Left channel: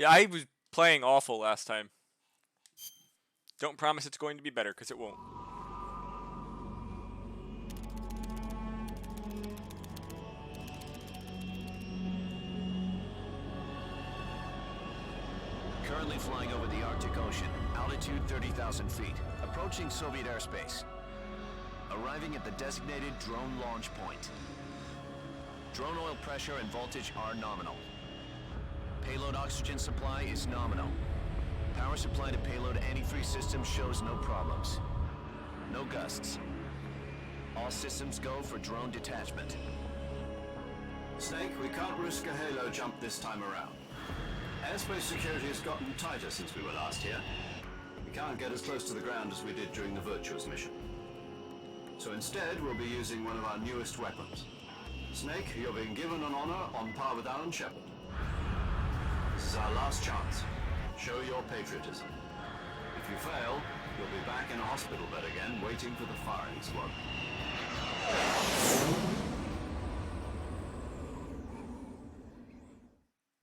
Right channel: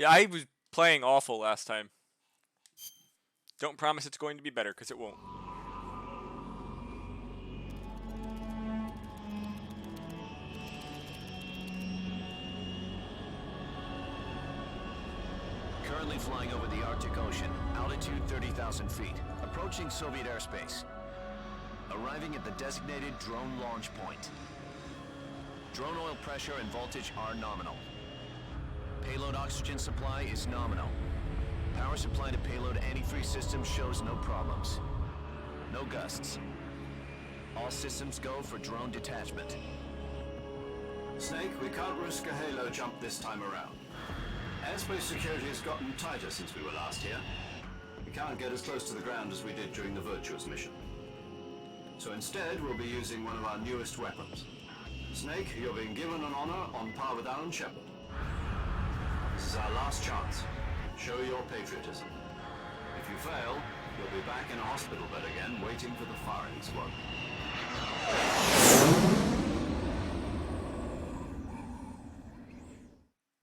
Yeah, I was playing awful last time. Don't promise it's going to be better, because it won't. Currently flying over the Arctic Ocean, altitude 30,000 feet, approaching Soviet airspace. Arriving at the designated drone launch point. Drone oil pressure and voltage are nominal. Payload oxygen supply is nominal. Power supply to payload antifreeze system shows no problems. No gusts. All systems go for drone detachment. Snake, we can't risk a halo jump this time around. Airspace security has gotten tighter since we were last here. We can't get as close to the ground as we did during the Virtuous mission. So instead, we'll be using one of our newest weapons. Snake, you're being given an honor on par with Alan Shepard. This is our last chance. Show your patriotism. If you fail, you'll be back in a hospital bed again, waiting for the firing squad.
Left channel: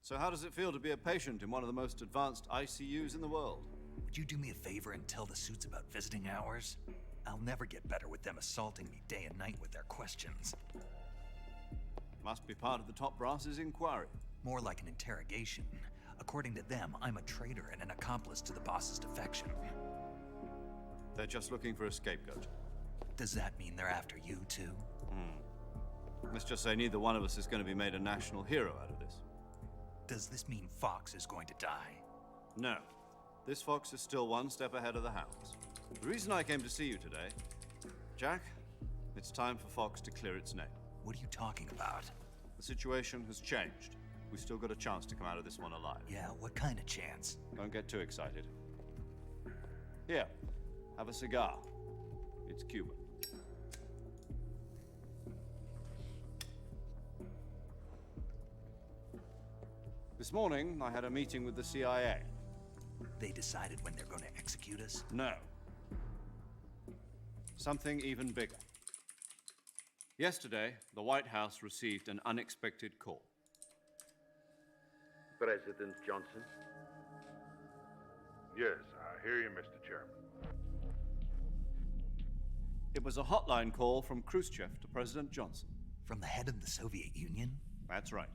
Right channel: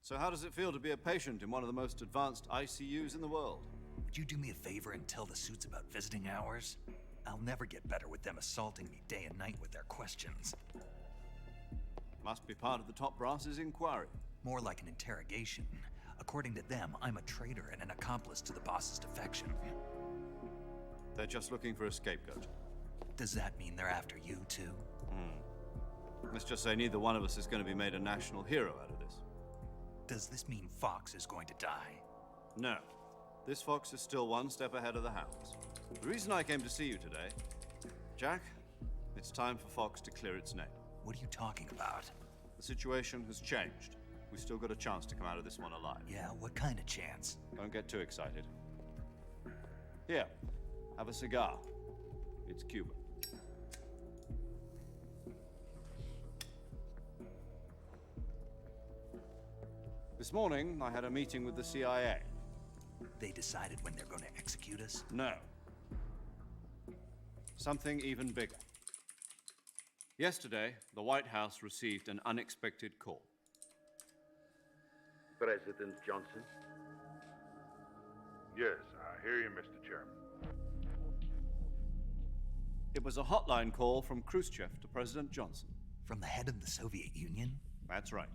So how does it feel to be a patient in one of the most advanced ICUs in the world? Would you do me a favor and tell the suits about visiting hours? I'll never get better with them assaulting me day and night with their questions. Must be part of the top brass's inquiry. More like an interrogation. According to them, I'm a traitor and an accomplice to the boss's defection. They're just looking for a scapegoat. Does that mean they're after you too? Let's just say neither one of us is going to be made a national hero out of this. Does this mean Fox is going to die? No. This fox is still one step ahead of the hounds. The reason I came to see you today, Jack, it's time for Fox to clear its name. What are you talking about? The situation has changed. We've still got a chance to come out of this one alive. Yeah, what kind of chance? Don't get too excited. Here, have a cigar. It's Cuban. This morning, I had a meeting with the CIA. They decided when they're going to execute us? No. Something even bigger. Yesterday, the White House received an unexpected call. President Johnson? Yes, I hear you, Mr. Chairman. It was a hotline call from Khrushchev to President Johnson. From the head of the Soviet Union? That's right.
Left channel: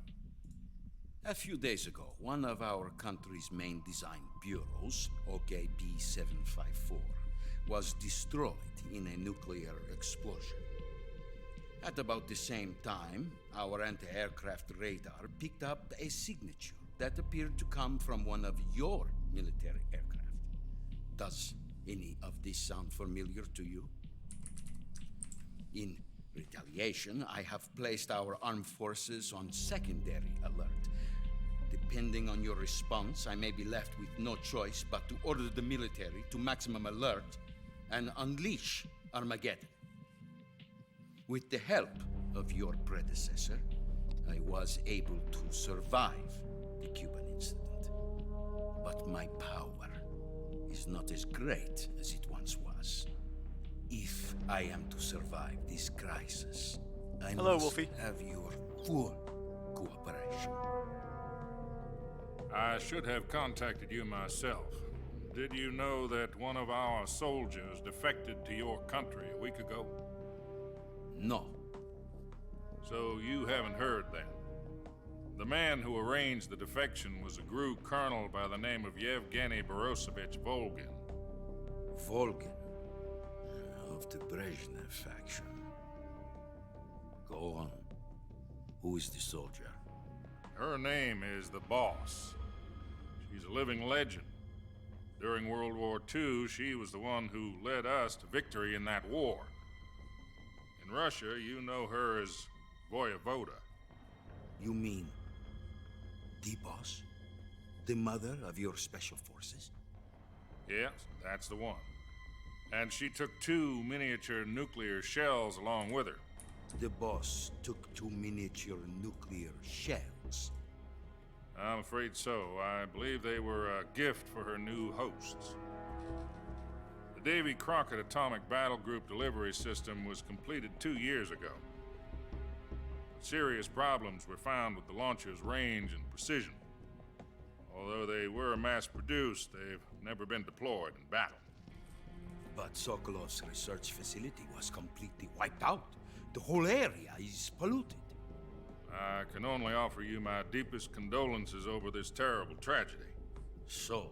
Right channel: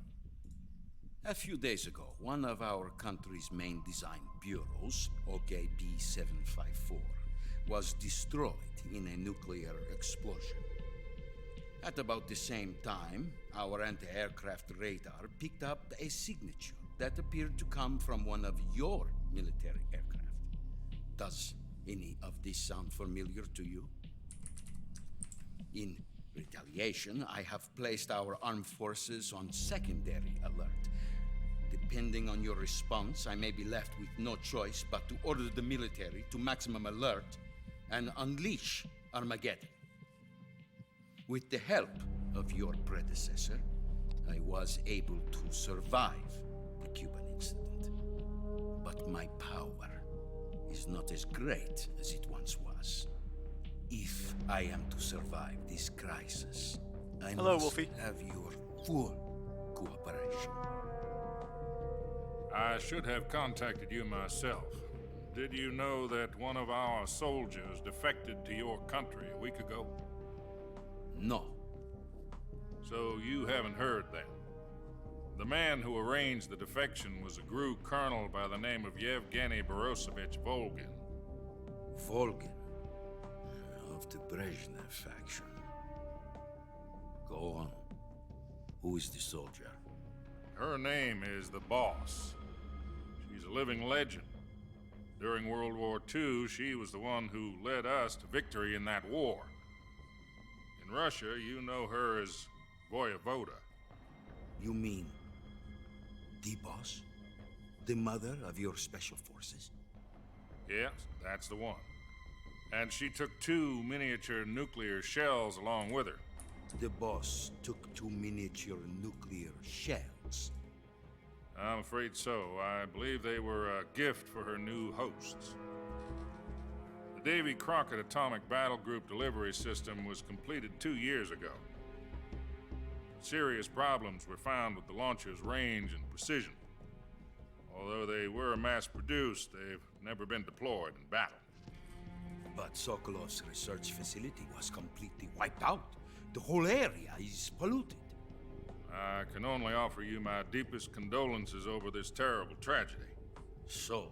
A few days ago, one of our country's main design bureaus, OKB 754, was destroyed in a nuclear explosion. At about the same time, our anti-aircraft radar picked up a signature that appeared to come from one of your military aircraft. Does any of this sound familiar to you? In retaliation, I have placed our armed forces on secondary alert. Depending on your response, I may be left with no choice but to order the military to maximum alert and unleash Armageddon. With the help of your predecessor, I was able to survive the Cuban incident. But my power is not as great as it once was. If I am to survive this crisis, I must Wolfie. have your full cooperation. I should have contacted you myself. Did you know that one of our soldiers defected to your country a week ago? No. So you haven't heard then. The man who arranged the defection was a GRU colonel by the name of Yevgeny Borosovich Volgin. Volgin, of the Brezhnev faction. Go on. Who is the soldier? Her name is the Boss. She's a living legend. During World War II, she was the one who led us to victory in that war. In Russia, you know her as Voyevoda. You mean the boss? The mother of your special forces? Yes, that's the one. And she took 2 miniature nuclear shells along with her. The boss took 2 miniature nuclear shells. I'm afraid so. I believe they were a gift for her new hosts. The Davy Crockett Atomic Battle Group delivery system was completed 2 years ago. Serious problems were found with the launcher's range and precision. Although they were mass-produced, they've never been deployed in battle. But Sokolov's research facility was completely wiped out. The whole area is polluted. I can only offer you my deepest condolences over this terrible tragedy. So,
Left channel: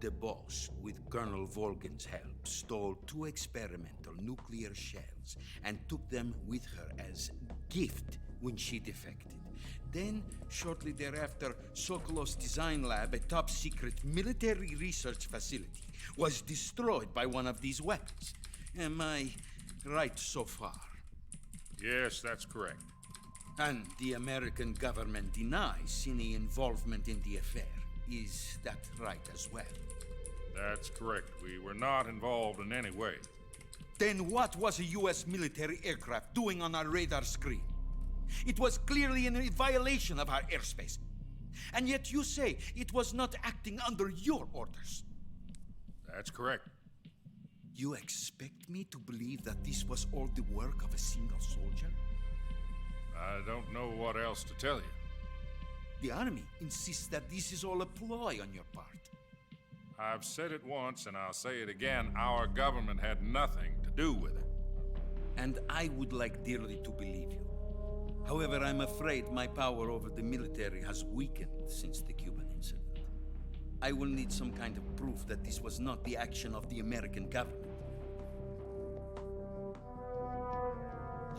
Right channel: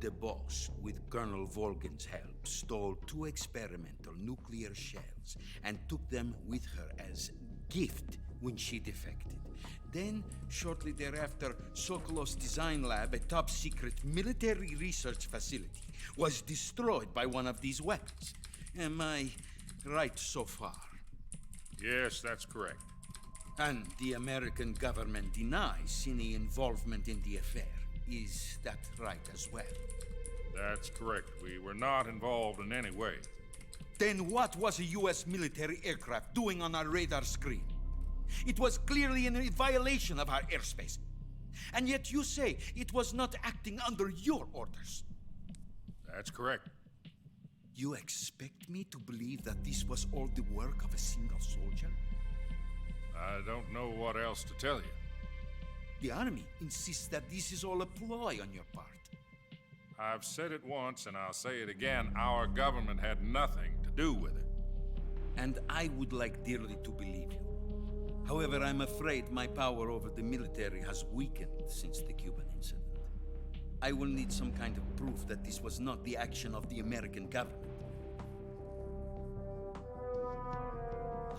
the boss, with Colonel Volgin's help, stole 2 experimental nuclear shells and took them with her as gift when she defected. Then, shortly thereafter, Sokolov's design lab, a top-secret military research facility, was destroyed by one of these weapons. Am I right so far? Yes, that's correct. And the American government denies any involvement in the affair. Is that right as well? That's correct. We were not involved in any way. Then what was a U.S. military aircraft doing on our radar screen? It was clearly in violation of our airspace. And yet you say it was not acting under your orders. That's correct. You expect me to believe that this was all the work of a single soldier? I don't know what else to tell you. The army insists that this is all a ploy on your part. I've said it once and I'll say it again. Our government had nothing to do with it. And I would like dearly to believe you. However, I'm afraid my power over the military has weakened since the Cuban incident. I will need some kind of proof that this was not the action of the American government.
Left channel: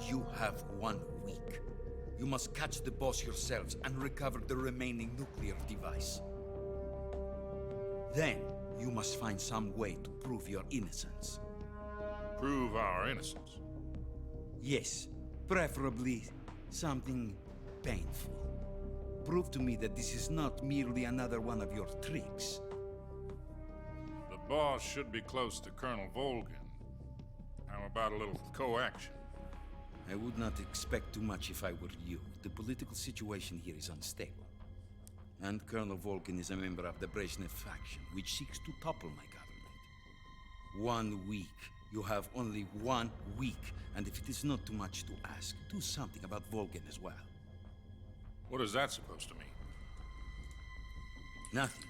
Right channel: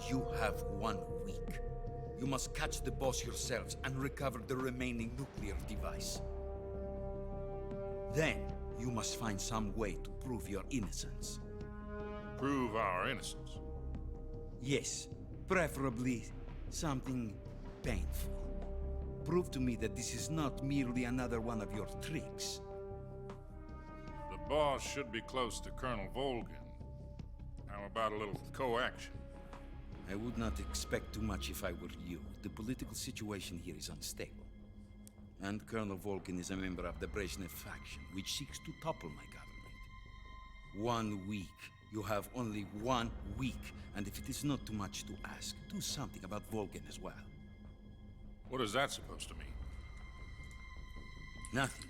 You have 1 week. You must catch the boss yourselves and recover the remaining nuclear device. Then, you must find some way to prove your innocence. Prove our innocence. Yes, preferably something painful. Prove to me that this is not merely another one of your tricks. The boss should be close to Colonel Volgin. How about a little coaction? I would not expect too much if I were you. The political situation here is unstable. And Colonel Volgin is a member of the Brezhnev faction, which seeks to topple my government. 1 week. You have only 1 week. And if it is not too much to ask, do something about Volgin as well. What is that supposed to mean? Nothing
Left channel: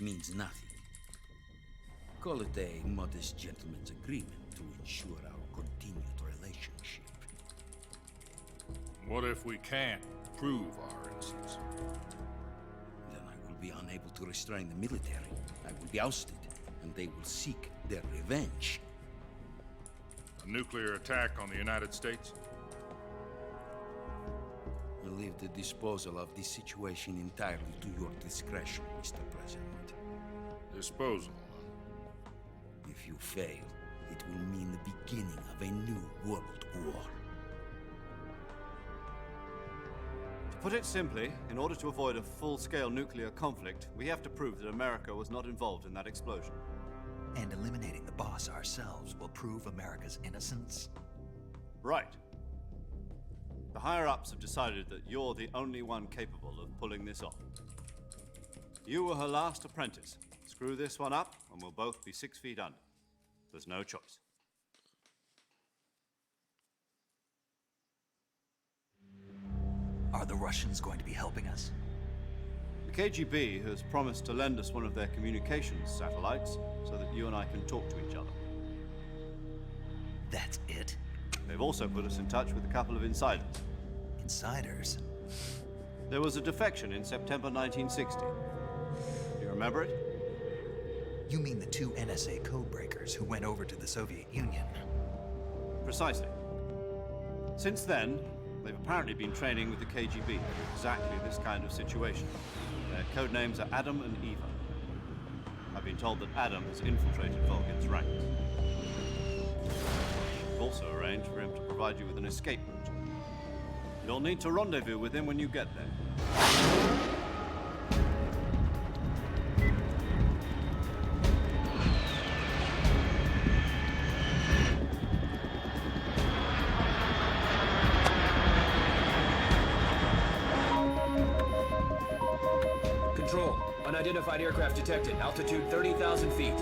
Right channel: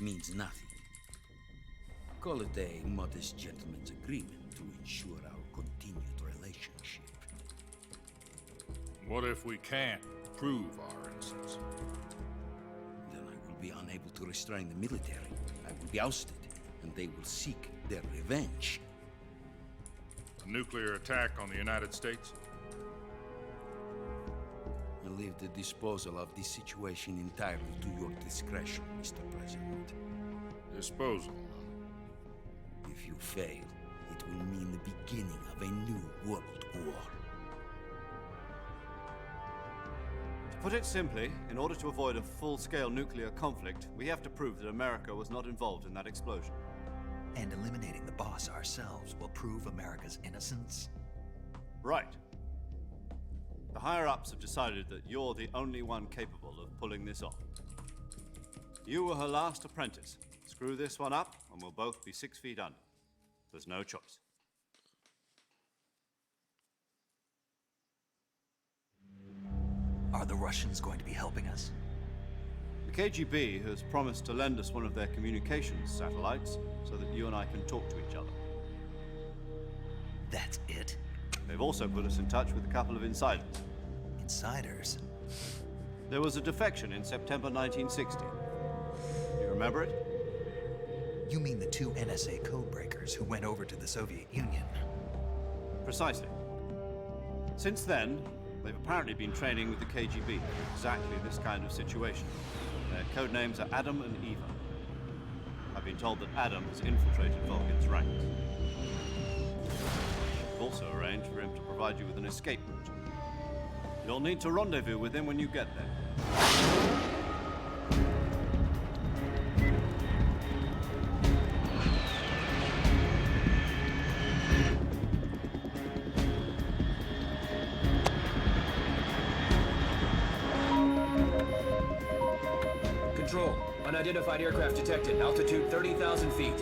means nothing. Call it a modest gentleman's agreement to ensure our continued relationship. What if we can't prove our innocence? Then I will be unable to restrain the military. I will be ousted, and they will seek their revenge. A nuclear attack on the United States? I leave the disposal of this situation entirely to your discretion, Mr. President. Disposal. If you fail, it will mean the beginning of a new world war. To put it simply, in order to avoid a full-scale nuclear conflict, we have to prove that America was not involved in that explosion. And eliminating the boss ourselves will prove America's innocence? Right. The higher-ups have decided that you're the only one capable of pulling this off. You were her last apprentice. Screw this one up, and we'll both be 6 feet under. There's no choice. Are the Russians going to be helping us? The KGB has promised to lend us one of their communications satellites so that you and I can talk to each other. That's it? They've also put us in touch with a couple of insiders. Insiders? There was a defection in September 1960. Do you remember it? You mean the 2 NSA codebreakers who went over to the Soviet Union? Precisely. Since then, they've apparently been training with the KGB for exactly this kind of situation. Their code names are Adam and Eva. I've been told that Adam has infiltrated Volgin's ranks. We've also arranged for him to provide you with an escape route. You'll need to rendezvous with him when you get there. Control. Unidentified aircraft detected. Altitude 30,000 feet.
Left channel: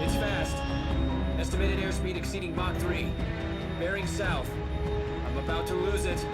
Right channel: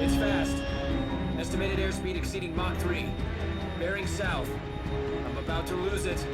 It's fast. Estimated airspeed speed exceeding Mach 3. Bearing south. I'm about to lose it.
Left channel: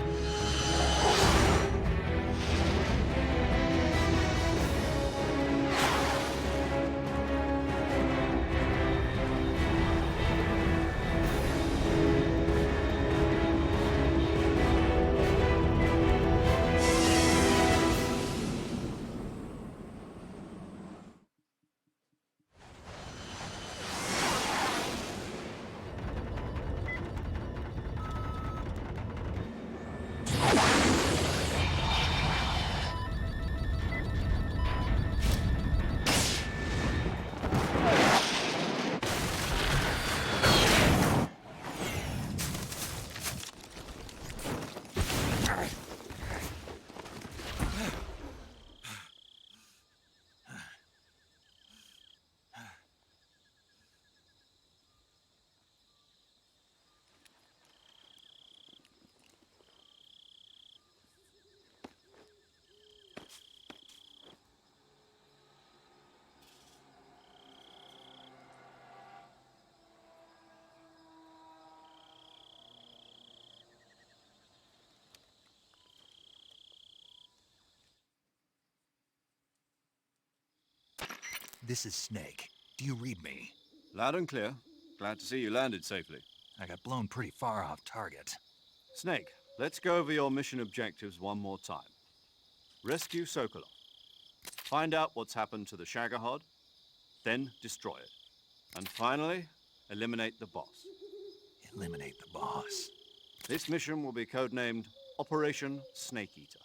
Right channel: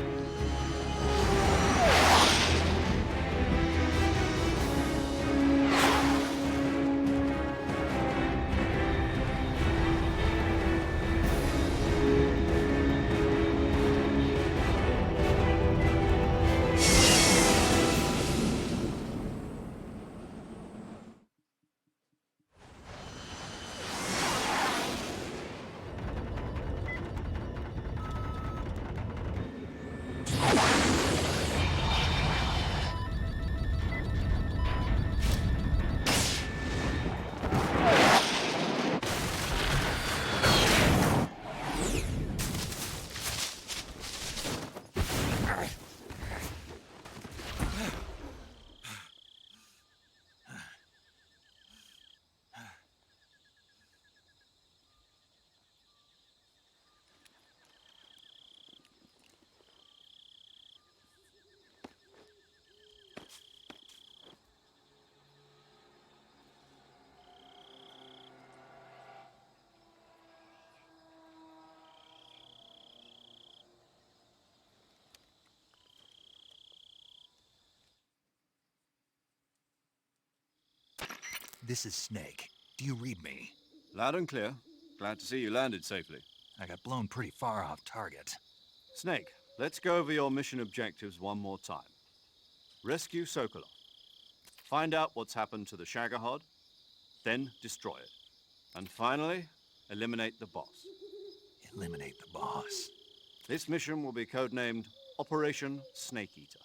This is Snake. Do you read me? Loud and clear. Glad to see you landed safely. I got blown pretty far off target. Snake, let's go over your mission objectives one more time. Rescue Sokolov. Find out what's happened to the Shagohod, then destroy it. And finally, eliminate the boss. Eliminate the boss. This mission will be codenamed Operation Snake Eater.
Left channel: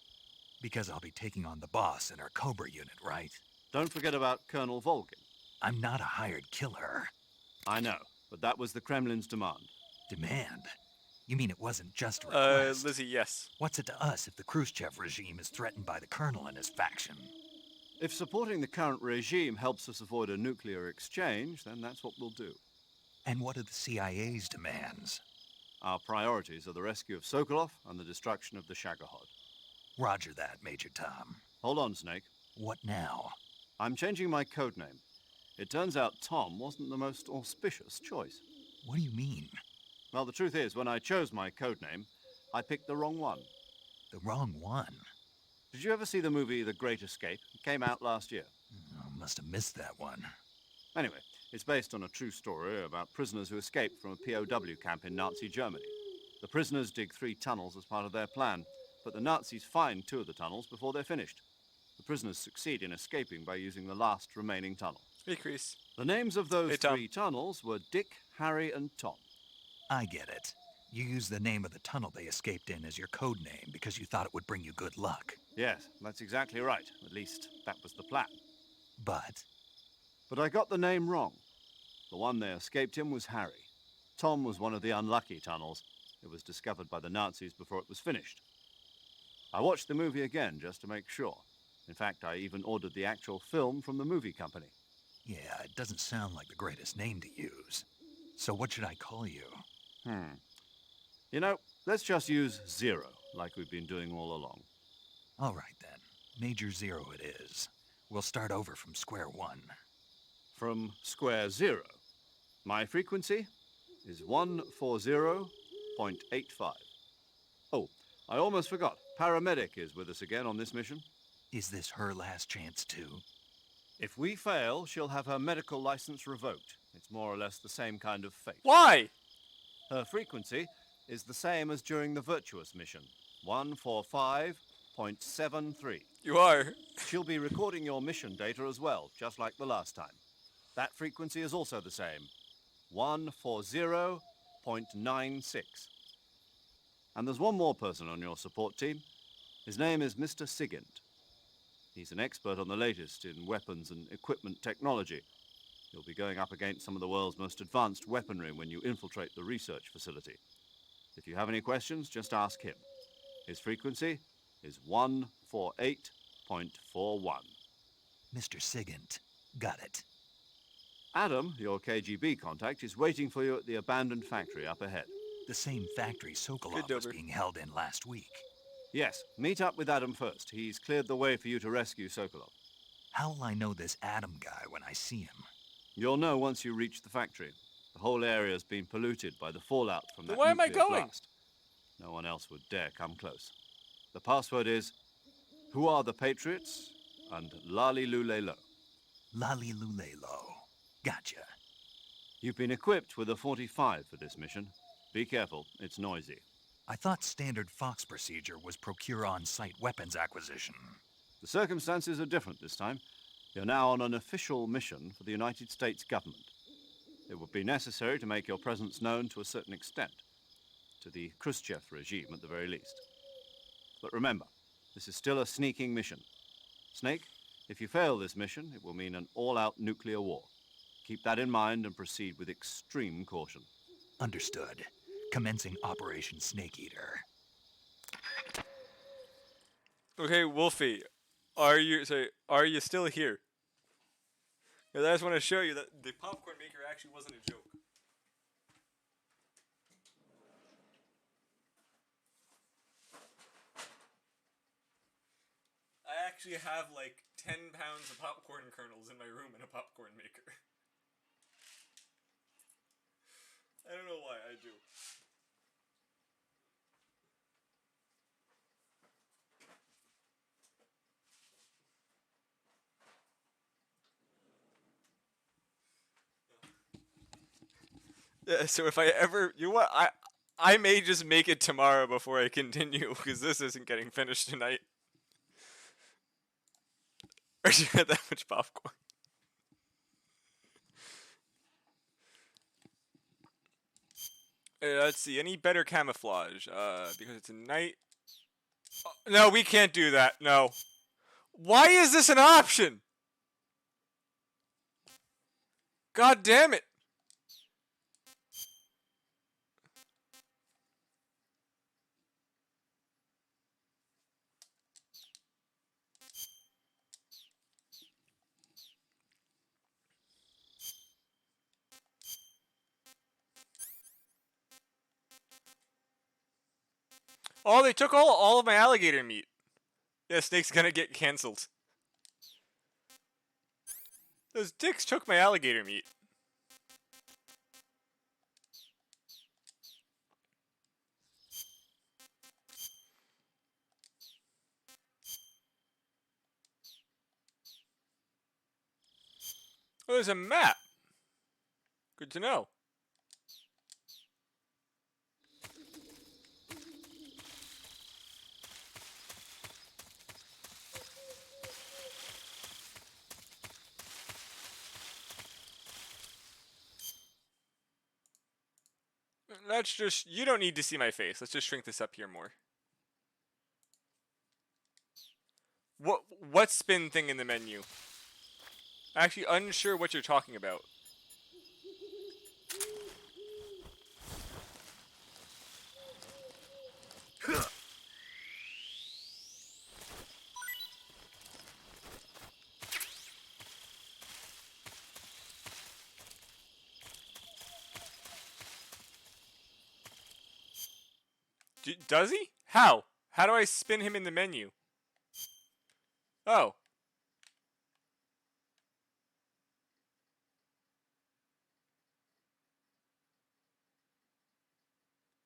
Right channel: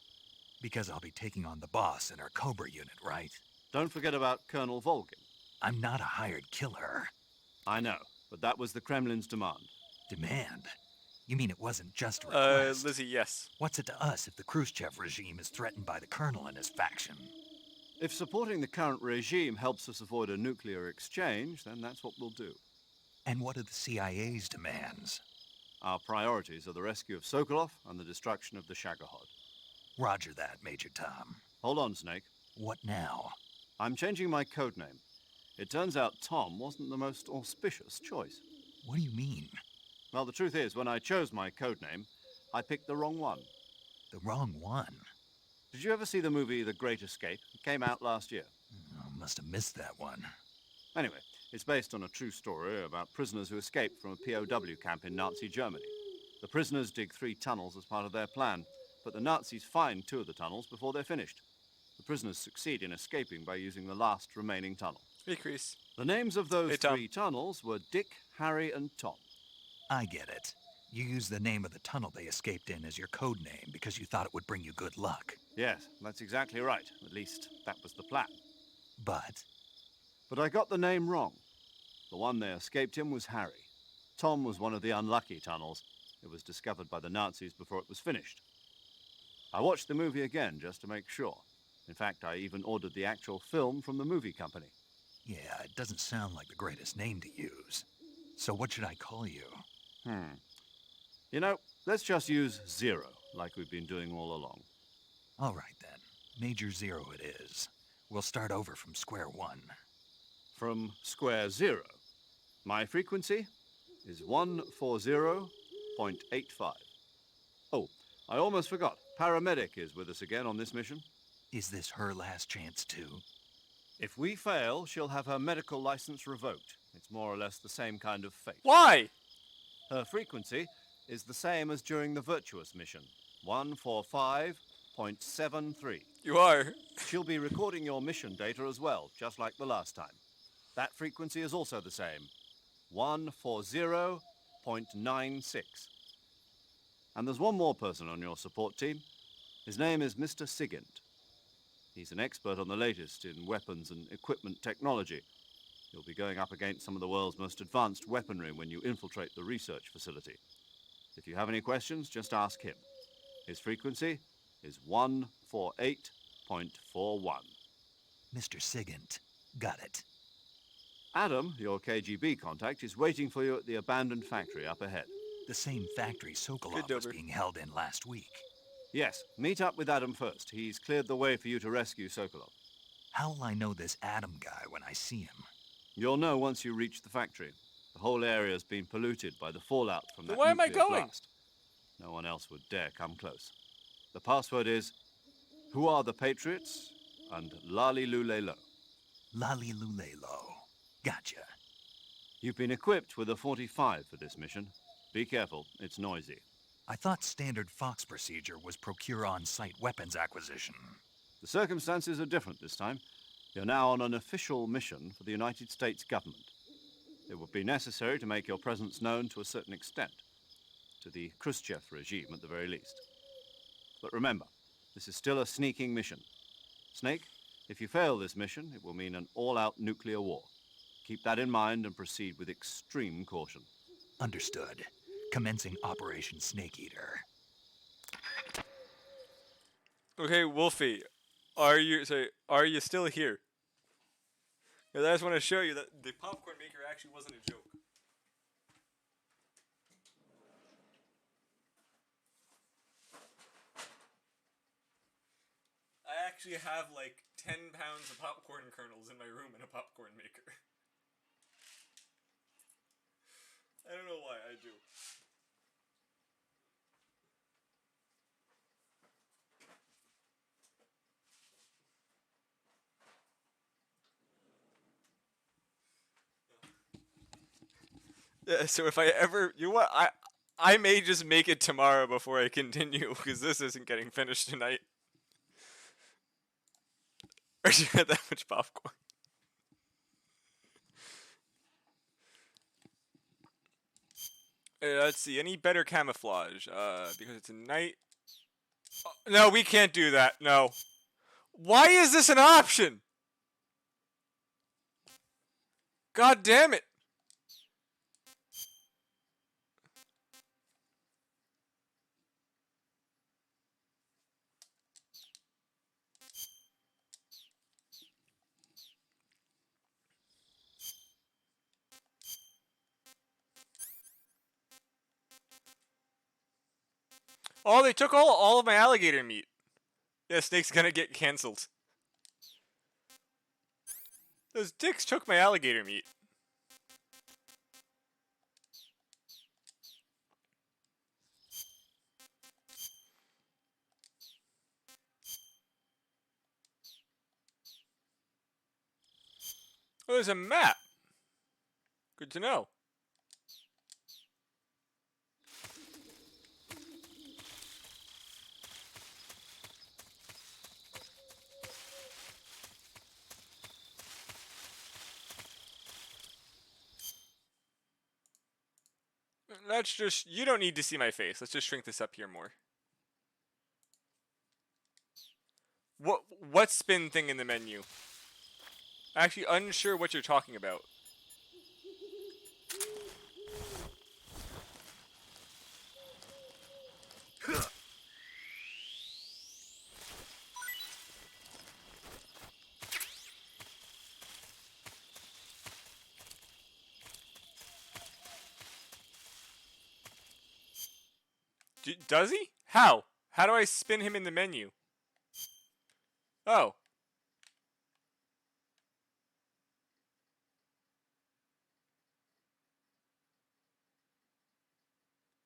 Because I'll be taking on the boss in our Cobra unit, right? Don't forget about Colonel Volgin. I'm not a hired killer. I know, but that was the Kremlin's demand. Demand? You mean it wasn't just a request? Lizzie, yes. What's it to us if the Khrushchev regime is threatened by the Colonel and his faction? If supporting the current regime helps us avoid a nuclear exchange, then that's what we'll do. And what are the CIA's demands? Our priorities are the rescue of Sokolov and the destruction of the Shagohod. Roger that, Major Tom. Hold on, Snake. What now? I'm changing my codename. It turns out Tom wasn't the most auspicious choice. What do you mean? Well, the truth is, when I chose my codename, I picked the wrong one. The wrong one? Did you ever see the movie The Great Escape? It came out last year. Oh, must have missed that one. Anyway, it's based on a true story about prisoners who escaped from a POW camp in Nazi Germany. The prisoners dig 3 tunnels as part of their plan, but the Nazis find 2 of the tunnels before they're finished. The prisoners succeed in escaping by using the last remaining tunnel. Hey, Chris. The names of those Hey, Tom. 3 tunnels were Dick, Harry, and Tom. I get it. You used the name of the tunnel they escaped in as your code name because you thought it would bring you good luck. Yes, that's exactly right. At least, that was the plan. But But I got the name wrong. The one they escaped in was Harry. Tom was one of the unlucky tunnels. It was discovered by the Nazis before it was finished. I watched the movie again just to make sure. In fact, I even ordered the actual film from the movie company. yeah, it doesn't sound like the greatest name to use. So what should I call you? You know, let's just use Zero, like we've been doing all along. All right then. Major Zero it is. We'll start over from square one. From square 0. My frequency is 140.85. Oh, I almost forgot. Paramedic is with us again on this mission. Is this her last chance too? If we fail, she'll have her medical license revoked. It's more or less the same kind of fate. Why? Her frequency is the same as during the Virtuous mission, 145.73. You are. She'll be recording your mission data as well, just like the last time. That frequency is also the same, 140.96. And there's one more person on your support team. His name is Mr. Sigint. He's an expert on the latest in weapons and equipment technology. You'll be going up against some of the world's most advanced weaponry when you infiltrate the research facility. If you have any questions, just ask him. His frequency is 148.41. Mr. Sigint. Got it. Adam, your KGB contact, is waiting for you at the abandoned factory up ahead. The same factory Sokolov Good, was Dober. being held in last week. Yes, meet up with Adam first. He's cleared the way for you to rescue Sokolov. How will I know this Adam guy when I see him? You'll know once you reach the factory. The whole area has been polluted by the fallout from Then that why am I nuclear going? blast. No one else would dare come close. The password is, who are the Patriots? And Lali Lulelo. Lali Lulelo. Gotcha. You've been equipped with a 45 for this mission. Be careful, it's noisy. I thought standard Fox procedure was procure on-site weapons acquisition. The circumstances are different this time. You're now on an official mission for the United States government. It would be necessary to make your presence known to a certain extent, to the Khrushchev regime at the very least. But remember, this is still a sneaking mission. Snake, if you fail this mission, it will mean an all-out nuclear war. Keep that in mind and proceed with extreme caution. Understood. Commencing Operation Snake Eater. Okay, Wolfie, are you still here? 'Cause I just want to show you that the popcorn maker actually wasn't a joke. I actually have like 10 pounds of popcorn kernels in my room in a popcorn maker. I don't know why, I do. Yeah, so if I ever, you know what, I may just make it tomorrow before I continue, because this isn't getting finished tonight. Or you had that much popcorn. Let's see, any better camouflage? Because it's a night. Oh, no, we can't do that. No. Why is this an option? God damn it. Oh, they took all of my alligator meat. Yeah, Snake's gonna get cancelled. Those dicks took my alligator meat. Oh, there's a map. Good to know. Let's just, you don't need to see my face. Let's just shrink this up here more. What spin thing in the menu? Actually unsure what you're talking about. Does he? How? How do I spin him in the menu? Oh.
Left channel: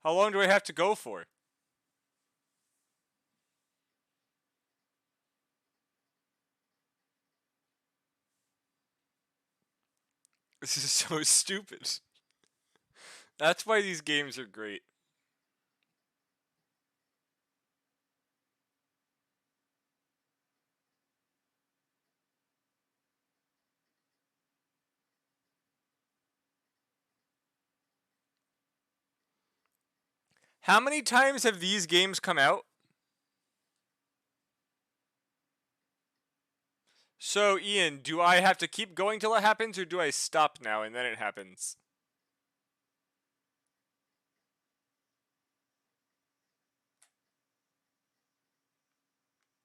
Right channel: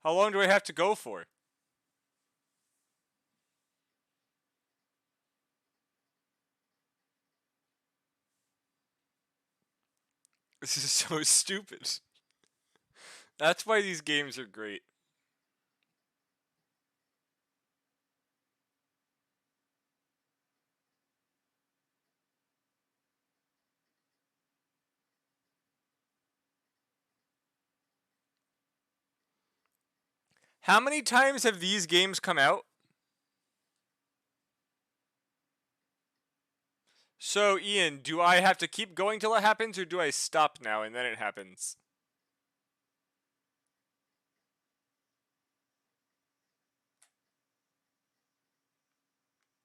How long do I have to go for? This is so stupid. That's why these games are great. How many times have these games come out? So, Ian, do I have to keep going till it happens, or do I stop now and then it happens?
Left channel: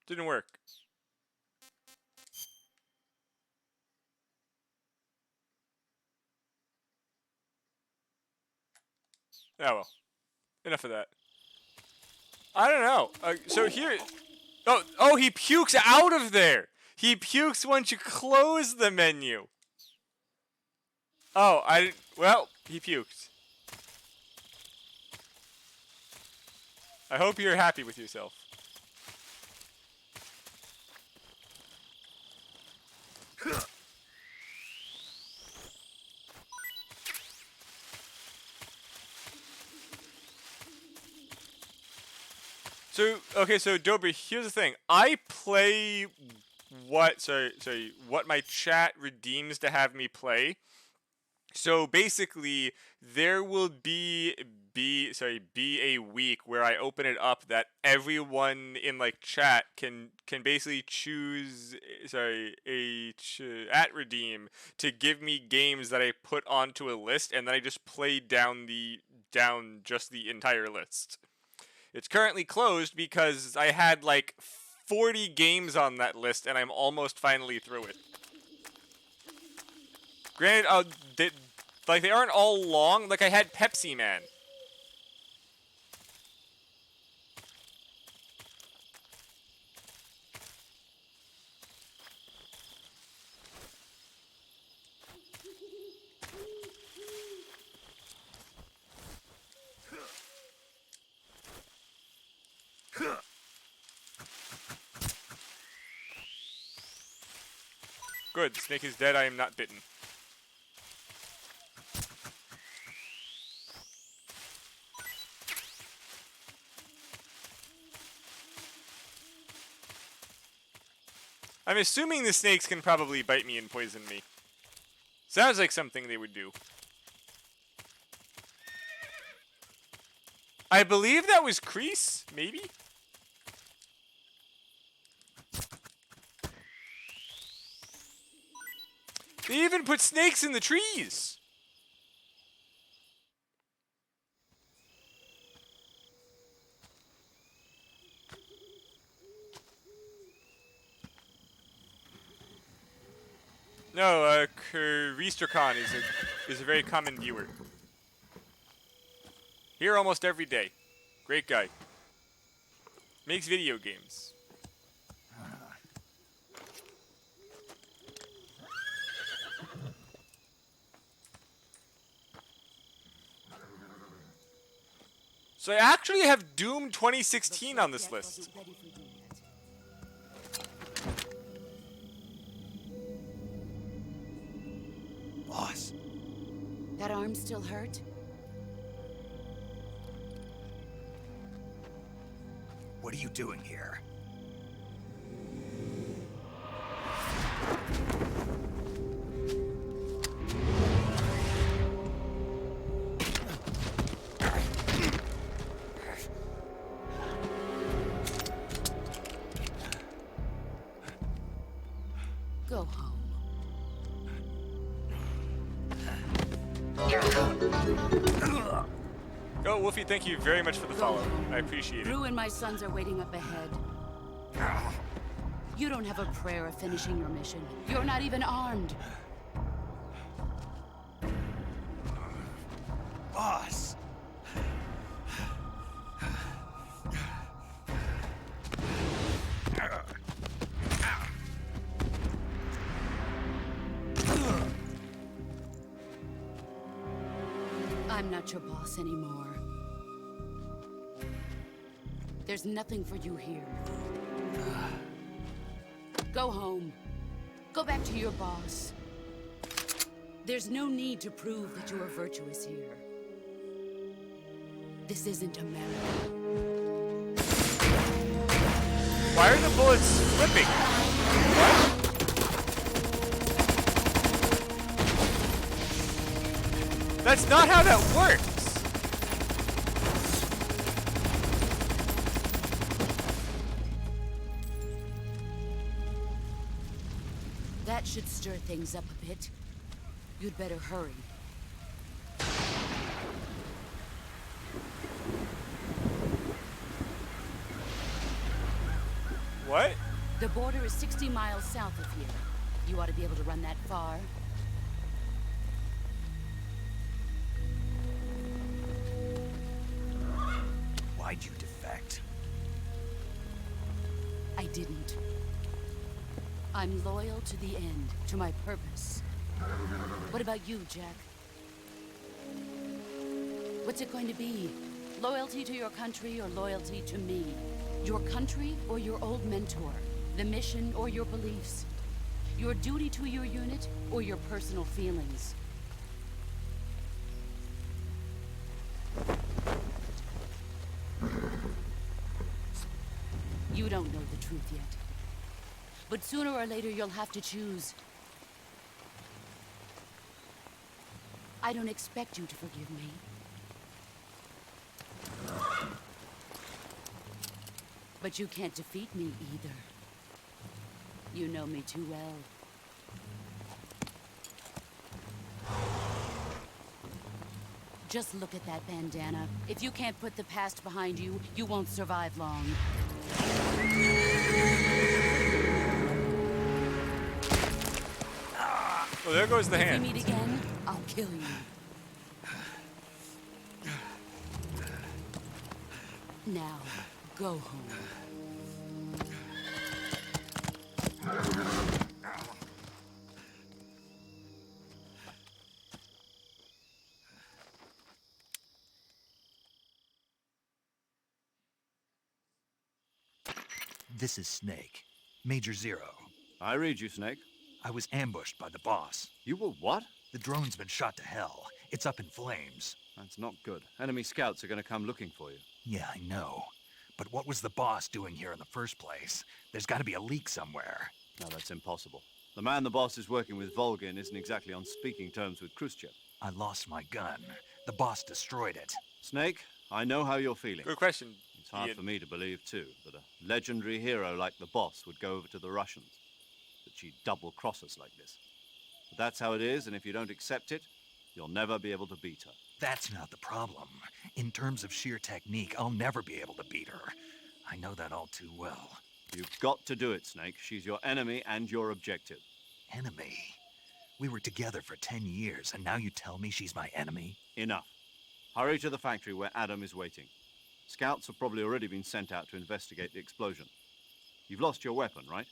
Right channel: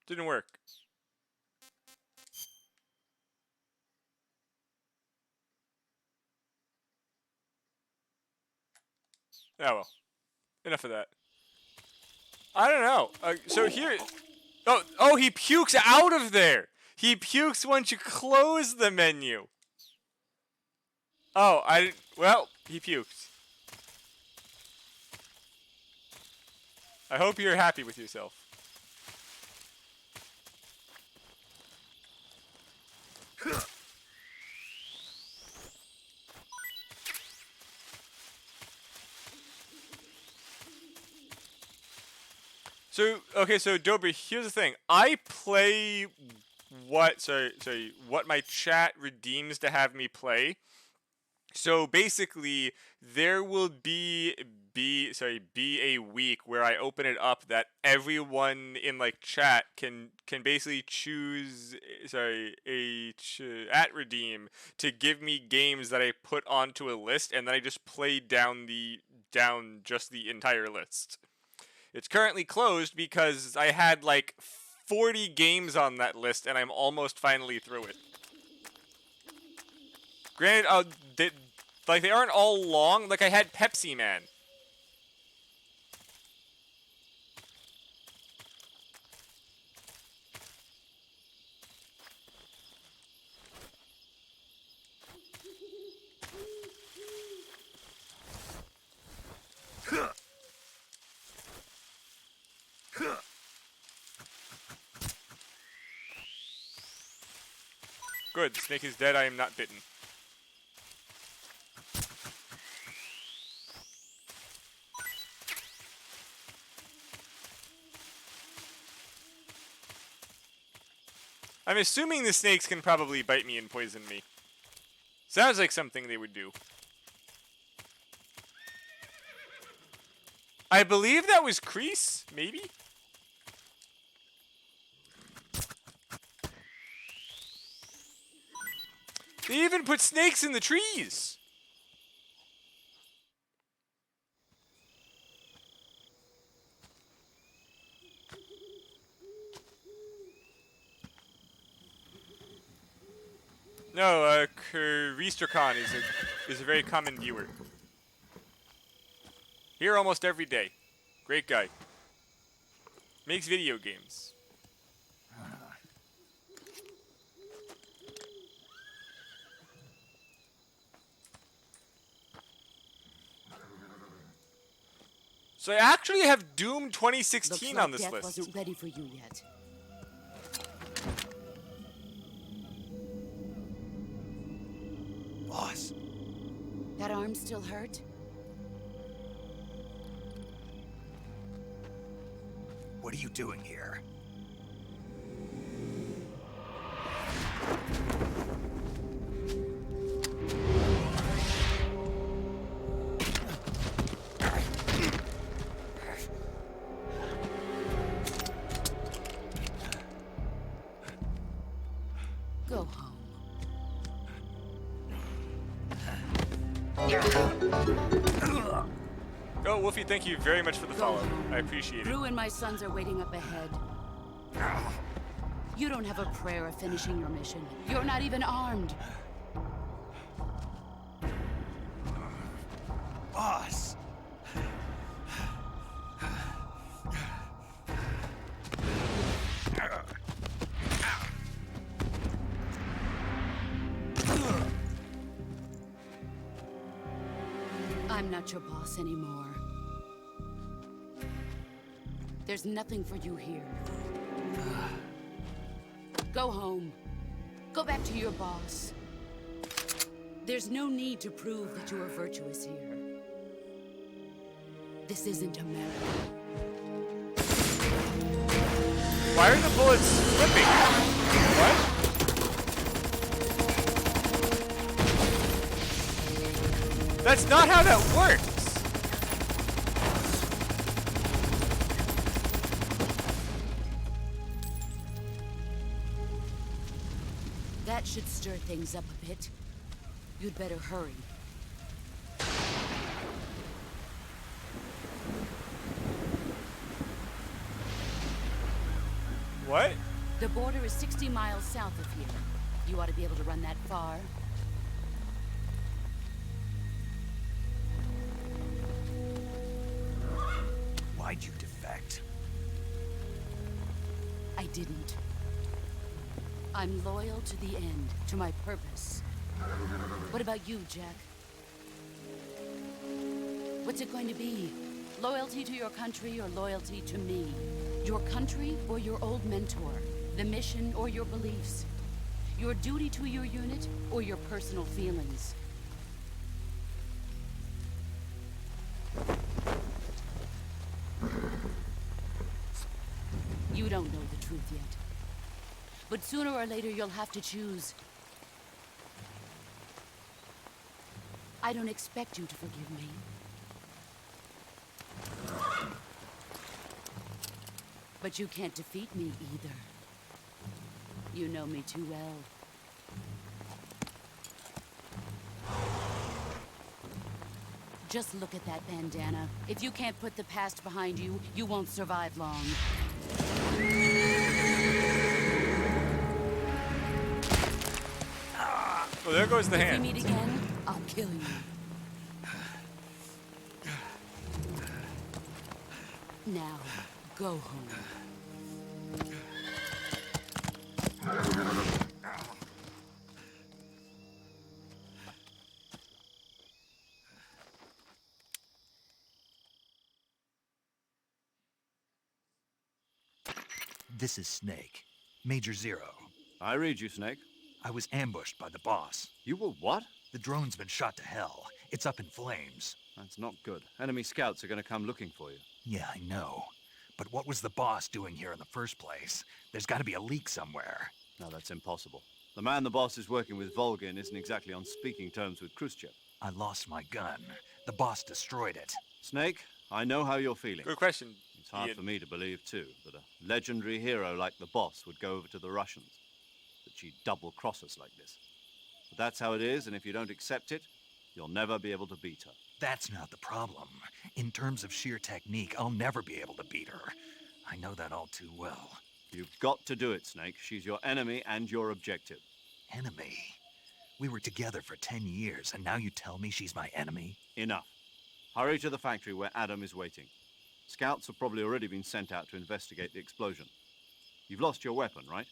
Didn't work. Oh well. Enough of that. I don't know. So here... Oh, he pukes out of there! He pukes once you close the menu. Oh, I didn't. Well, he puked. I hope you're happy with yourself. So, okay, so Dobry, here's the thing. I play what my chat redeems to have me play. So basically, there will be a week where I open it up that everyone in like chat can basically choose at redeem to give me games that I put onto a list, and then I just play down just the entire list. It's currently closed because I had like 40 games on that list, and I'm almost finally through it. Granted, they aren't all long. Like I had Pepsi Man. Good, the snake is dead. I am not bitten. I'm assuming the snakes can probably bite me and poison me. Sounds like something they would do. I believe that was Crease, maybe? They even put snakes in the trees! No, Reestercon is a very common viewer. Here almost every day. Great guy. Makes video games. So I actually have Doom 2016 Looks like on this death list. wasn't ready for you yet. Boss, That arm still hurt? what are you doing here? Go home. Oh, Wolfie, thank you very much for the Go follow. home. I appreciate it. Drew and my sons are waiting up ahead. You don't have a prayer of finishing your mission. You're not even armed. Boss! I'm not your boss anymore. There's nothing for you here. Go home. Go back to your boss. There's no need to prove that you are virtuous here. This isn't America. Why are the bullets flipping? What? That's not how that works! That should stir things up a bit. You'd better hurry. What? The border is 60 miles south of here. You ought to be able to run that far. Why'd you defect? I didn't. I'm loyal to the end, to my purpose. What about you, Jack? What's it going to be? Loyalty to your country or loyalty to me? Your country or your old mentor? The mission or your beliefs? Your duty to your unit or your personal feelings? You don't know the truth yet. But sooner or later you'll have to choose. I don't expect you to forgive me. But you can't defeat me either. You know me too well. Just look at that bandana. If you can't put the past behind you, you won't survive long. Well, there goes the If hand. we meet again, I'll kill you. Now, go home. This is Snake. Major Zero. I read you, Snake. I was ambushed by the boss. You were what? The drone's been shot to hell. It's up in flames. That's not good. Enemy scouts are going to come looking for you. Yeah, I know. But what was the boss doing here in the first place? There's got to be a leak somewhere. No, that's impossible. The man the boss is working with, Volgin, isn't exactly on speaking terms with Khrushchev. I lost my gun. The boss destroyed it. Snake, I know how you're feeling. Good question. It's hard Ian. for me to believe, too, that a legendary hero like the boss would go over to the Russians. That she'd double-cross us like this. But that's how it is, and if you don't accept it, you'll never be able to beat her. That's not the problem. In terms of sheer technique, I'll never be able to beat her. I know that all too well. You've got to do it, Snake. She's your enemy and your objective. Enemy? We were together for 10 years, and now you tell me she's my enemy? Enough. Hurry to the factory where Adam is waiting. Scouts have probably already been sent out to investigate the explosion. You've lost your weapon, right?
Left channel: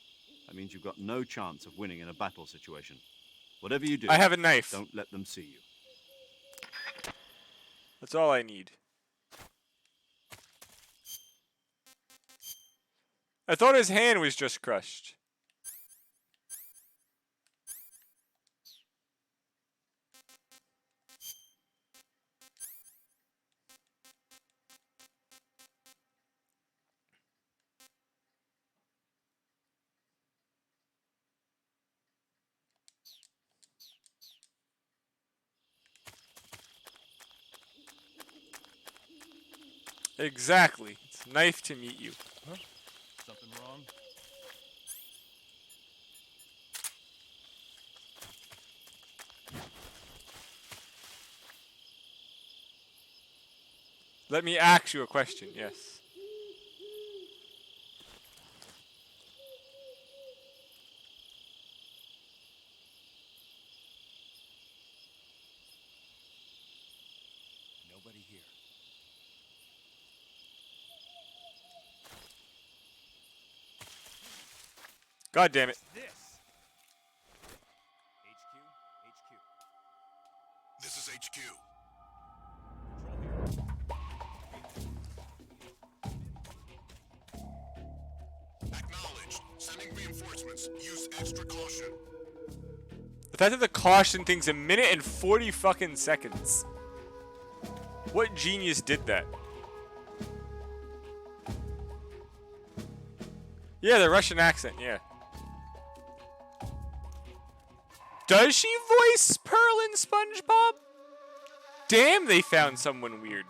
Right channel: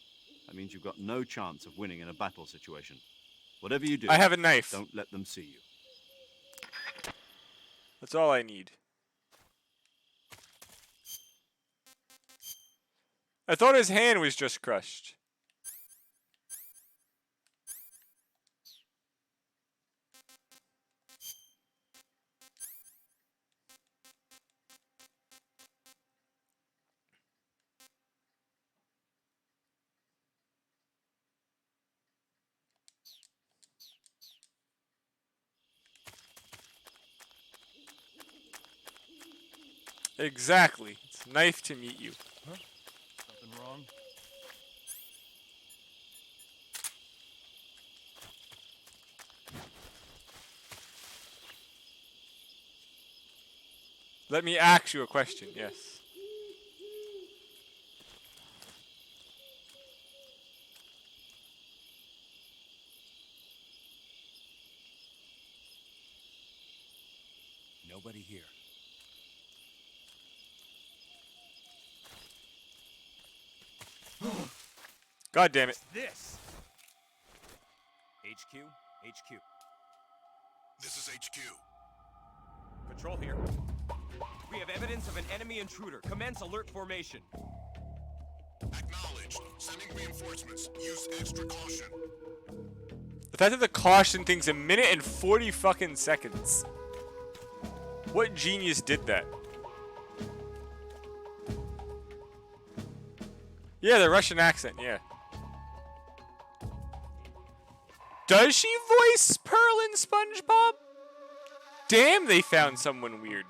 That means you've got no chance of winning in a battle situation. Whatever you do, I have a knife. don't let them see you. That's all I need. I thought his hand was just crushed. Exactly. It's knife to meet you. Something wrong? Let me ask you a question, yes. Nobody here. God damn it. This. HQ. HQ. This is HQ. Patrol here. We have evidence of an enemy intruder. Commence alert formation. Acknowledged. Sending reinforcements. Use extra caution. The fact that the caution thing's a minute and 40 fucking seconds. What genius did that? Yeah, the Russian accent, yeah. Does she voice Pearl in SpongeBob? Damn, they found someone weird.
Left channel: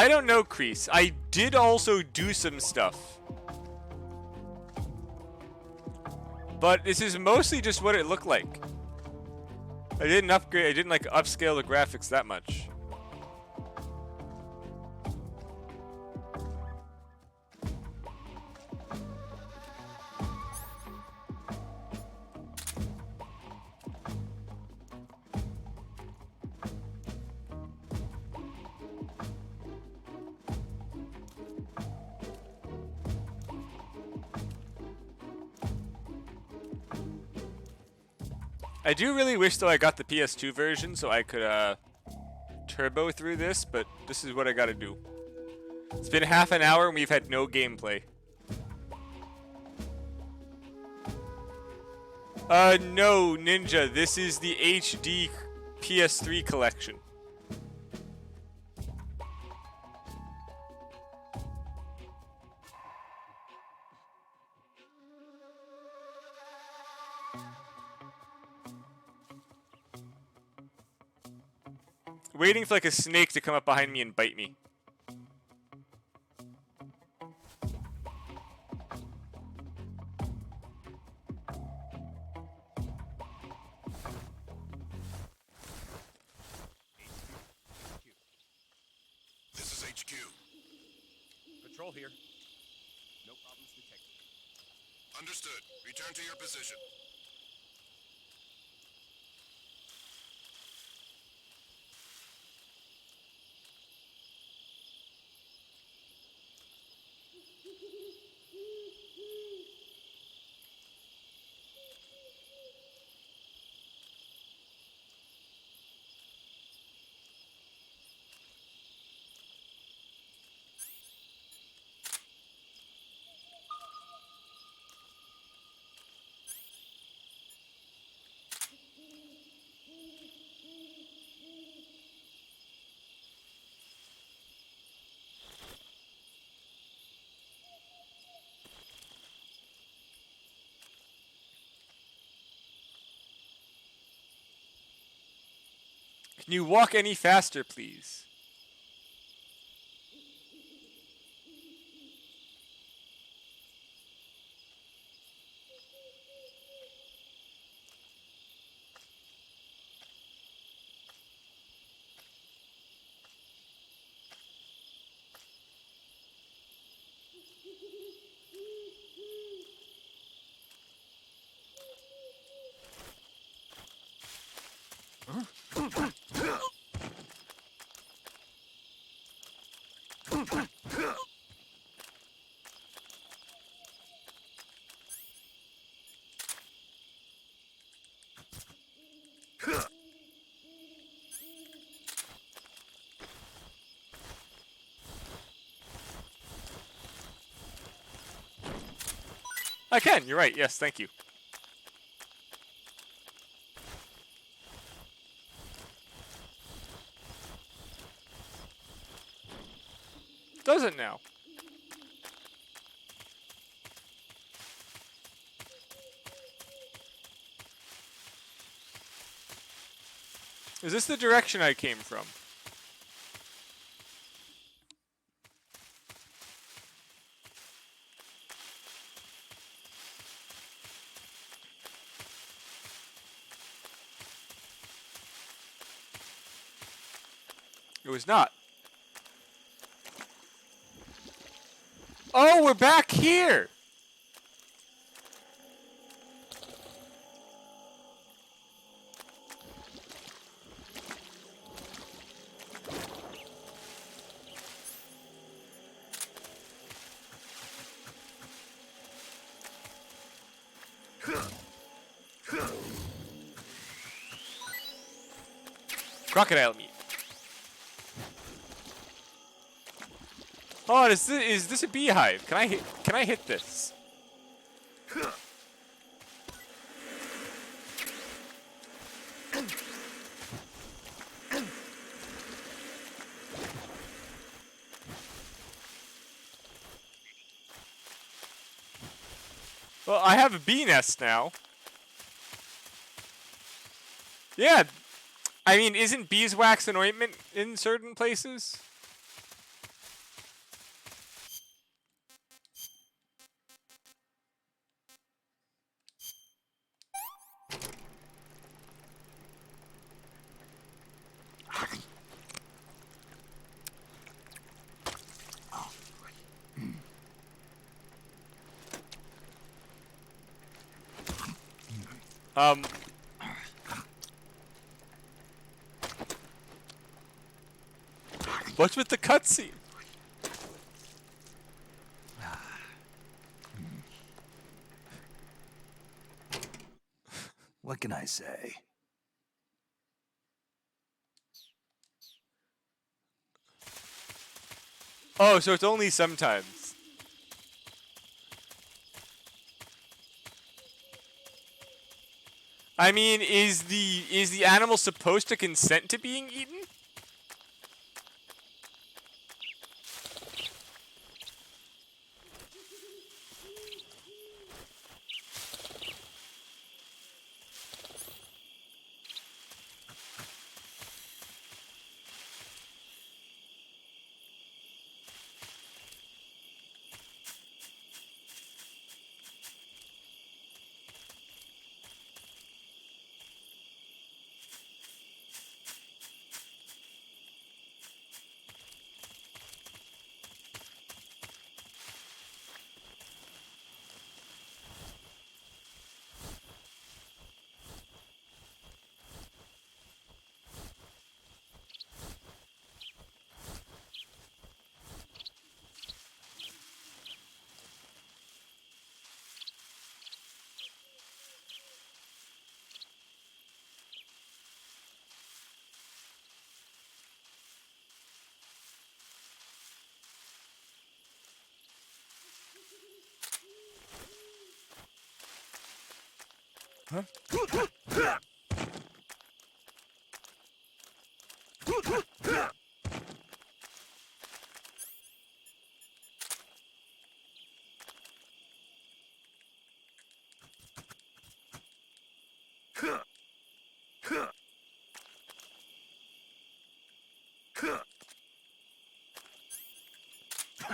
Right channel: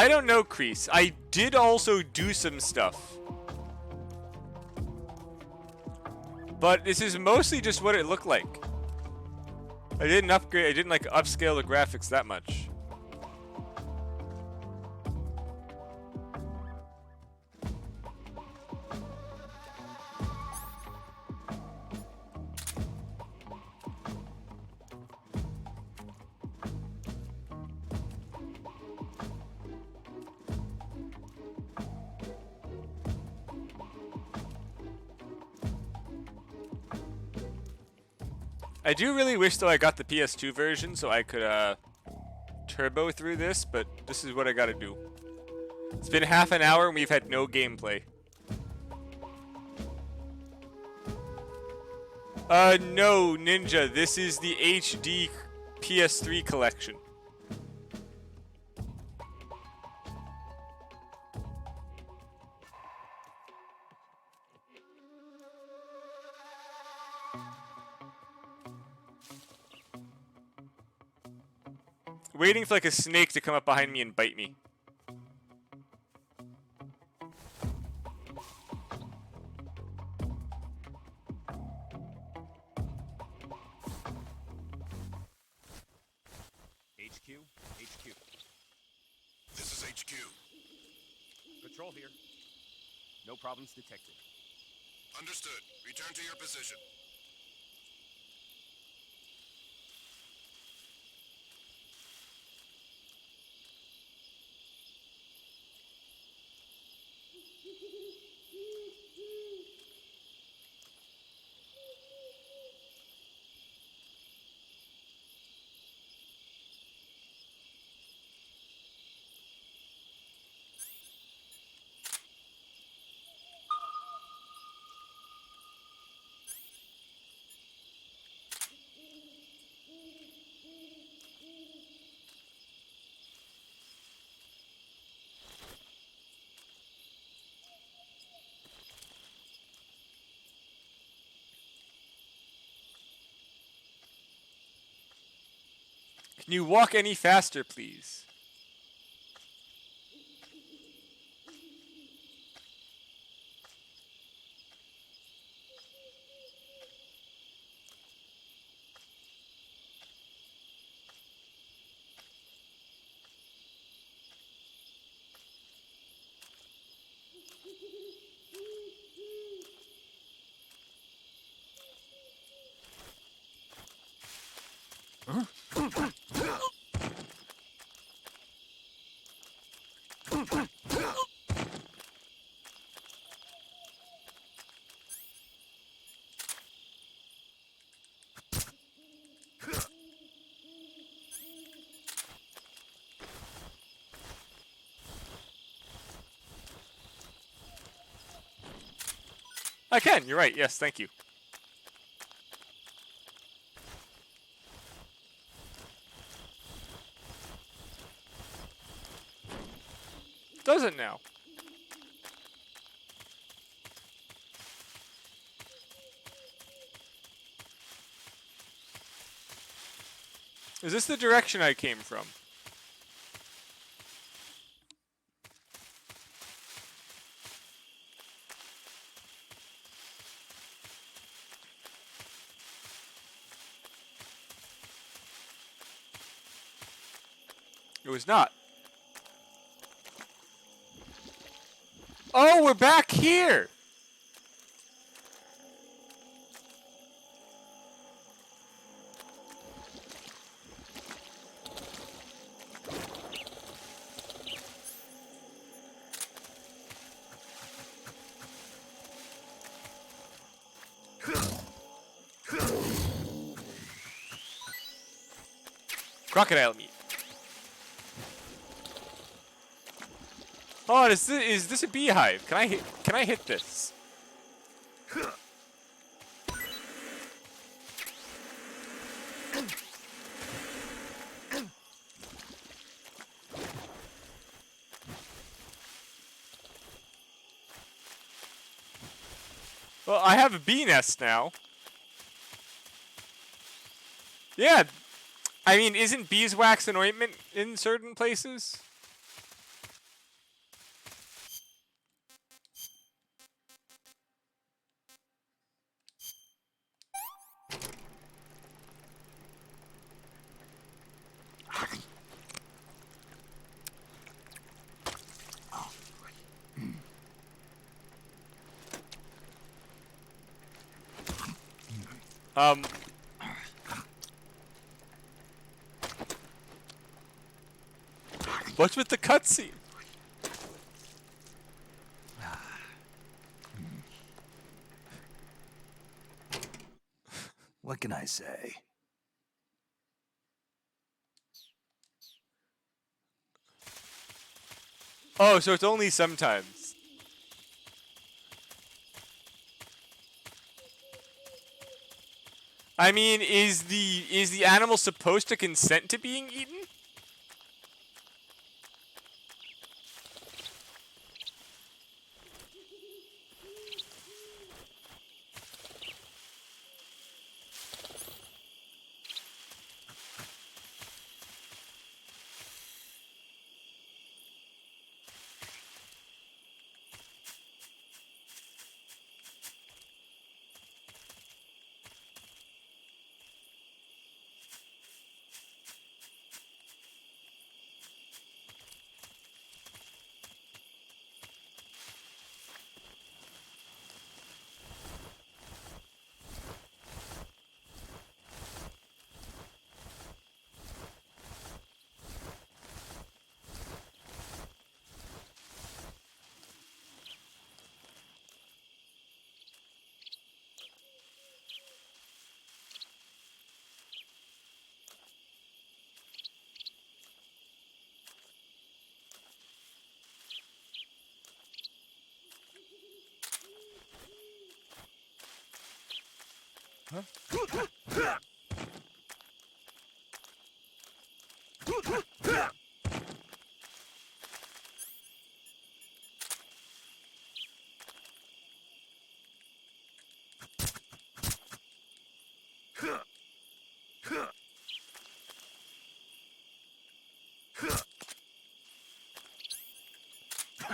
I don't know, Kreese. I did also do some stuff. But this is mostly just what it looked like. I didn't upgrade. I didn't like upscale the graphics that much. I do really wish though I got the PS2 version so I could turbo through this, but this is what I gotta do. It's been half an hour and we've had no gameplay. No, Ninja, this is the HD PS3 collection. Waiting for like a snake to come up behind me and bite me. This is HQ. Control here. No problems detected. Understood. Return to your position. Can you walk any faster, please? I can, you're right, yes, thank you. Does it now? Is this the direction I came from? It was not. Oh, we're back here! Crocodile meat. Oh, is this a beehive? Can I hit this? Well, I have a bee nest now. Yeah. I mean, isn't beeswax an ointment in certain places? Um. What's with the cutscene? What can I say? Oh, so it's only sometimes. I mean, is the animal supposed to consent to being eaten?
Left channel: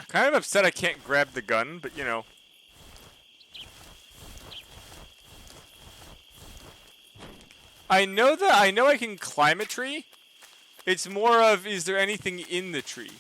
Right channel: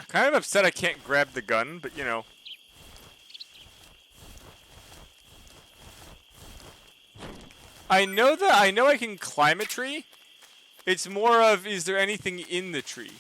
Kind of upset I can't grab the gun, but you know. I know I can climb a tree. It's more of, is there anything in the tree?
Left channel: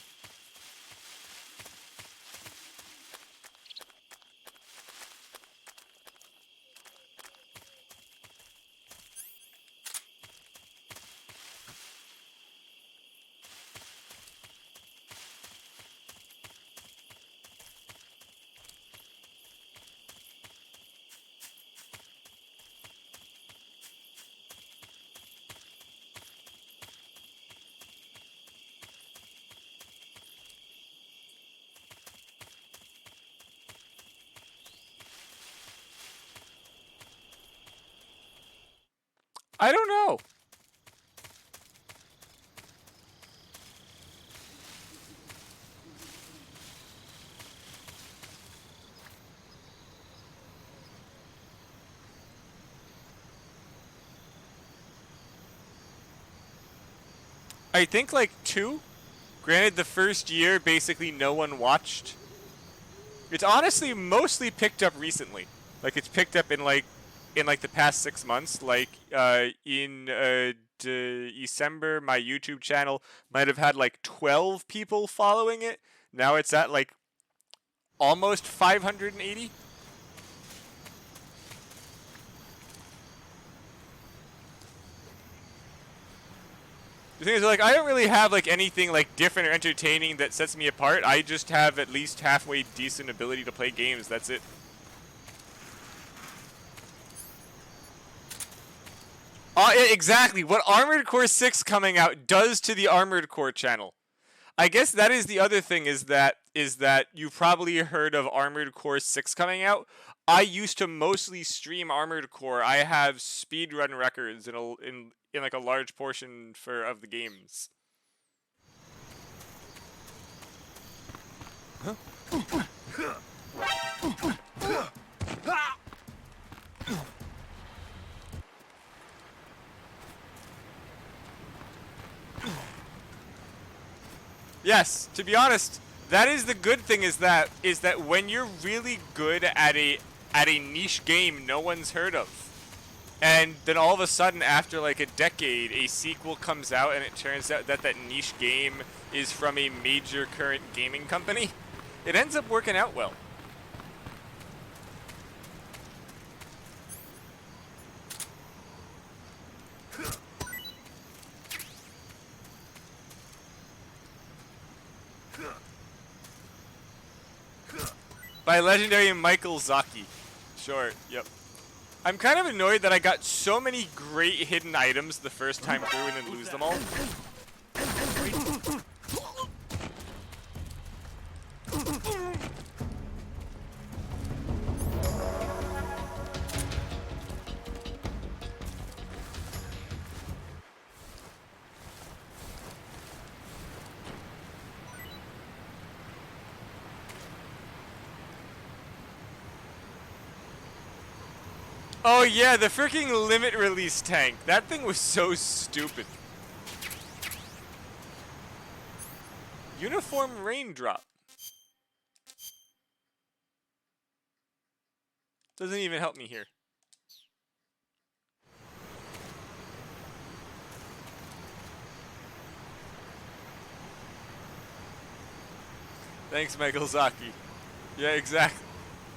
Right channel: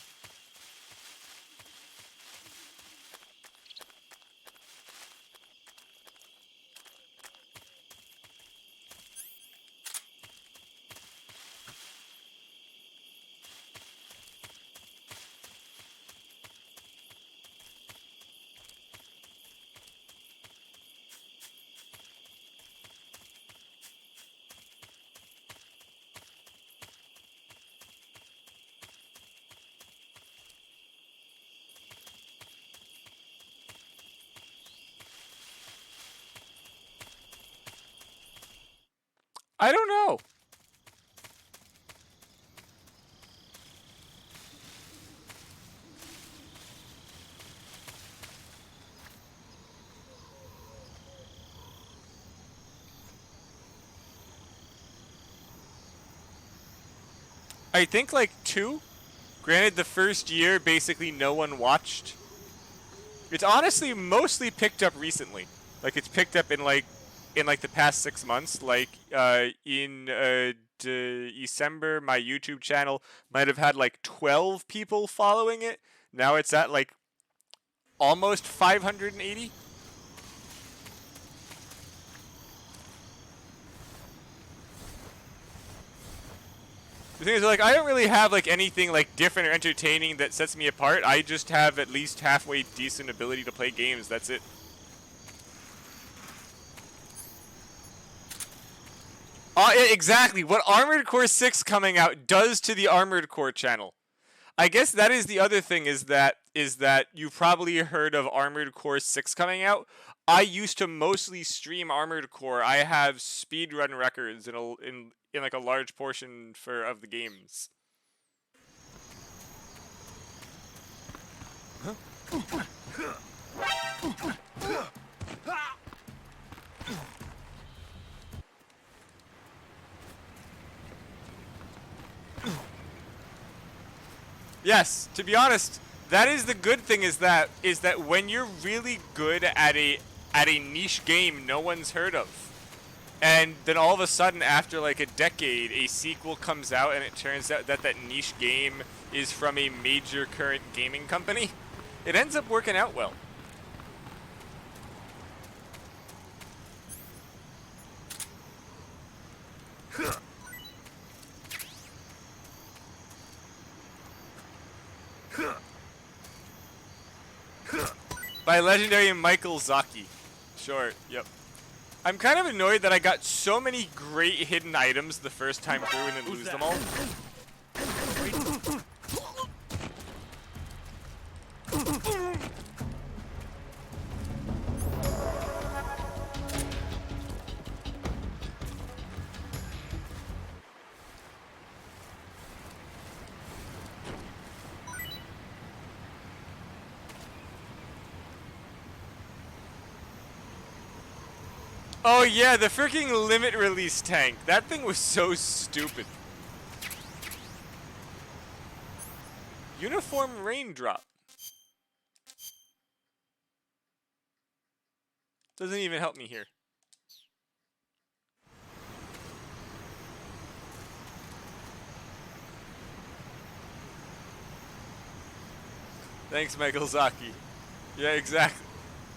I don't know. I think like 2. Granted, the first year basically no one watched. It's honestly mostly picked up recently. Like it's picked up in like the past 6 months. Like in December, my YouTube channel might have had like 12 people following it. Now it's at like almost 580. The thing is, like, I don't really have like anything like different or entertaining that sets me apart. I just have at least halfway decent ability to play games. That's it. Exactly. What Armored Core 6 coming out does to the Armored Core channel. I guess that is the other thing is that you've probably heard of Armored Core 6 coming out. I used to mostly stream Armored Core. I have speedrun records in like a large portion of the games. Yes, to be honest, that is the good thing is that when you're really good at a niche game no one's heard of, and then all of a sudden after like a decade a sequel comes out and it turns out that niche game is from a major current gaming company, it ends up working out well. By legendary Michael Zaki. Sure, yep. I'm kind of annoyed that I got so many great hidden items the first time through and then lose them all. Oh yeah, the freaking limit release tank. That thing was so stupid. Uniform raindrop. Doesn't even help me here. Thanks, Michael Zaki. Yeah, exactly.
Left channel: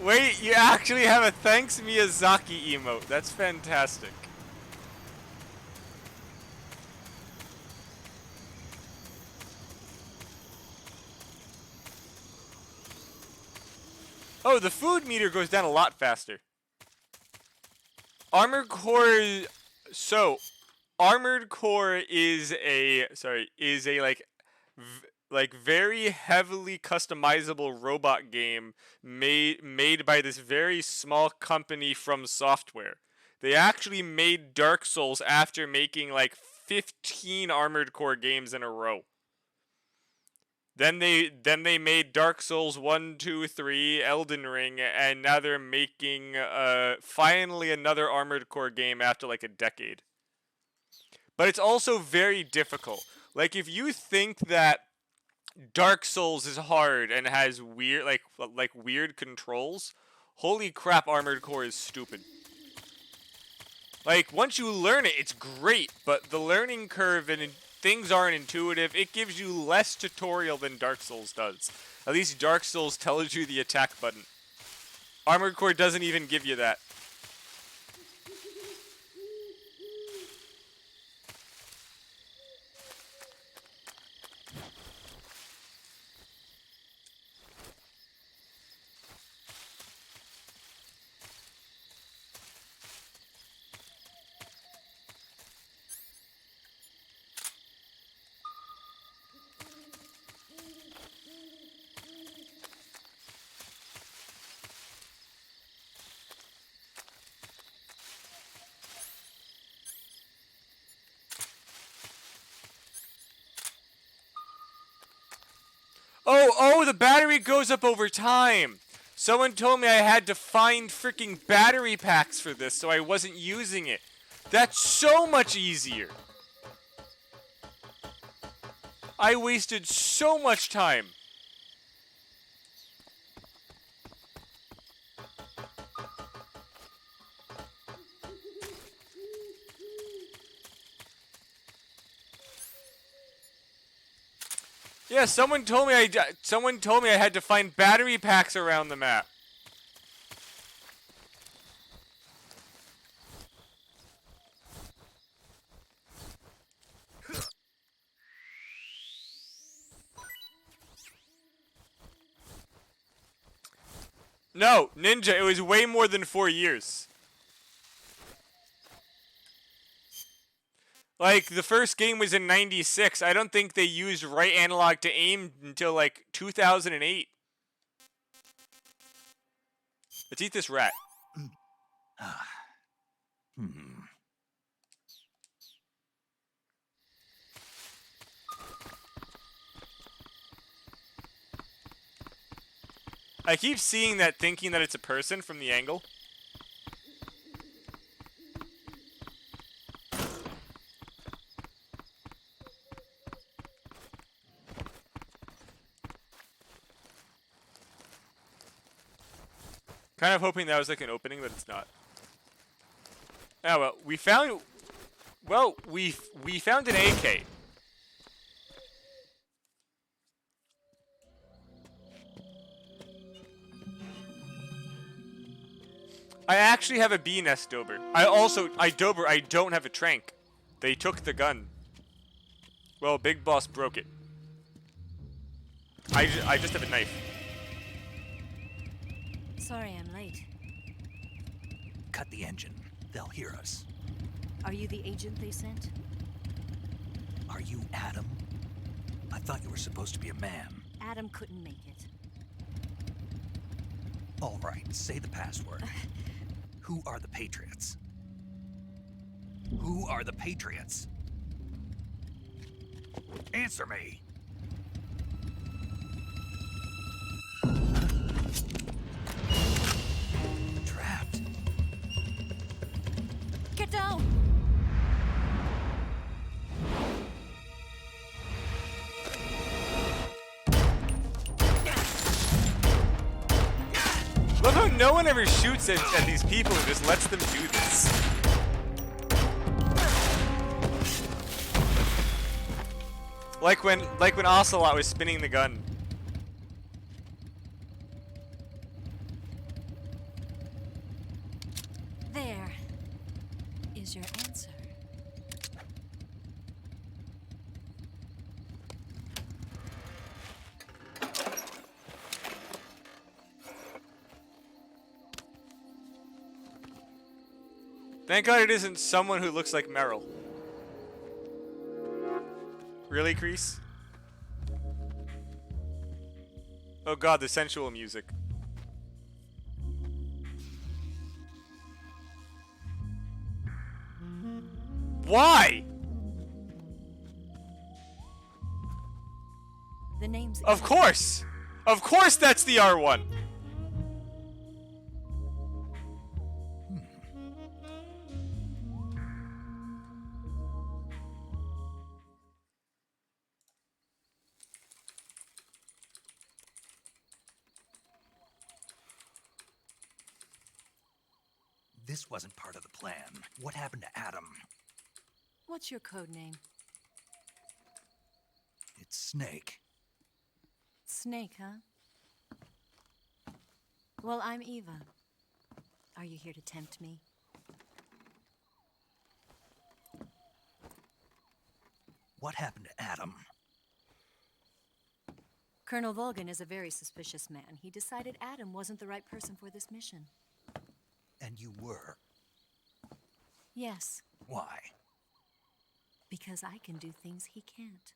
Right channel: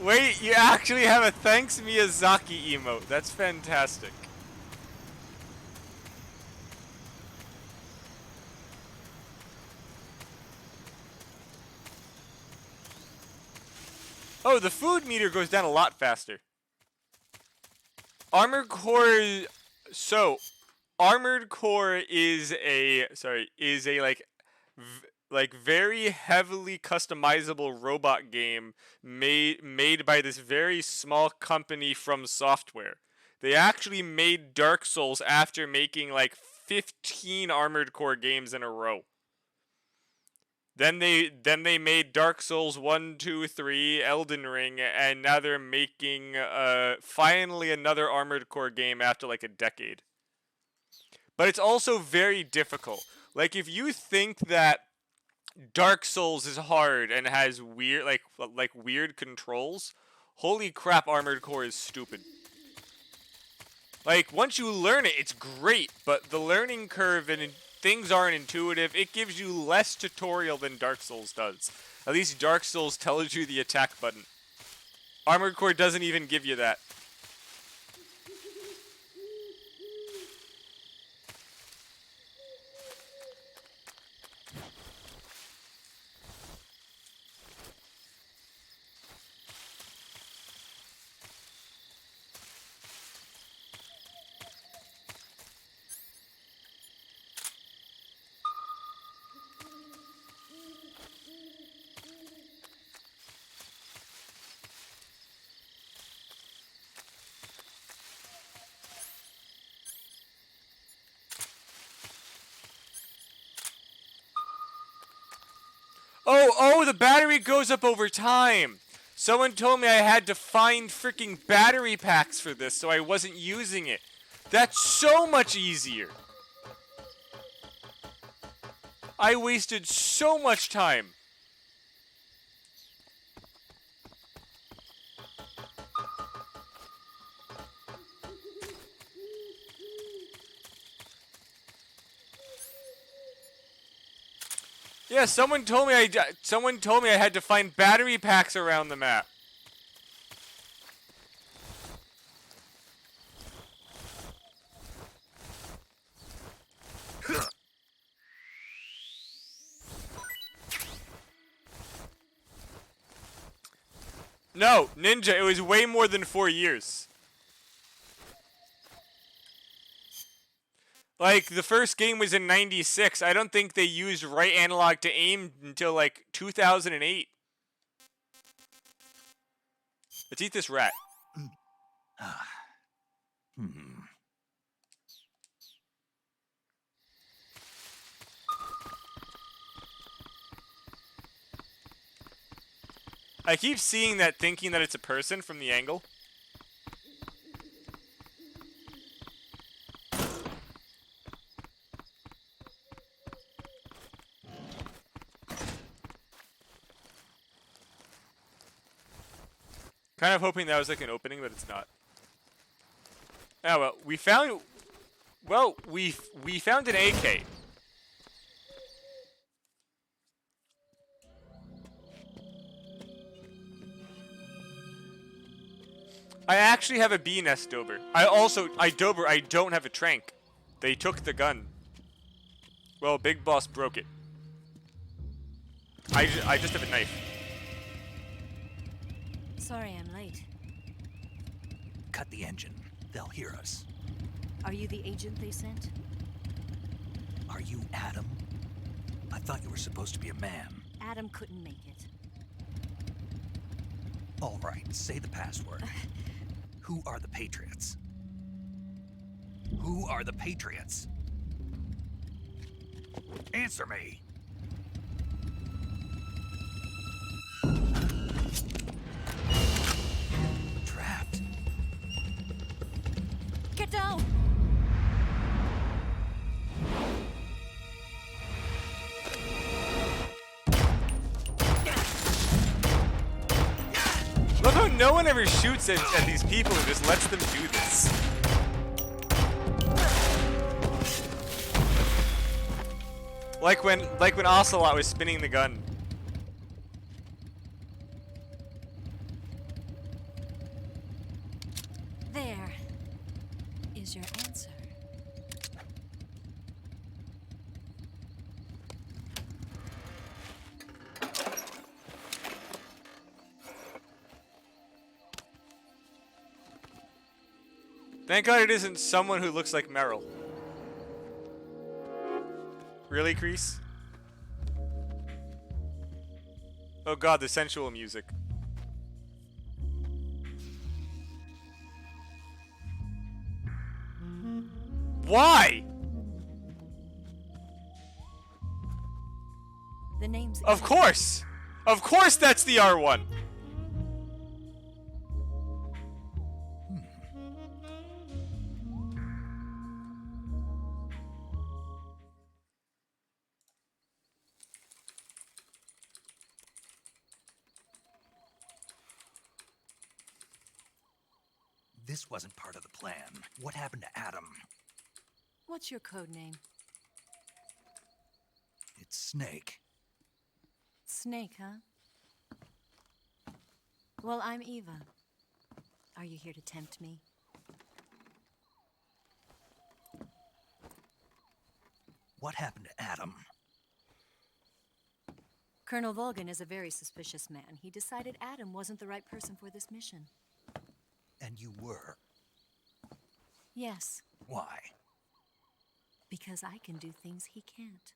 Wait, you actually have a thanks Miyazaki emote. That's fantastic. Oh, the food meter goes down a lot faster. Armored Core. So, Armored Core is a like very heavily customizable robot game made by this very small company From Software. They actually made Dark Souls after making like 15 Armored Core games in a row. Then they made Dark Souls 1, 2, 3, Elden Ring, and now they're making finally another Armored Core game after like a decade. But it's also very difficult. Like if you think that Dark Souls is hard and has weird like weird controls, holy crap, Armored Core is stupid. Like once you learn it, it's great, but the learning curve and things aren't intuitive. It gives you less tutorial than Dark Souls does. At least Dark Souls tells you the attack button. Armored Core doesn't even give you that. Oh, the battery goes up over time. Someone told me I had to find freaking battery packs for this, so I wasn't using it. That's so much easier. I wasted so much time. Yeah, someone told me I had to find battery packs around the map. No, Ninja, it was way more than 4 years. Like, the first game was in 96. I don't think they used right analog to aim until, like, 2008. Let's eat this rat. I keep seeing that, thinking that it's a person from the angle. Kind of hoping that was like an opening, but it's not. Oh well, we found. Well, we found an AK. I actually have a B nest Dober. I don't have a trank. They took the gun. Well, Big Boss broke it. I just have a knife. Sorry I'm late. Cut the engine. They'll hear us. Are you the agent they sent? Are you Adam? I thought you were supposed to be a man. Adam couldn't make it. All right, say the password. Who are the Patriots? Who are the Patriots? Answer me! Trapped. Get down! Love how no one ever shoots at these people and just lets them do this. Like when Ocelot was spinning the gun. There is your answer. Thank God it isn't someone who looks like Meryl. Really, Kreese? Oh God, the sensual music. Why? The name's Of course! Of course that's the R1! This wasn't part of the plan. What happened to Adam? What's your code name? It's Snake. Snake, huh? Well, I'm Eva. Are you here to tempt me? What happened to Adam? Colonel Volgan is a very suspicious man. He decided Adam wasn't the right person for this mission. And you were. Yes, Why? because I can do things he can't.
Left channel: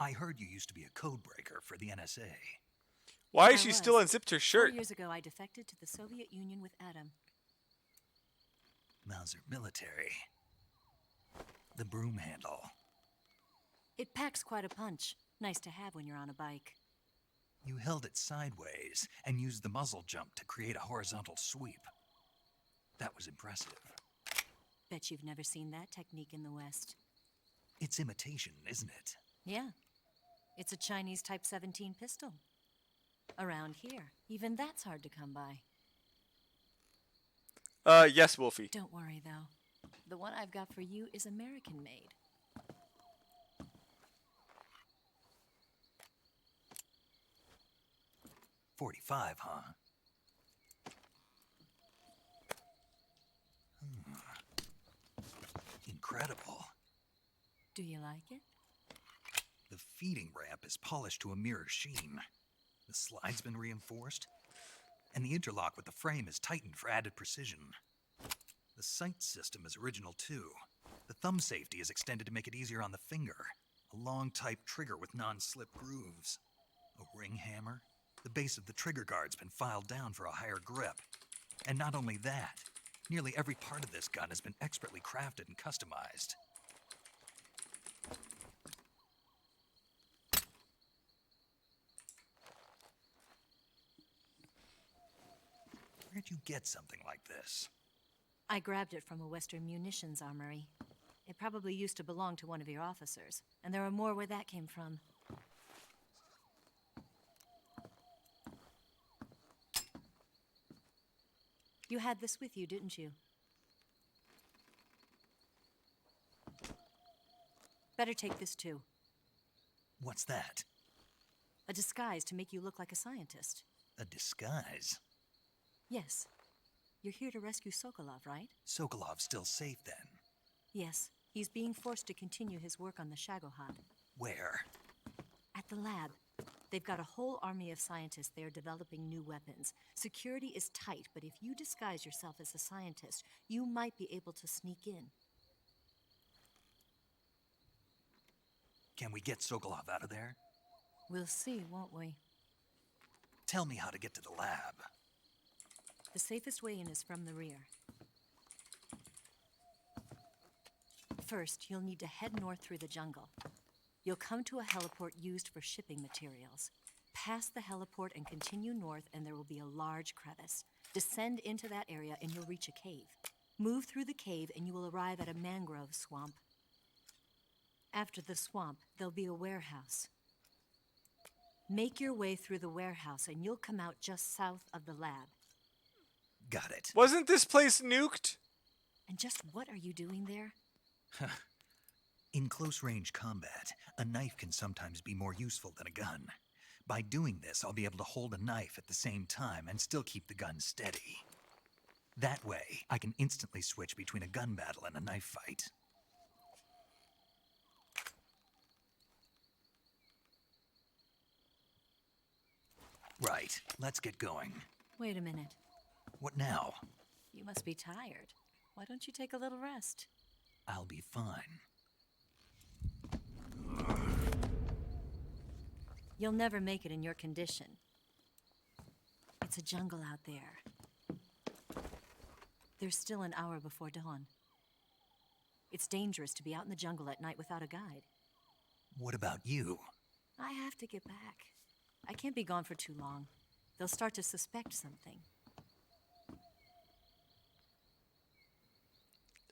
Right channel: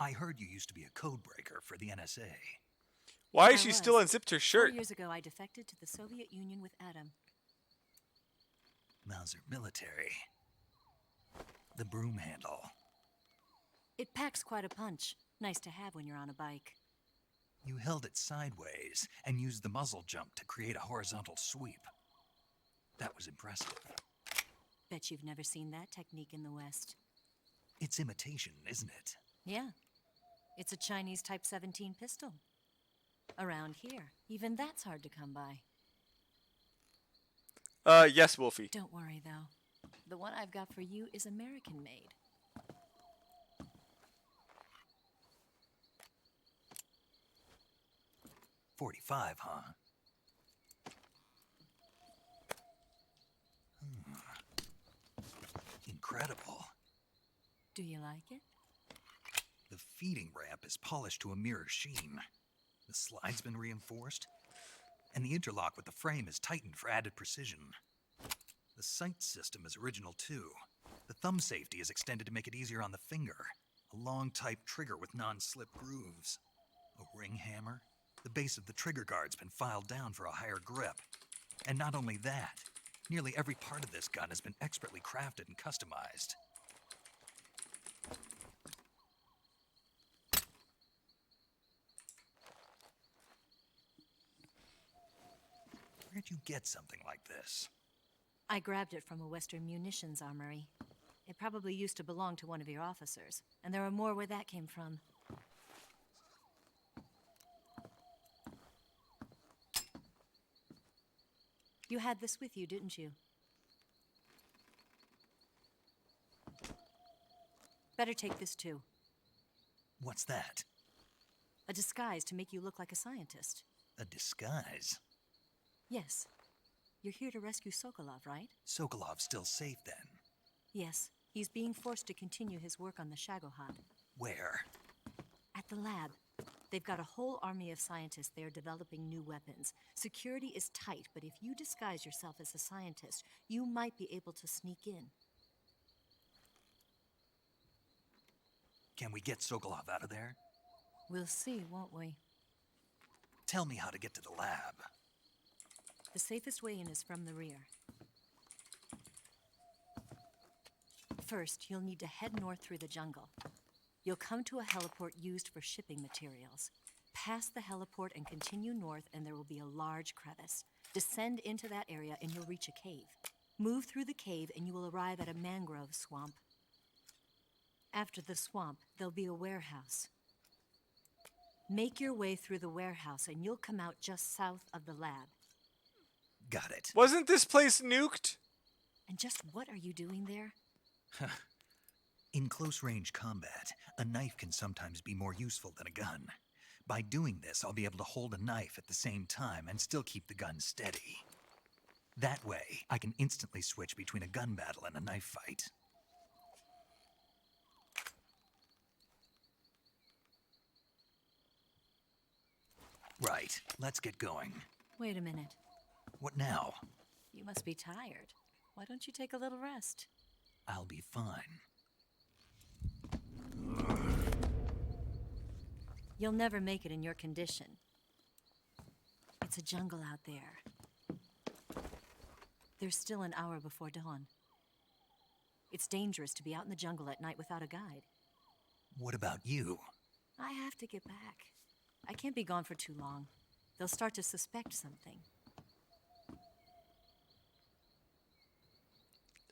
I heard you used to be a code breaker for the NSA. Why I is she was. still unzipped her 4 shirt? years ago, I defected to the Soviet Union with Adam. Mauser military. The broom handle. It packs quite a punch. Nice to have when you're on a bike. You held it sideways and used the muzzle jump to create a horizontal sweep. That was impressive. Bet you've never seen that technique in the West. It's imitation, isn't it? Yeah. It's a Chinese Type 17 pistol. Around here, even that's hard to come by. Yes, Wolfie. Don't worry, though. The one I've got for you is American-made. .45, huh? Incredible. Do you like it? The feeding ramp is polished to a mirror sheen. The slide's been reinforced, and the interlock with the frame is tightened for added precision. The sight system is original too. The thumb safety is extended to make it easier on the finger. A long type trigger with non-slip grooves. A ring hammer. The base of the trigger guard's been filed down for a higher grip. And not only that, nearly every part of this gun has been expertly crafted and customized. Where'd you get something like this? I grabbed it from a Western munitions armory. It probably used to belong to one of your officers, and there are more where that came from. You had this with you, didn't you? Better take this too. What's that? A disguise to make you look like a scientist. A disguise? Yes. You're here to rescue Sokolov, right? Sokolov's still safe then. Yes. He's being forced to continue his work on the Shagohod. Where? At the lab. They've got a whole army of scientists there developing new weapons. Security is tight, but if you disguise yourself as a scientist, you might be able to sneak in. Can we get Sokolov out of there? We'll see, won't we? Tell me how to get to the lab. The safest way in is from the rear. First, you'll need to head north through the jungle. You'll come to a heliport used for shipping materials. Pass the heliport and continue north, and there will be a large crevice. Descend into that area, and you'll reach a cave. Move through the cave, and you will arrive at a mangrove swamp. After the swamp, there'll be a warehouse. Make your way through the warehouse, and you'll come out just south of the lab. Got it. Wasn't this place nuked? And just what are you doing there? In close-range combat, a knife can sometimes be more useful than a gun. By doing this, I'll be able to hold a knife at the same time and still keep the gun steady. That way, I can instantly switch between a gun battle and a knife fight. Right, let's get going. Wait a minute. What now? You must be tired. Why don't you take a little rest? I'll be fine. You'll never make it in your condition. It's a jungle out there. There's still an hour before dawn. It's dangerous to be out in the jungle at night without a guide. What about you? I have to get back. I can't be gone for too long. They'll start to suspect something.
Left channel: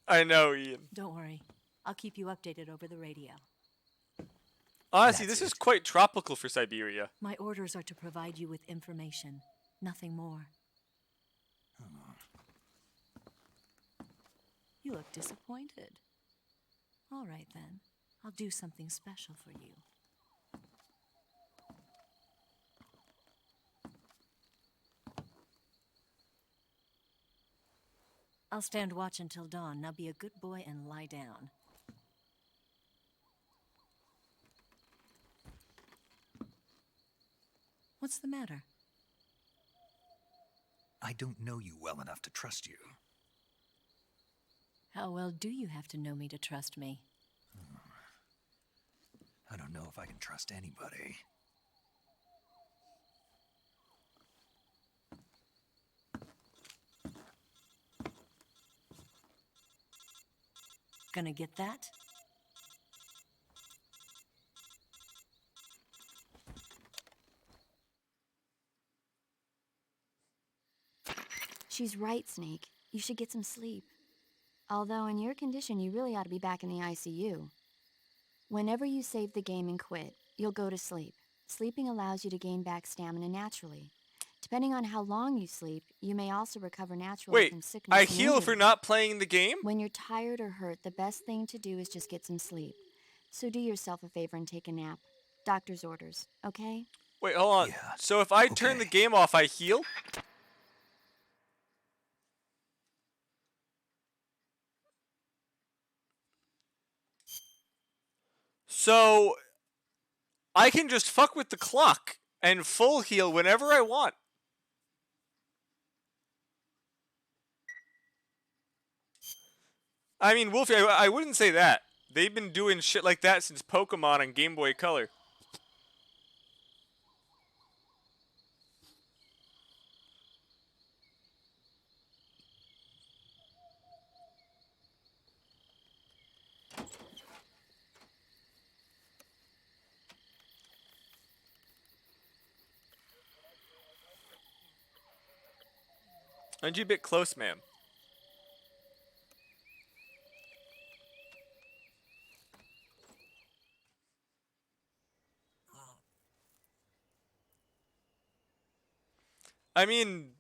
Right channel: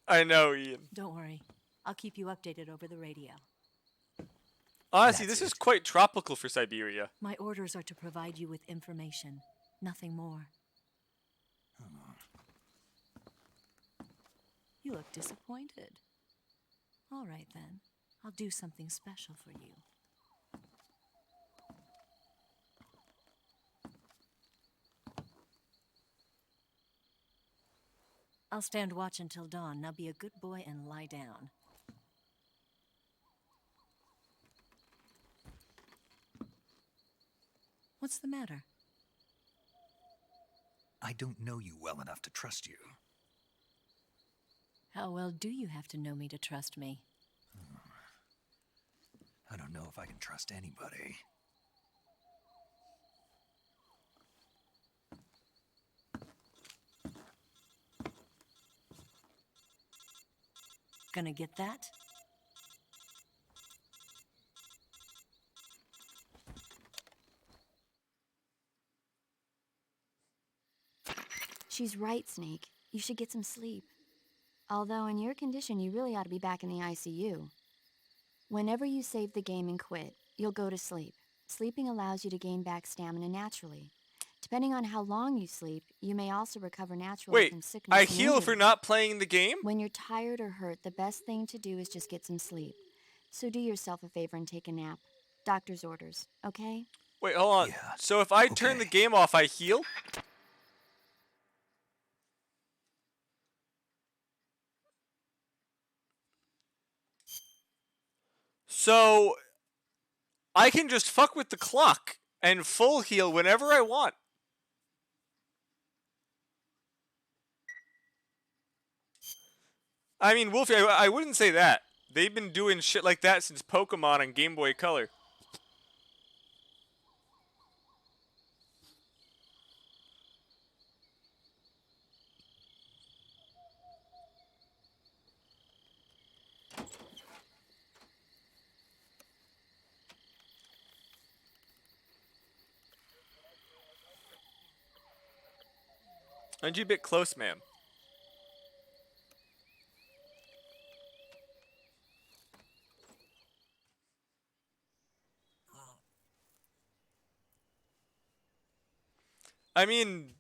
I know, Ian. Don't worry. I'll keep you updated over the radio. Honestly, That's this is it. quite tropical for Siberia. My orders are to provide you with information. Nothing more. You look disappointed. All right, then. I'll do something special for you. I'll stand watch until dawn. Now be a good boy and lie down. What's the matter? I don't know you well enough to trust you. How well do you have to know me to trust me? I don't know if I can trust anybody. Gonna get that? She's right, Snake. You should get some sleep. Although in your condition, you really ought to be back in the ICU. Whenever you save the game and quit, you'll go to sleep. Sleeping allows you to gain back stamina naturally. Depending on how long you sleep, you may also recover naturally Wait, from sickness. I and heal for injury. not playing the game? When you're tired or hurt, the best thing to do is just get some sleep. So do yourself a favor and take a nap. Doctor's orders, okay? Wait, hold on. Yeah, So if I turn the okay. game off, I heal? So I can just fuck with the clock and full heal whenever I want. I mean, Wolfie, I wouldn't say that. They've been doing shit like that since Pokemon on Game Boy Color. Aren't you a bit close, ma'am? I mean,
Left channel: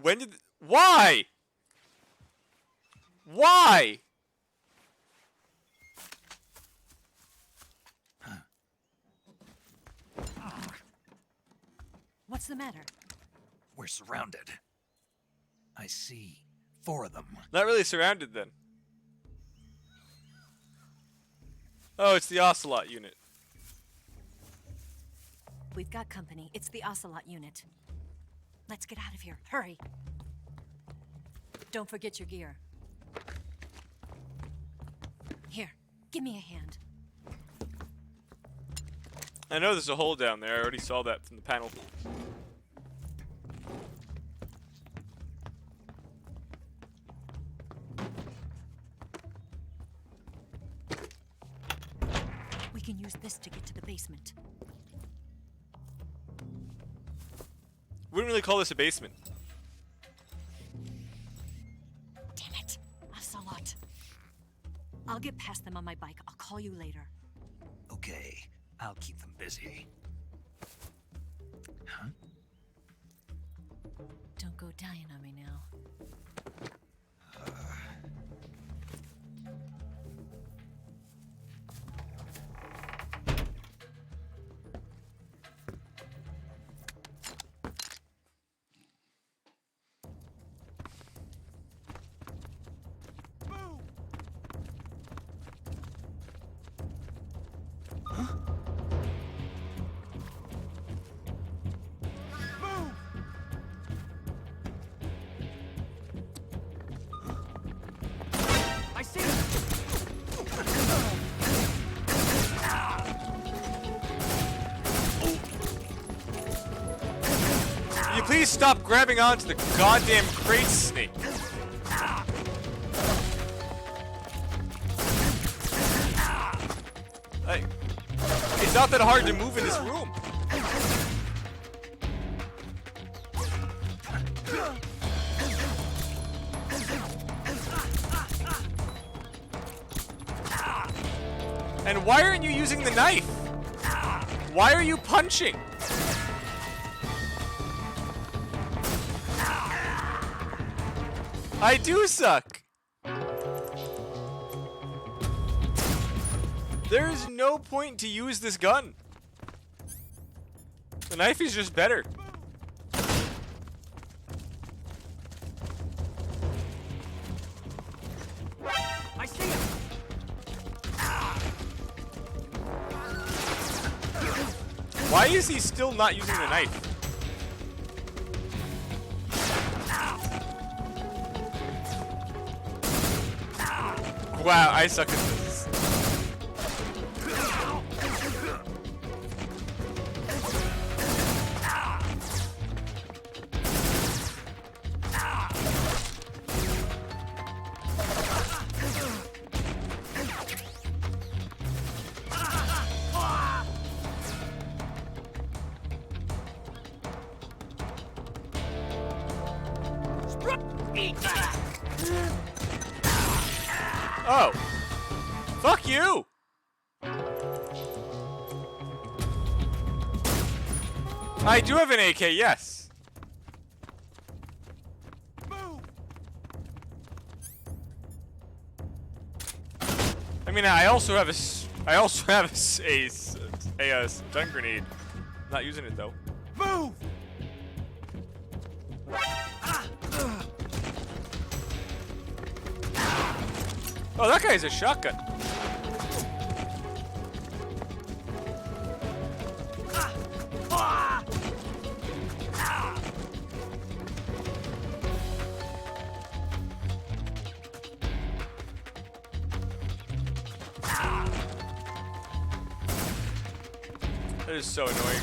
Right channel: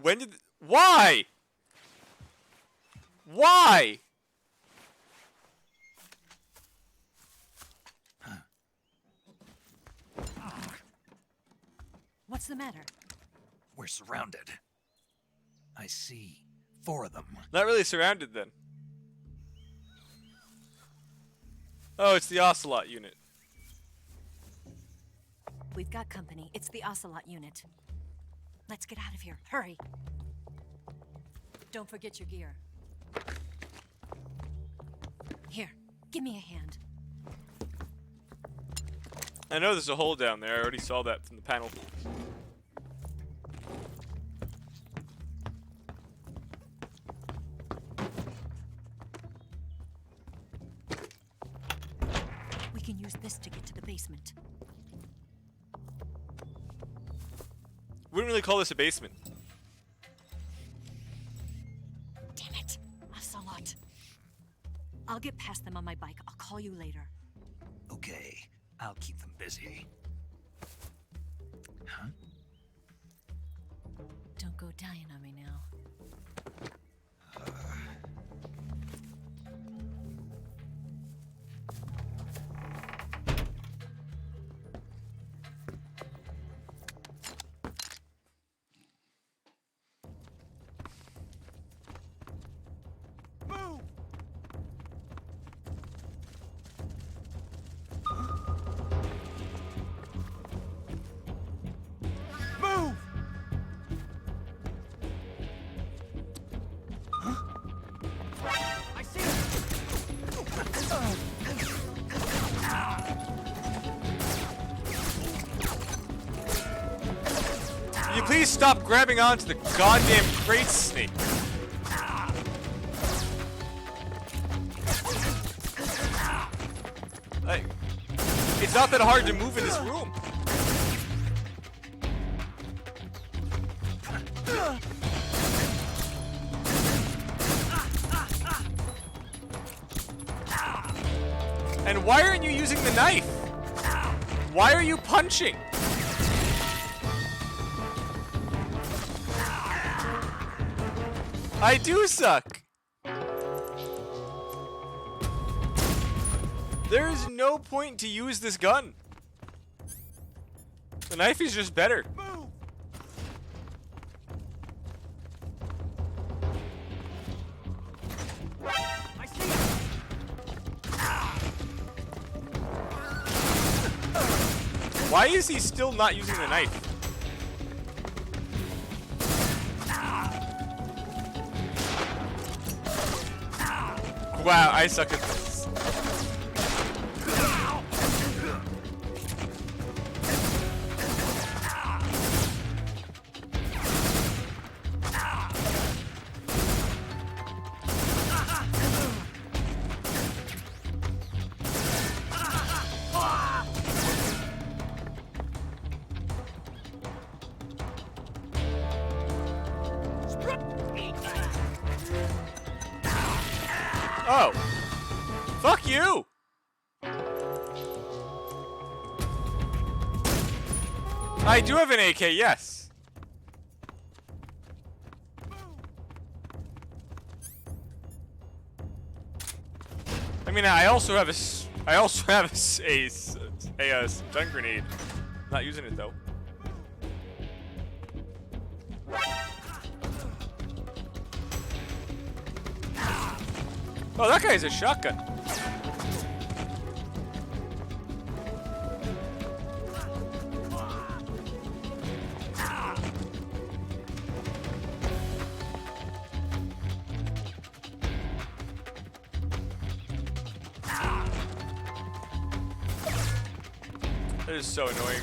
when did... Why? Why? What's the matter? We're surrounded. I see 4 of them. Not really surrounded, then. Oh, it's the Ocelot unit. We've got company. It's the Ocelot unit. Let's get out of here. Hurry. Don't forget your gear. Here, give me a hand. I know there's a hole down there. I already saw that from the panel. We can use this to get to the basement. Wouldn't really call this a basement. Damn it, Ocelot. I'll get past them on my bike. I'll call you later. Okay, I'll keep them busy. Huh? Don't go dying on me now. I see him! Can you please stop grabbing onto the goddamn crate, Snake? Like, it's not that hard to move in this room. And why aren't you using the knife? Why are you punching? I do suck. There is no point to use this gun. The knife is just better. I see him! Why is he still not using the knife? Wow, I suck at this. Oh. Fuck you! I do have an AK, yes. I mean, I also have a stun grenade. I'm not using it though. Move! Oh, that guy's a shotgun. That is so annoying.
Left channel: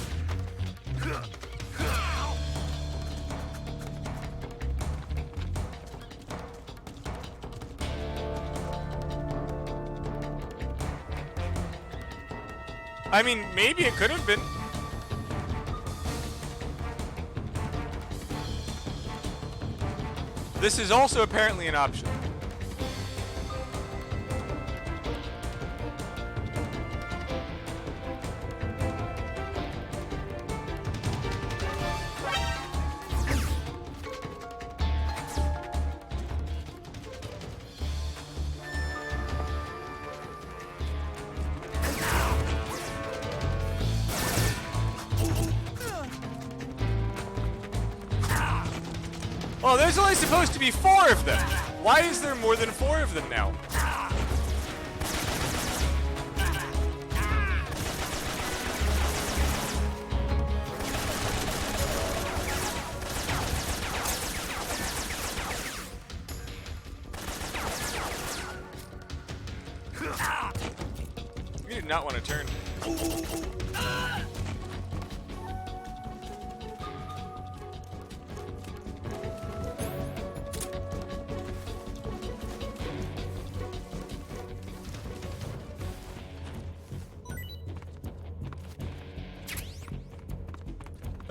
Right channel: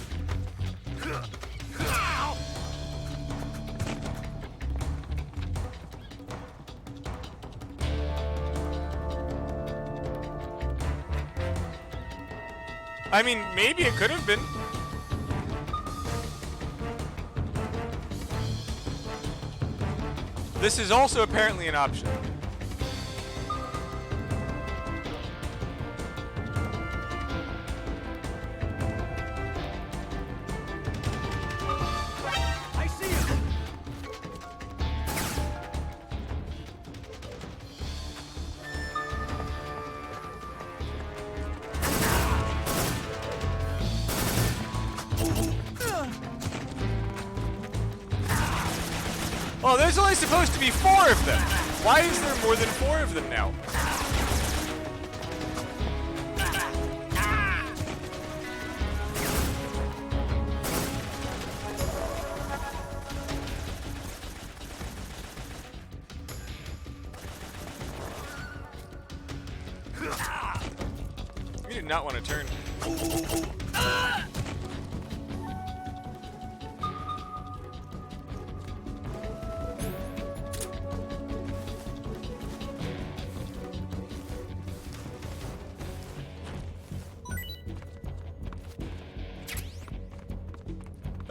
I mean, maybe it could have been. This is also apparently an option. Oh, there's only supposed to be 4 of them. Why is there more than 4 of them now? not want to turn.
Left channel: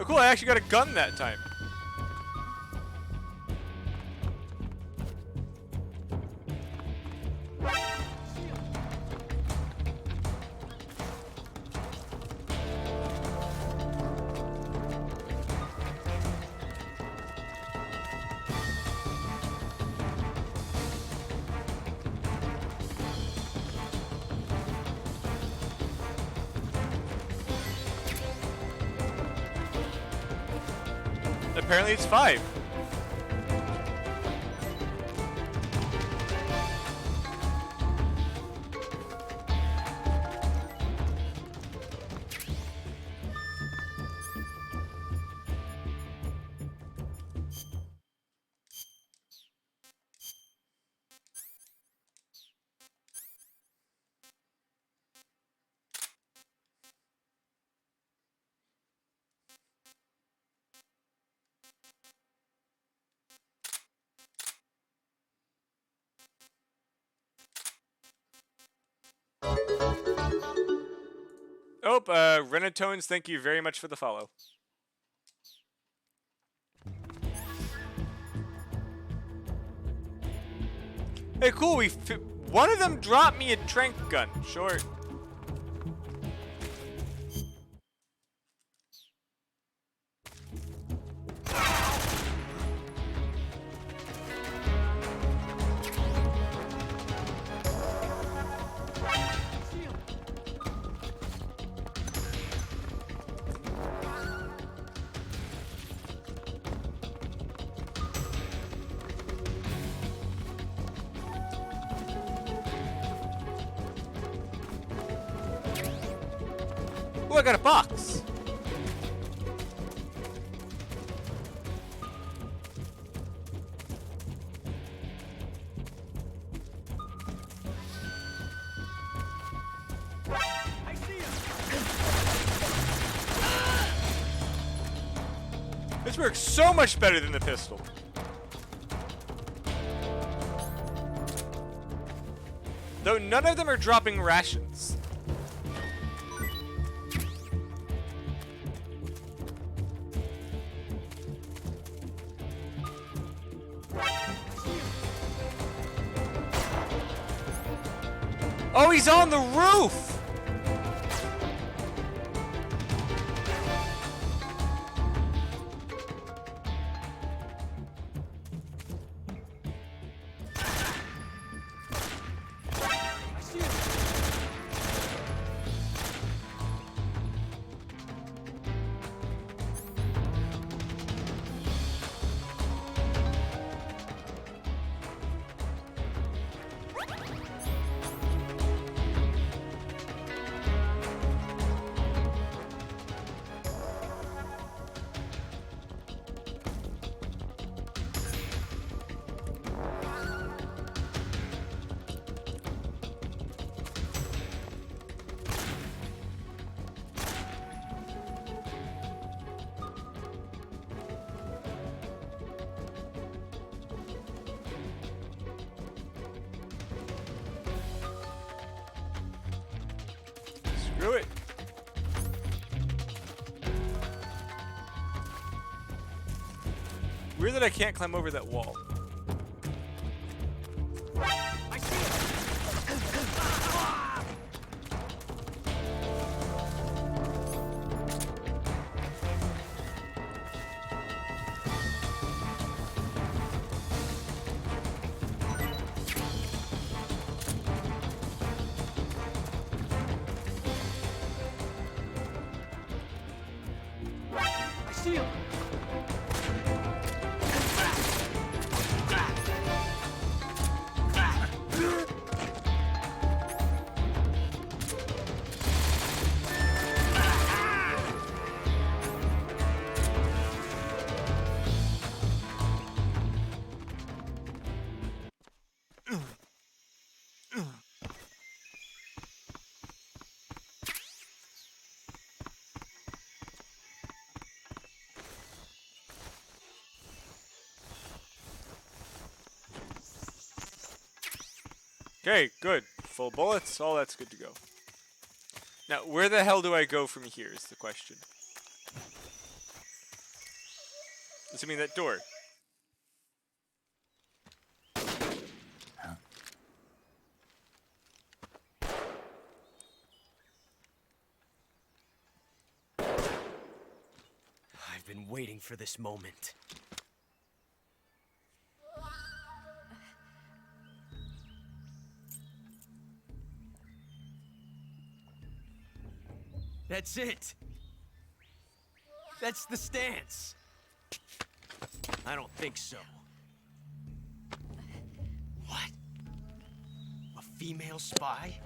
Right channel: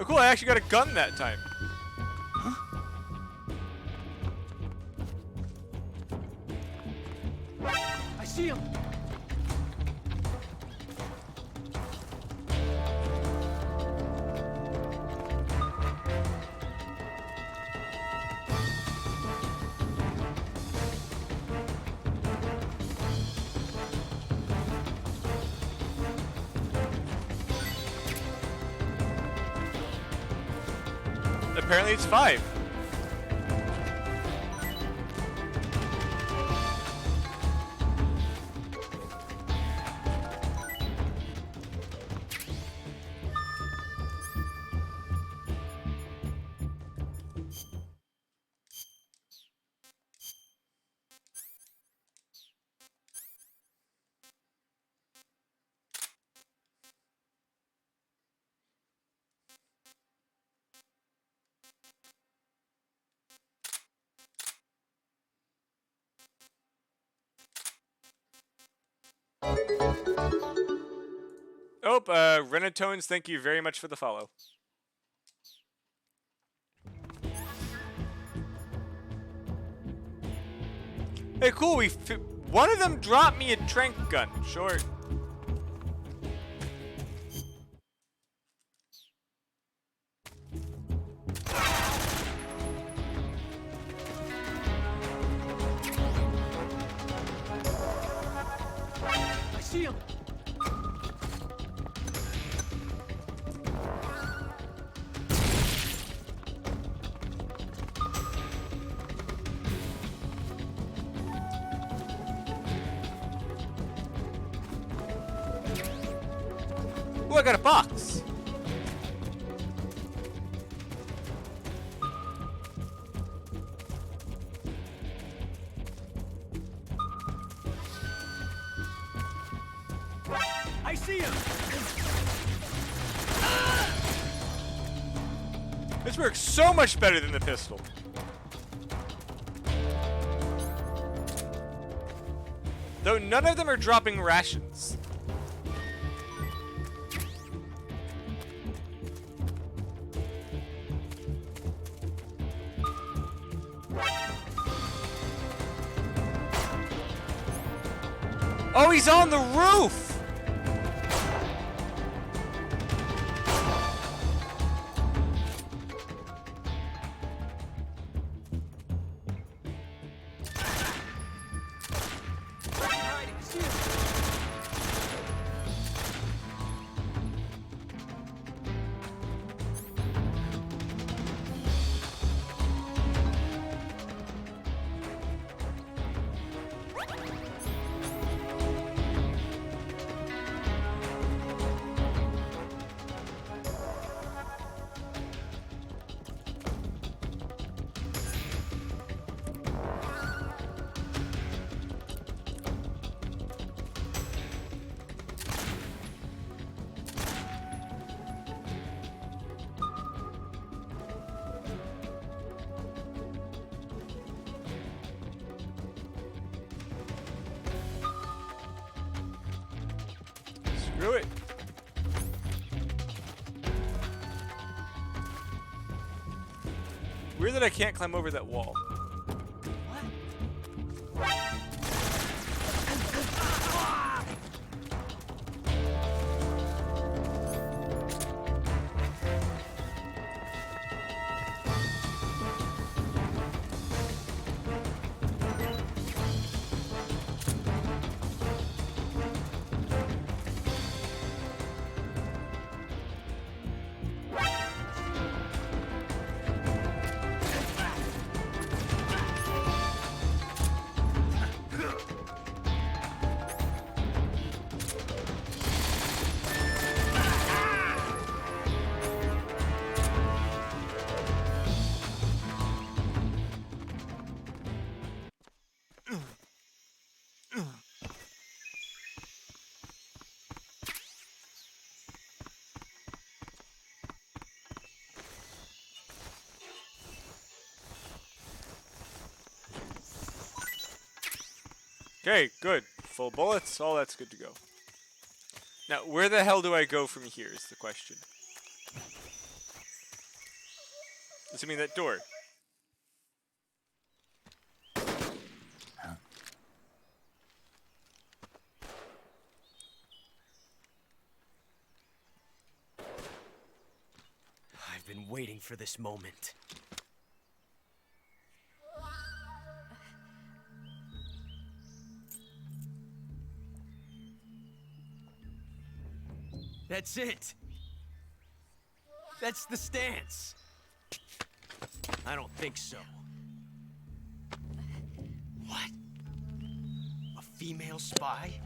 Oh cool, I actually got a gun that time. I see him. Apparently it's 5. Oh, Renatones, thank you very much for the follow. Hey, cool, one of them dropped me a trank gun. Short. I see him. Oh, I got a box. I see him. This works so much better than the pistol. Though none of them are dropping rations. Oh, he's on the roof! I see him. Screw it. Weird that I can't climb over that wall. Okay, good. Full bullets. All that's good to go. Now, where the hell do I go from here is the question. Assuming that door. I've been waiting for this moment. That's it. That's the stance. I don't think so. What? A female spy?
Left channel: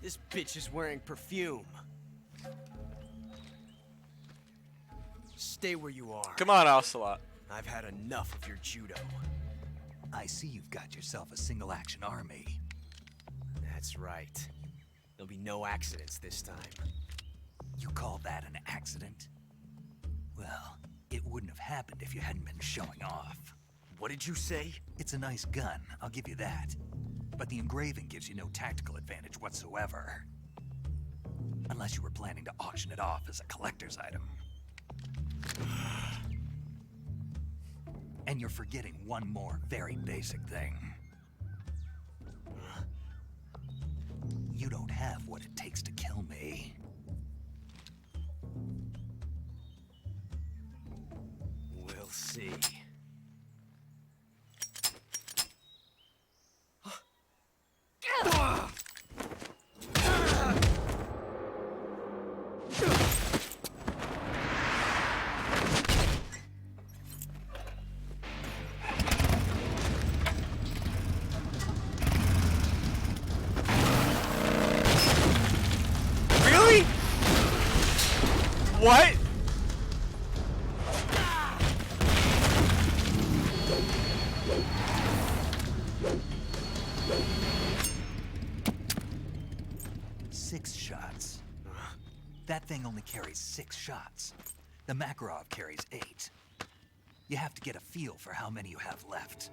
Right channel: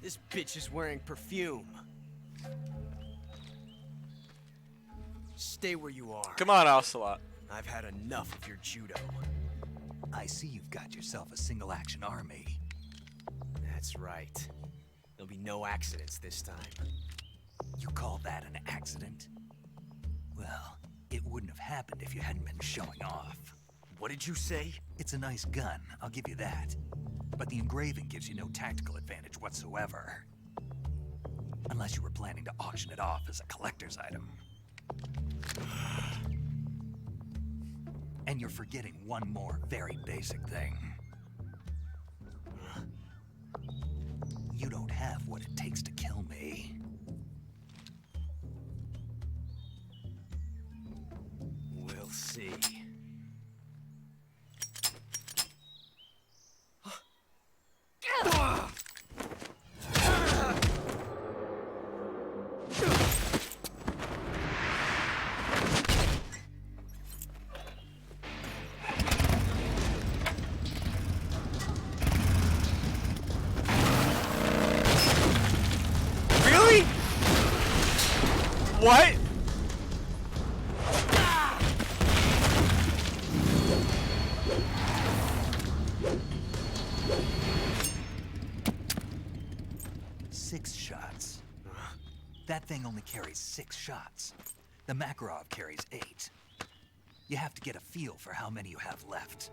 This bitch is wearing perfume. Stay where you are. Come on, Ocelot. I've had enough of your judo. I see you've got yourself a single-action army. That's right. There'll be no accidents this time. You call that an accident? Well, it wouldn't have happened if you hadn't been showing off. What did you say? It's a nice gun, I'll give you that. But the engraving gives you no tactical advantage whatsoever. Unless you were planning to auction it off as a collector's item. And you're forgetting one more very basic thing. You don't have what it takes to kill me. We'll see. Really? What? Six shots. That thing only carries 6 shots. The Makarov carries 8. You have to get a feel for how many you have left.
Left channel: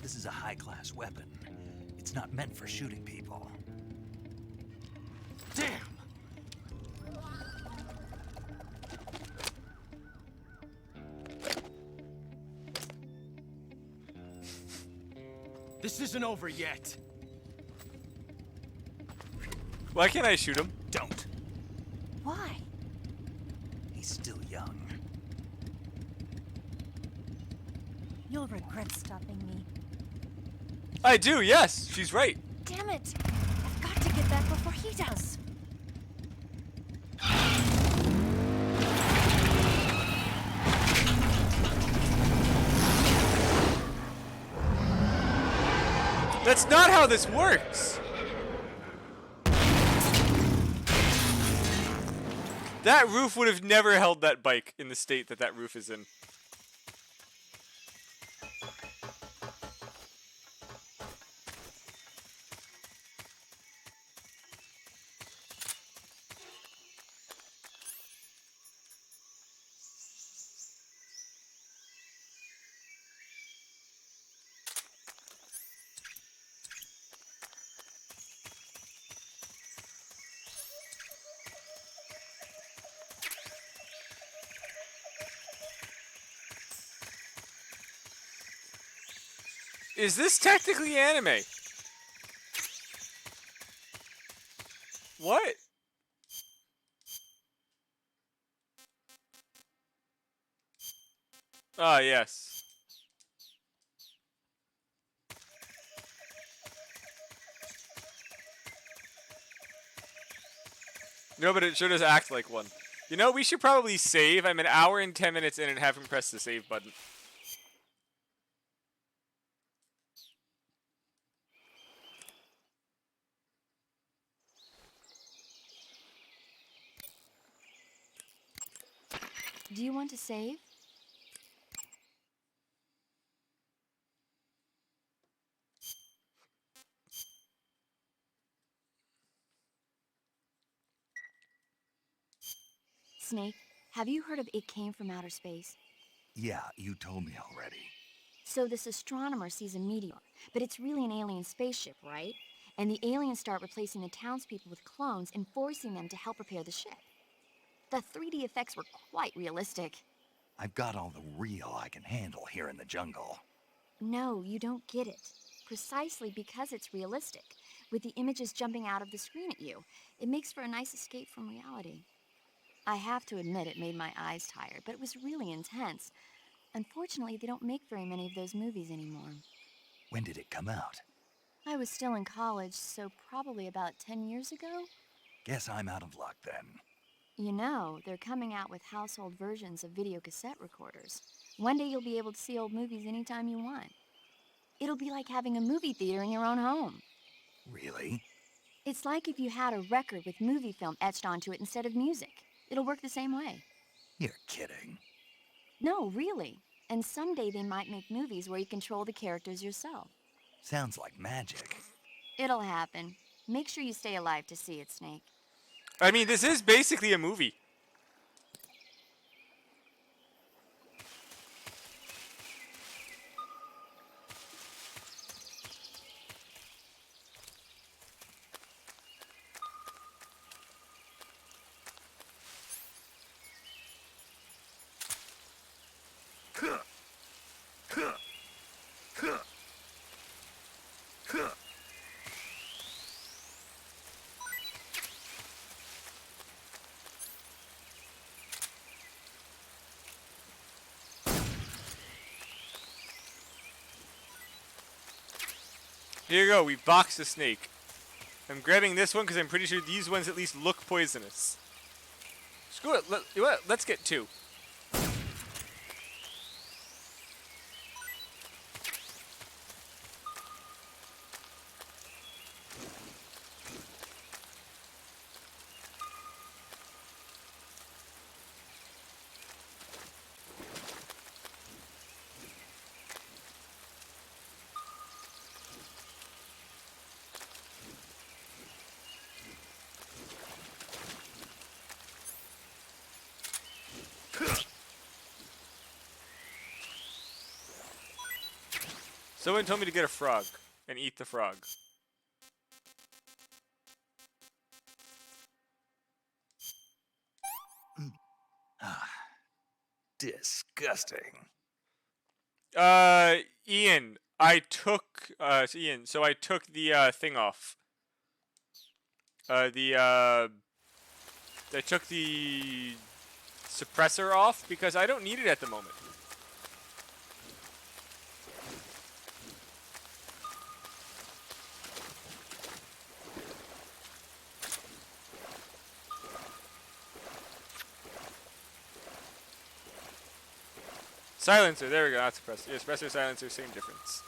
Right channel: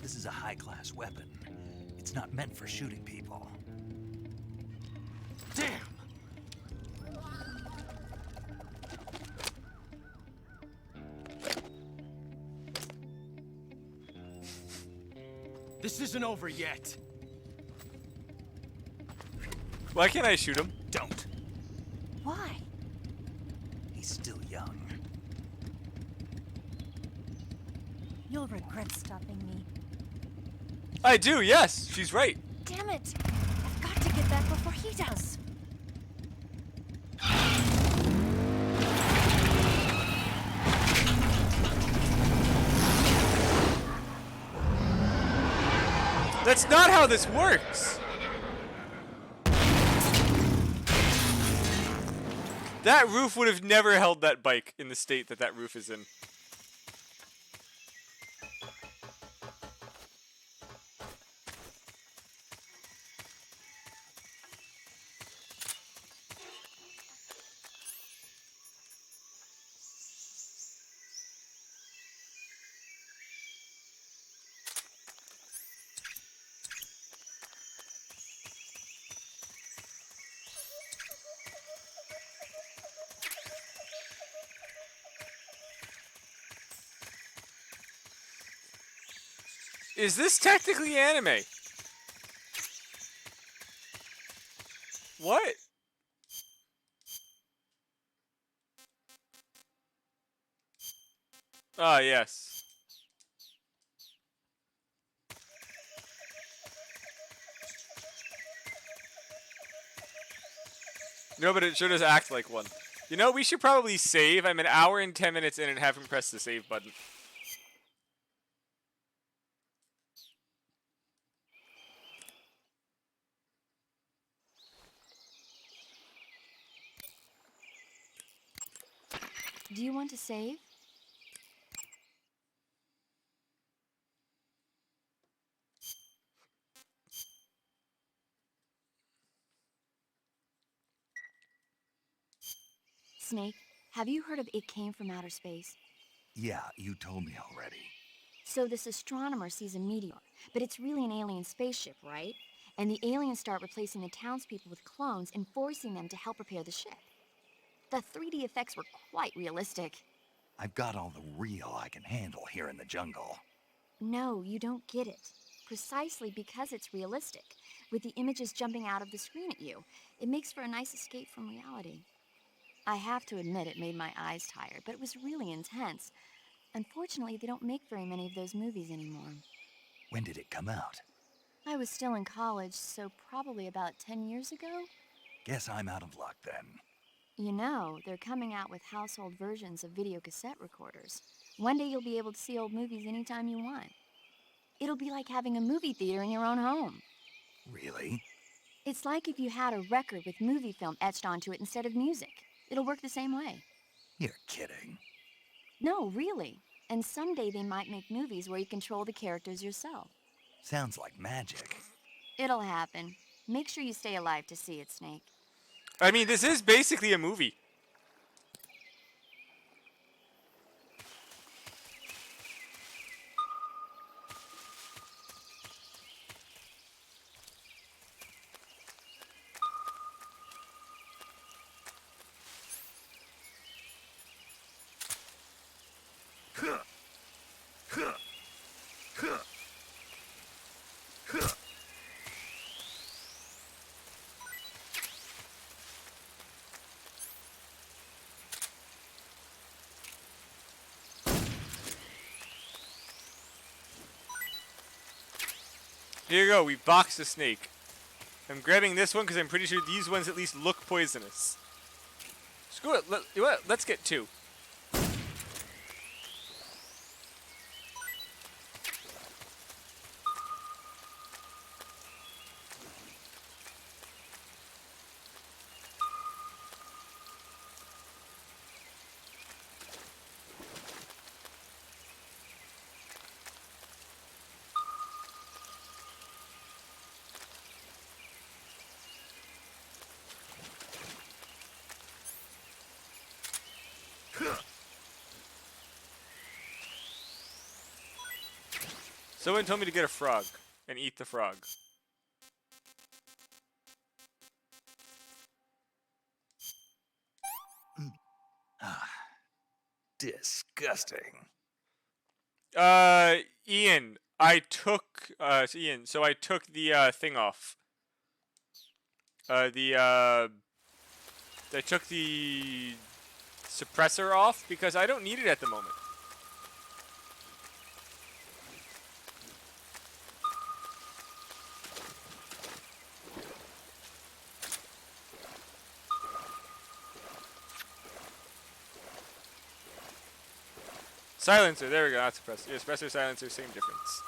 This is a high-class weapon. It's not meant for shooting people. Damn! This isn't over yet. Why can't I shoot him? Don't. Why? He's still young. You'll regret stopping me. I do, yes. She's right. Damn it! I've got to get back before he does. That's not how this works. That roof would have never held that bike in the state that that roof is in. Is this technically anime? What? Ah, yes. No, but it sure does act like one. You know, we should probably save. I'm an hour and 10 minutes in and haven't pressed the save button. Do you want to save? Snake, have you heard of It Came from Outer Space? Yeah, you told me already. So this astronomer sees a meteor, but it's really an alien spaceship, right? And the aliens start replacing the townspeople with clones and forcing them to help repair the ship. The 3D effects were quite realistic. I've got all the real I can handle here in the jungle. No, you don't get it. Precisely because it's realistic, with the images jumping out of the screen at you, it makes for a nice escape from reality. I have to admit it made my eyes tired, but it was really intense. Unfortunately, they don't make very many of those movies anymore. When did it come out? I was still in college, so probably about 10 years ago. Guess I'm out of luck then. You know, they're coming out with household versions of video cassette recorders. One day you'll be able to see old movies anytime you want. It'll be like having a movie theater in your own home. Really? It's like if you had a record with movie film etched onto it instead of music. It'll work the same way. You're kidding. No, really. And someday they might make movies where you control the characters yourself. Sounds like magic. It'll happen. Make sure you stay alive to see it, Snake. I mean, this is basically a movie. Here you go, we boxed a snake. I'm grabbing this one because I'm pretty sure these ones at least look poisonous. Screw it, let's get two. Someone told me to get a frog and eat the frog. Disgusting. Ian, I took Ian, so I took the thing off. I took the suppressor off because I don't need it at the moment. Silencer, there we go, not suppressor. Yeah, suppressor, silencer, same difference.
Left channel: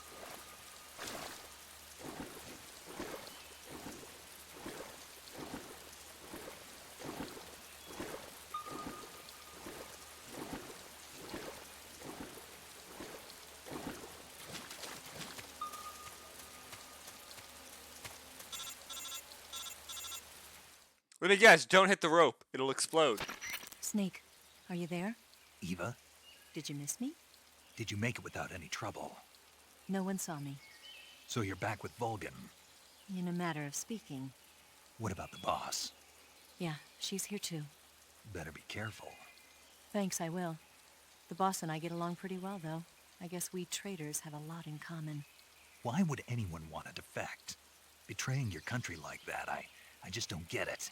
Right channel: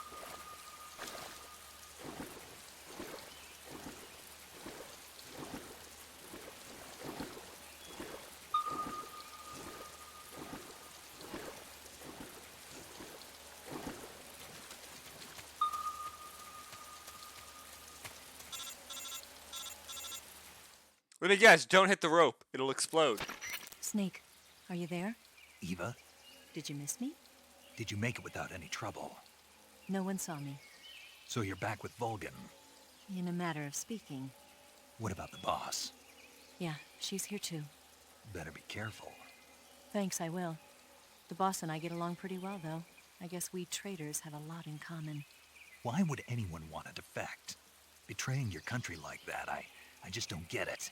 Let me guess, don't hit the rope. It'll explode. Snake, are you there? Eva, Did you miss me? did you make it without any trouble? No one saw me. So you're back with Vulcan. In a matter of speaking. What about the boss? Yeah, she's here too. Better be careful. Thanks, I will. The boss and I get along pretty well, though. I guess we traitors have a lot in common. Why would anyone want to defect? Betraying your country like that, I just don't get it.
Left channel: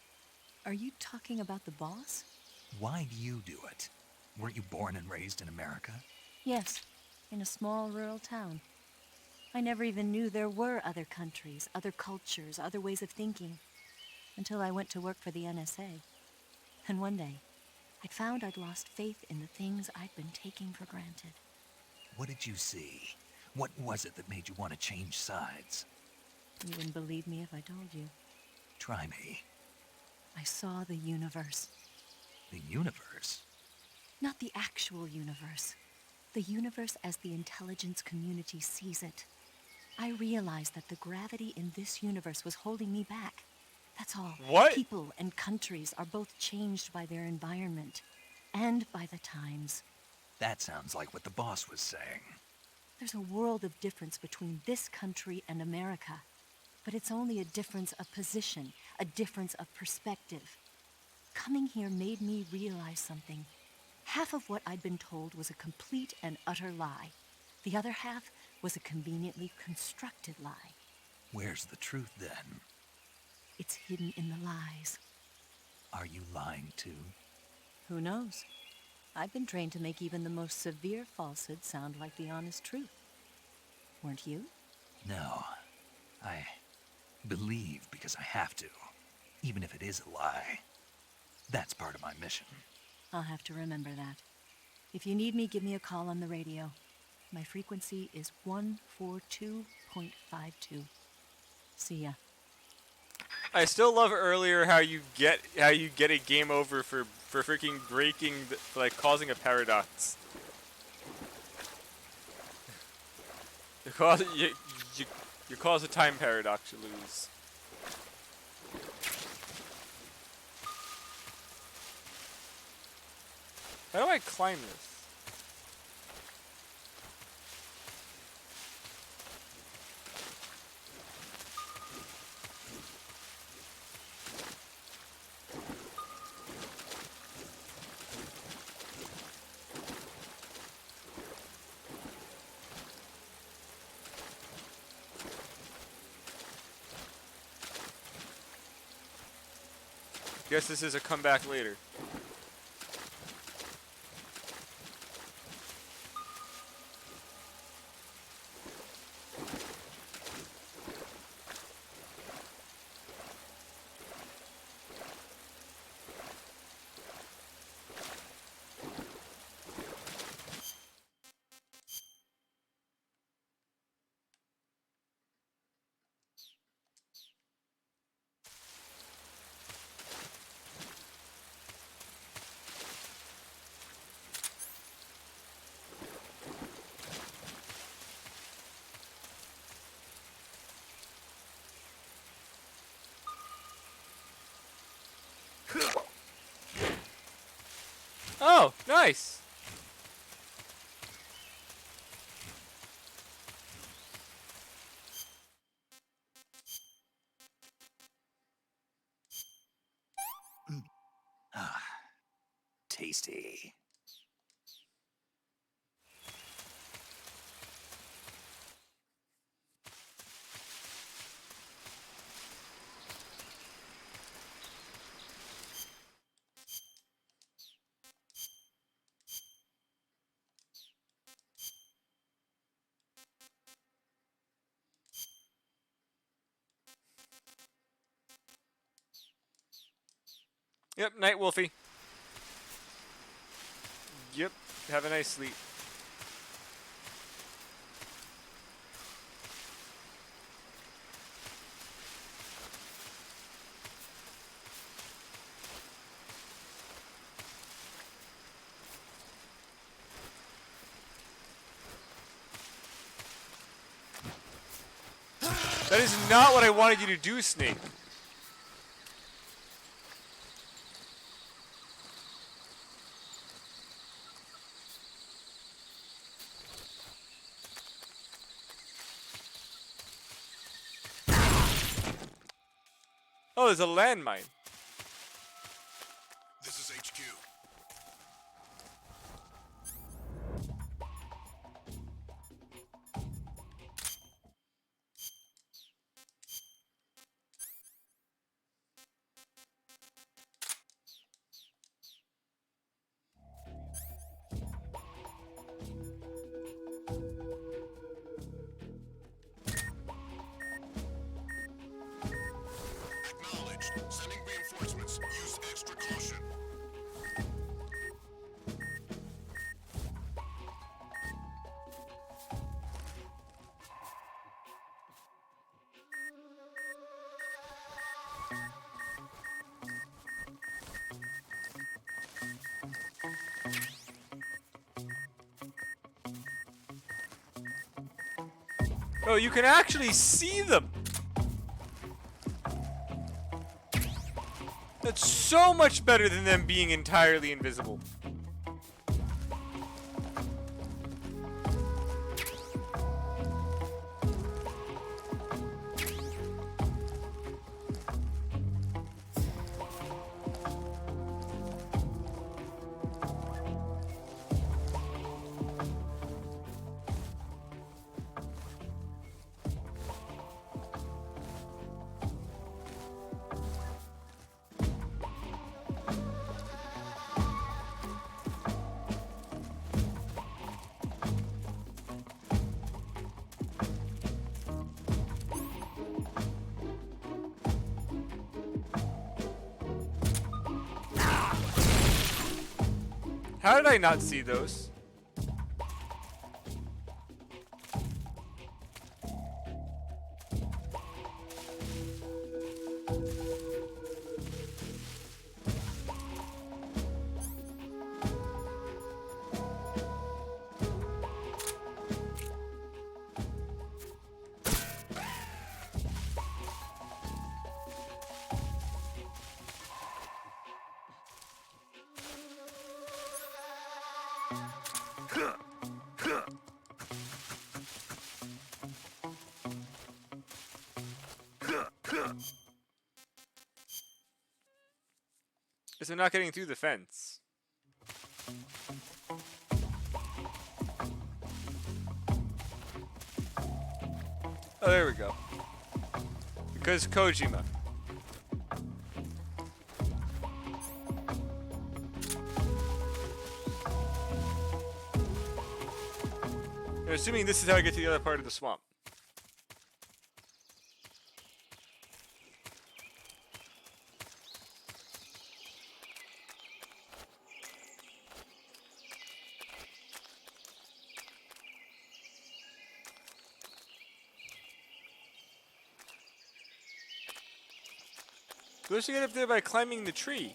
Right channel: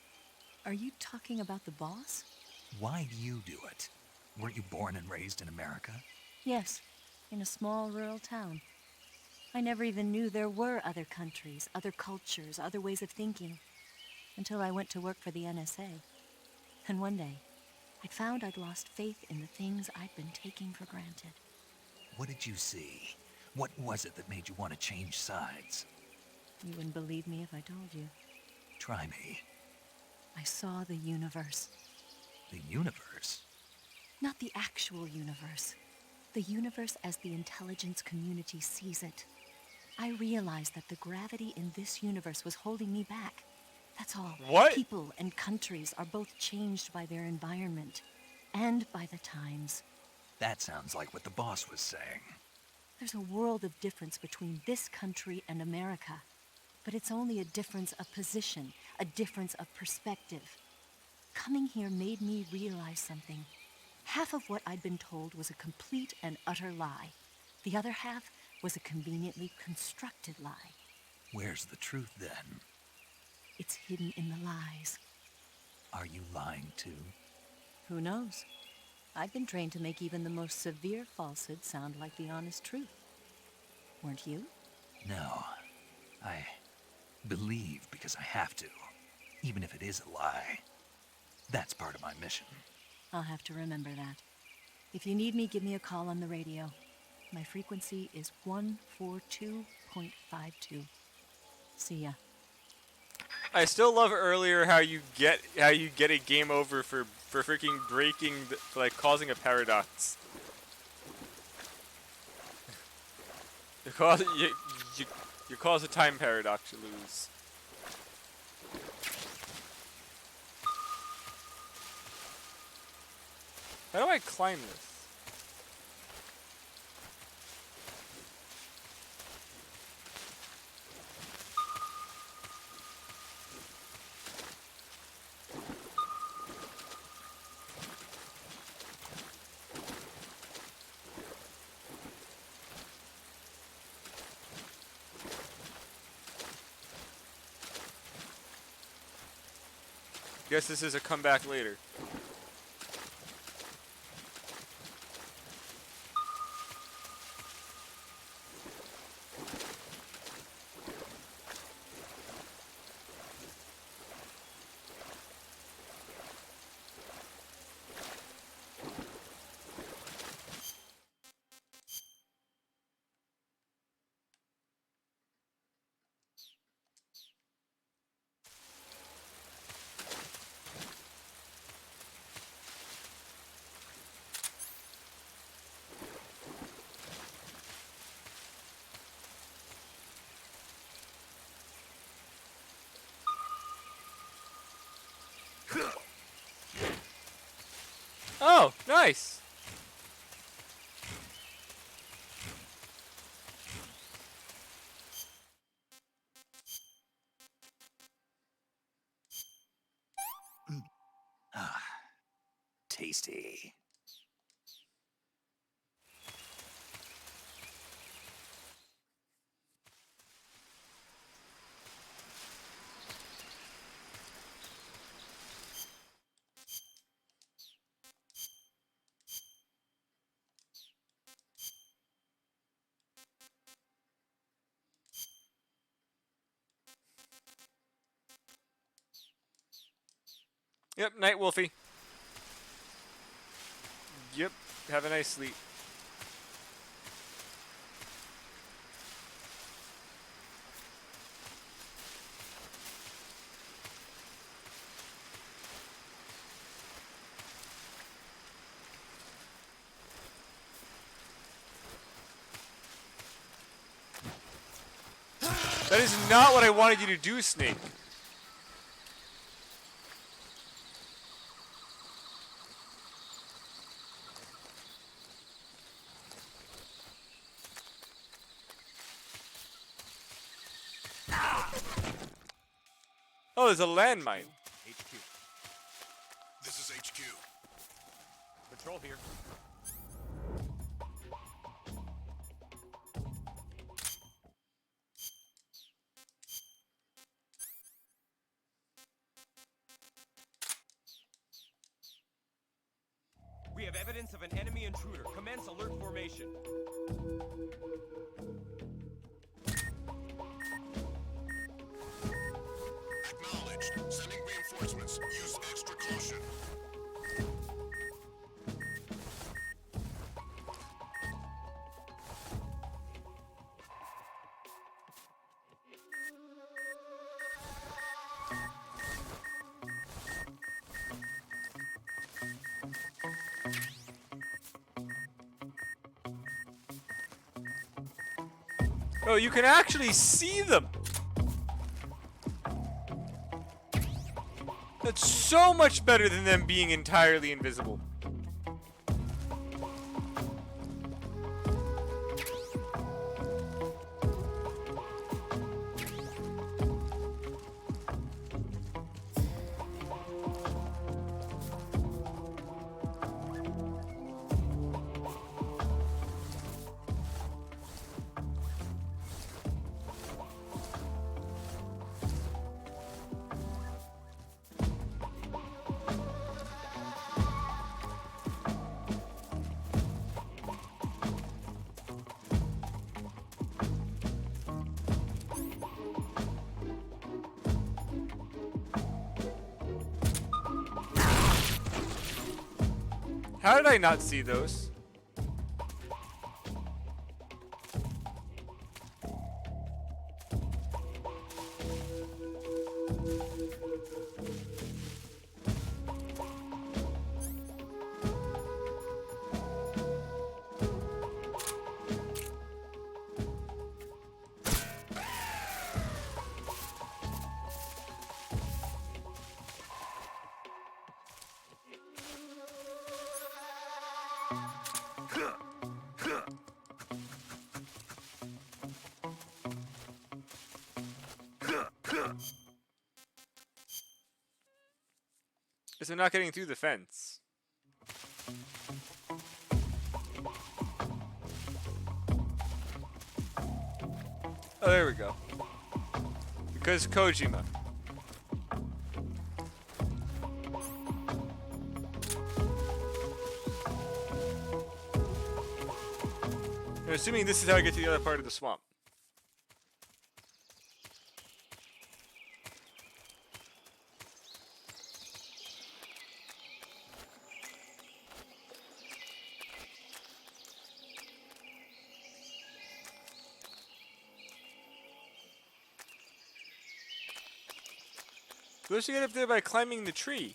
Are you talking about the boss? Why do you do it? Weren't you born and raised in America? Yes, in a small rural town. I never even knew there were other countries, other cultures, other ways of thinking, until I went to work for the NSA. And one day, I found I'd lost faith in the things I'd been taking for granted. What did you see? What was it that made you want to change sides? You wouldn't believe me if I told you. Try me. I saw the universe. The universe? Not the actual universe. The universe as the intelligence community sees it. I realized that the gravity in this universe was holding me back. That's all. What? People and countries are both changed by their environment and by the times. That sounds like what the boss was saying. There's a world of difference between this country and America. But it's only a difference of position, a difference of perspective. Coming here made me realize something. Half of what I'd been told was a complete and utter lie. The other half was a conveniently constructed lie. Where's the truth then? It's hidden in the lies. Are you lying too? Who knows? I've been trained to make even the most severe falsehood sound like the honest truth. Weren't you? No. I believe because I have to, even if it is a lie. That's part of my mission. I'll have to remember that. If you need me, give me a call on the radio. My frequency is 142.52. See ya. I still love earlier how you get a game over for freaking breaking for like causing a paradox. You cause a time paradox, you lose. How do I climb this? Guess this is a comeback later. Oh, nice. Yep, night, Wolfie. Yep, have a nice sleep. That is not what I wanted you to do, Snake. Oh, there's a landmine. This is HQ. Patrol here. We have evidence of an enemy intruder. Commence alert formation. Acknowledged. Sending reinforcements. Use extra caution. Oh, you can actually see them. That's so much better than them being entirely invisible. How did I not see those? Because they're not getting through the fence. Oh, there we go. Because Kojima. I'm assuming this is how I get to the other part of the swamp. Supposed to get up there by climbing the tree.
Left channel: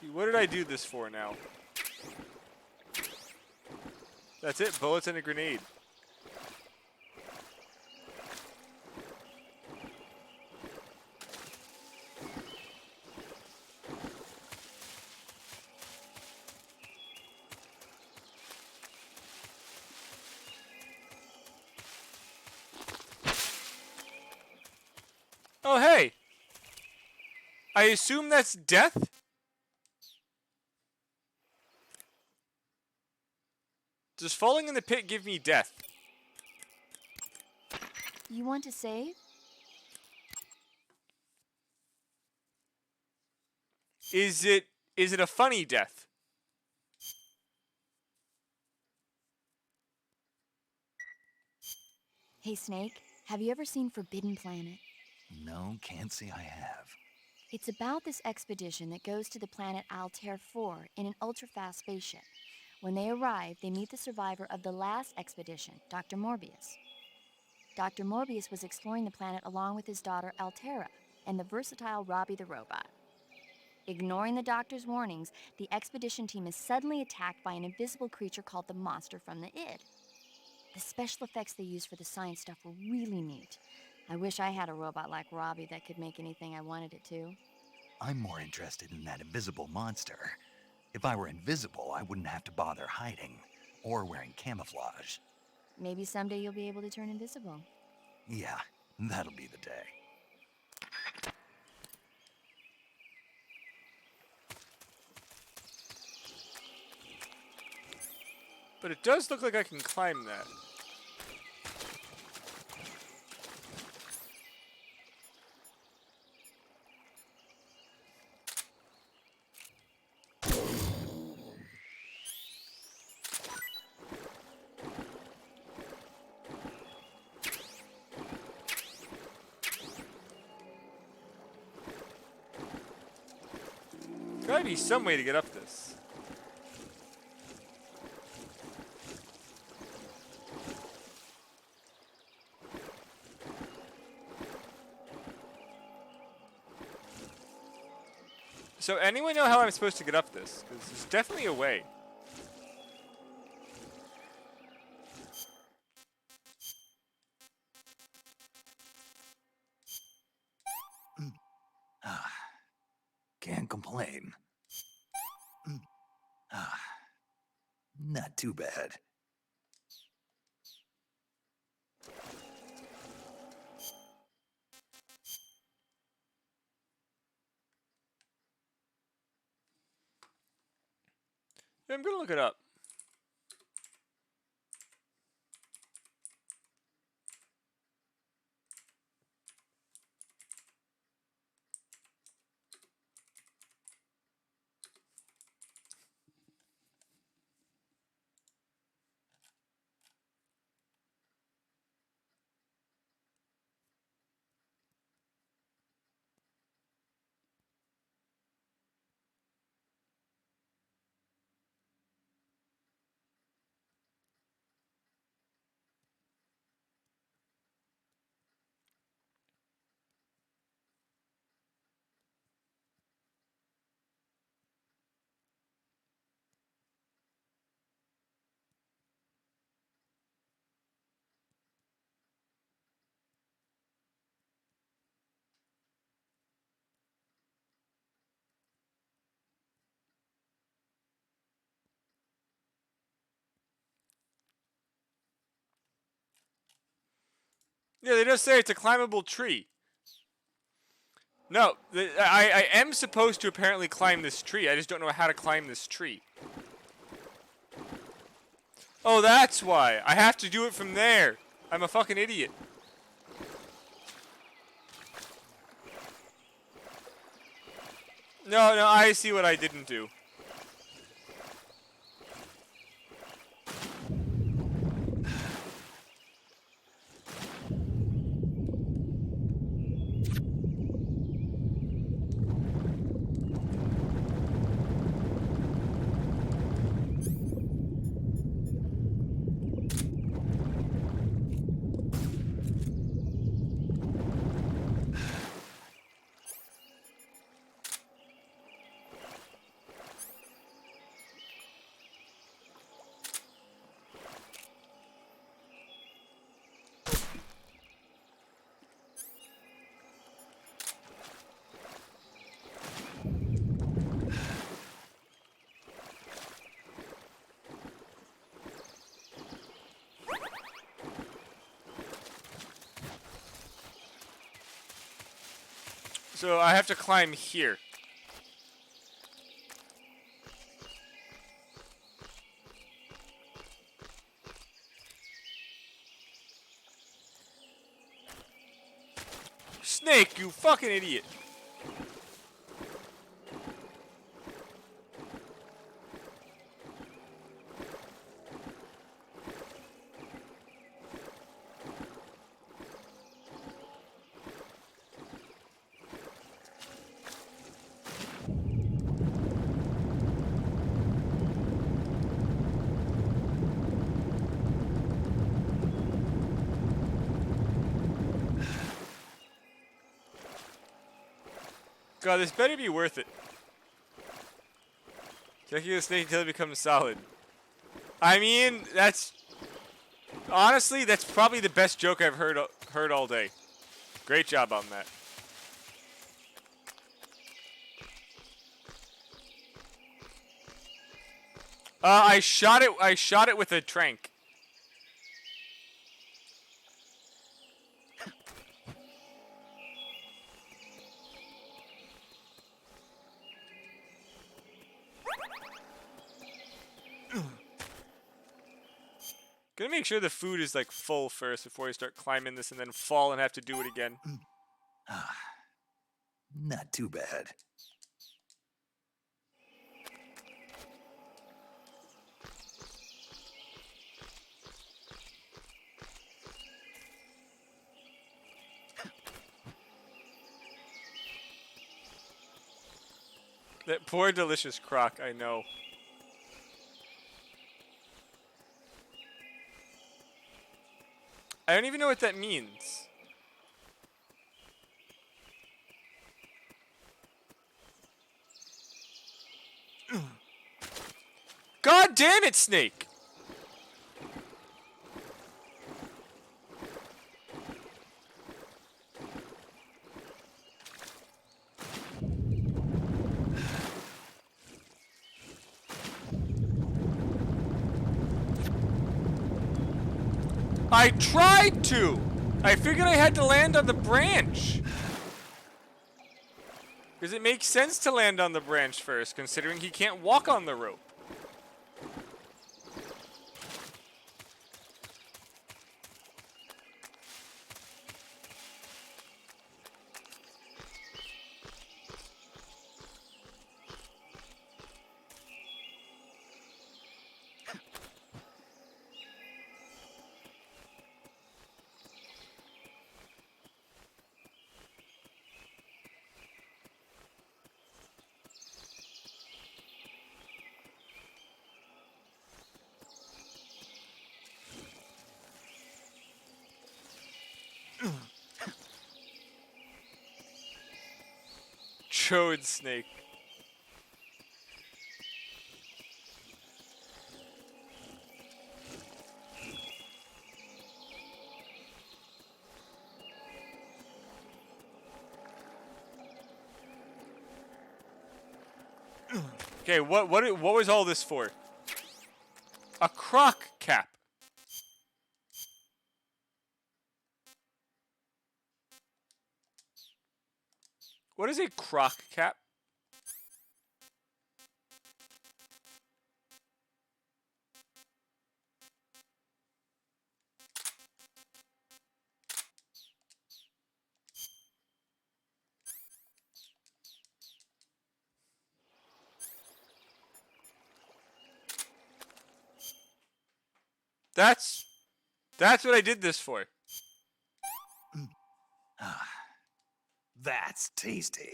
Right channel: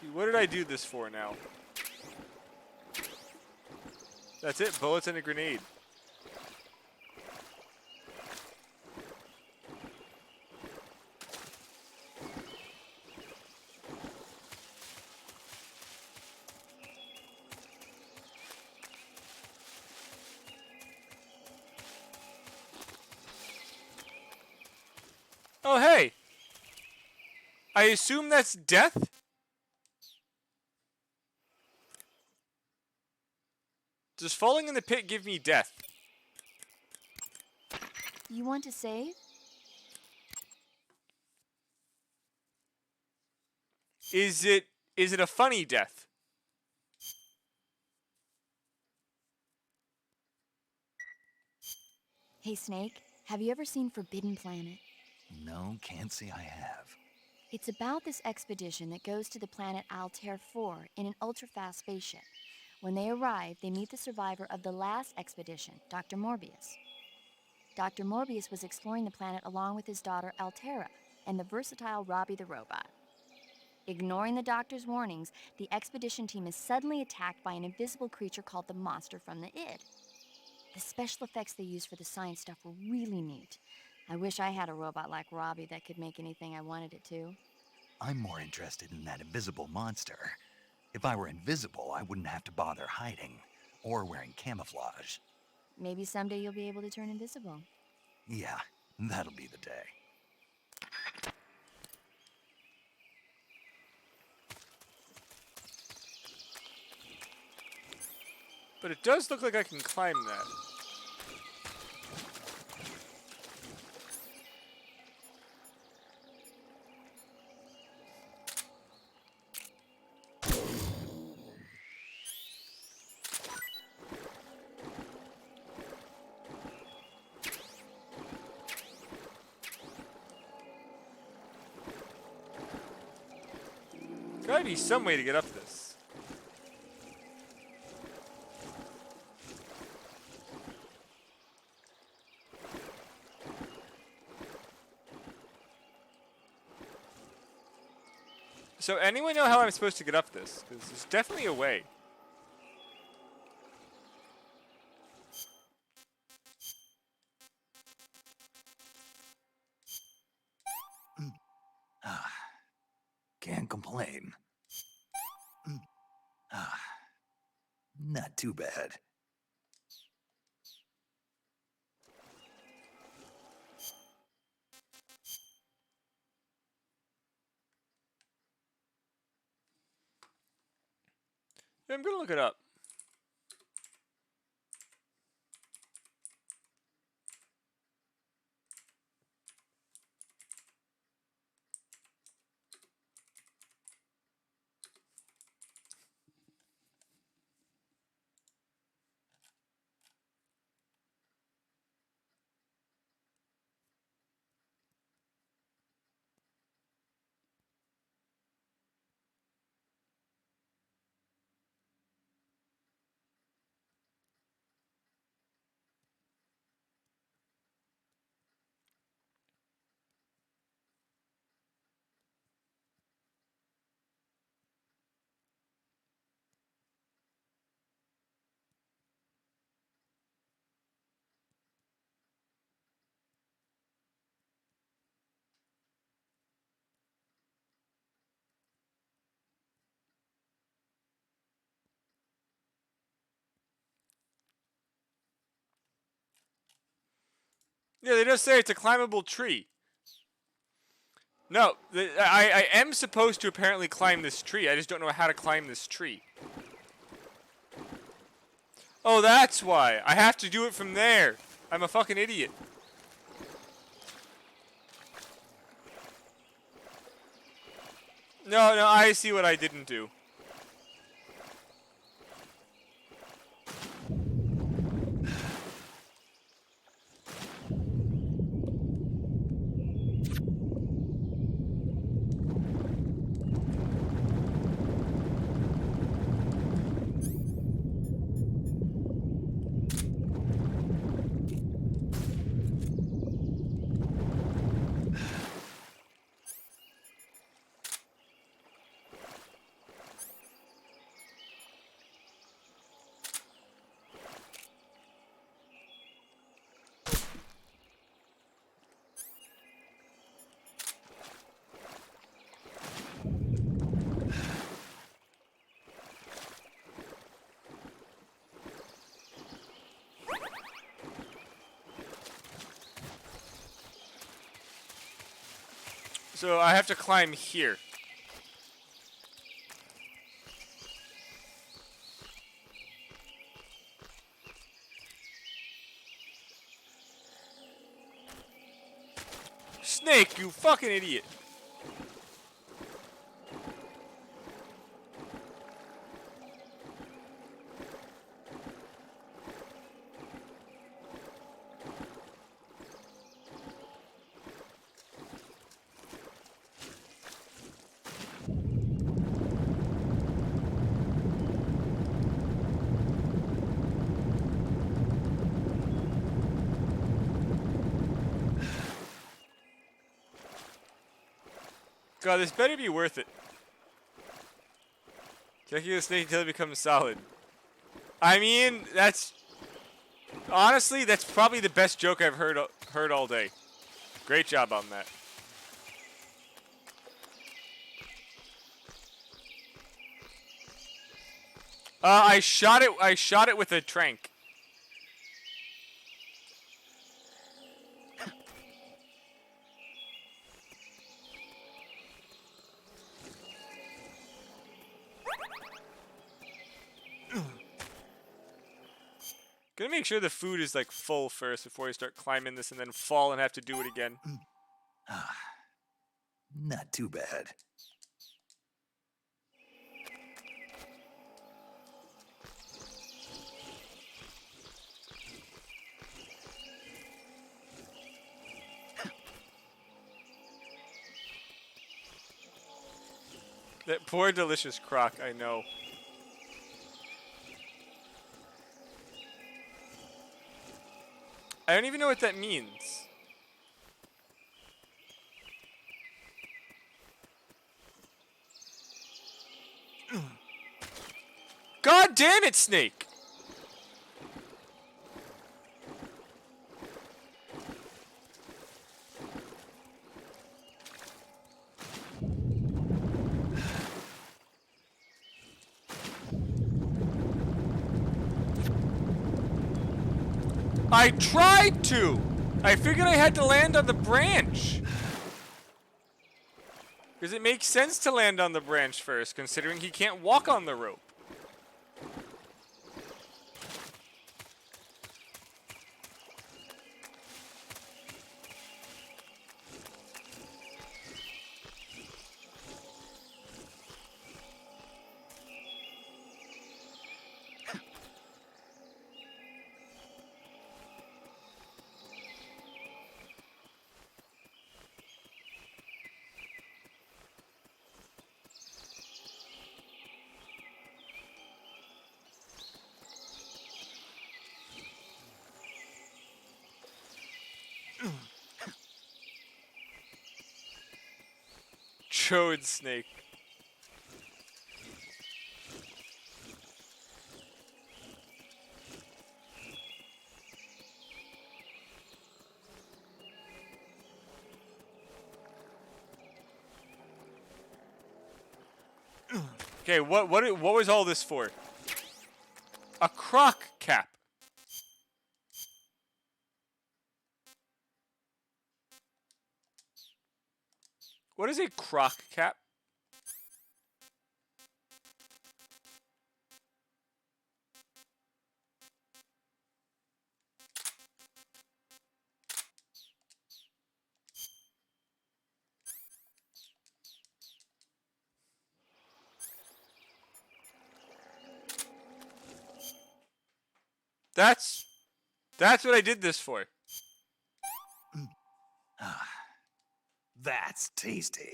See, what did I do this for now? That's it, bullets and a grenade. Oh, hey! I assume that's death? Does falling in the pit give me death? You want to save? Is it a funny death? Hey, Snake, have you ever seen Forbidden Planet? No, can't say I have. It's about this expedition that goes to the planet Altair 4 in an ultra-fast spaceship. When they arrive, they meet the survivor of the last expedition, Dr. Morbius. Dr. Morbius was exploring the planet along with his daughter Altera and the versatile Robbie the robot. Ignoring the doctor's warnings, the expedition team is suddenly attacked by an invisible creature called the Monster from the Id. The special effects they used for the science stuff were really neat. I wish I had a robot like Robbie that could make anything I wanted it to. I'm more interested in that invisible monster. If I were invisible, I wouldn't have to bother hiding or wearing camouflage. Maybe someday you'll be able to turn invisible. Yeah, that'll be the day. But it does look like I can climb that. Gotta be some way to get up this. So anyone know how I'm supposed to get up this? Because there's definitely a way. complain. Not too bad. Yeah, I'm gonna look it up. Yeah, they just say it's a climbable tree. No, I am supposed to apparently climb this tree. I just don't know how to climb this tree. Oh, that's why. I have to do it from there. I'm a fucking idiot. No, I see what I didn't do. So I have to climb here. Snake, you fucking idiot. God, this better be worth it. Checking the snake until it becomes solid. I mean, that's... Honestly, that's probably the best joke I've heard all day. Great job on that. I shot it with a trank. Gonna make sure the food is like full first before I start climbing this and then fall and have to do it again. Not too bad. That poor delicious Croc, I know. I don't even know what that means. God damn it, Snake! I tried to! I figured I had to land on the branch. Because it makes sense to land on the branch first, considering he can't walk on the rope. Chode snake. Okay, what was all this for? A croc cap. What is a croc cap? That's what I did this for. That's tasty.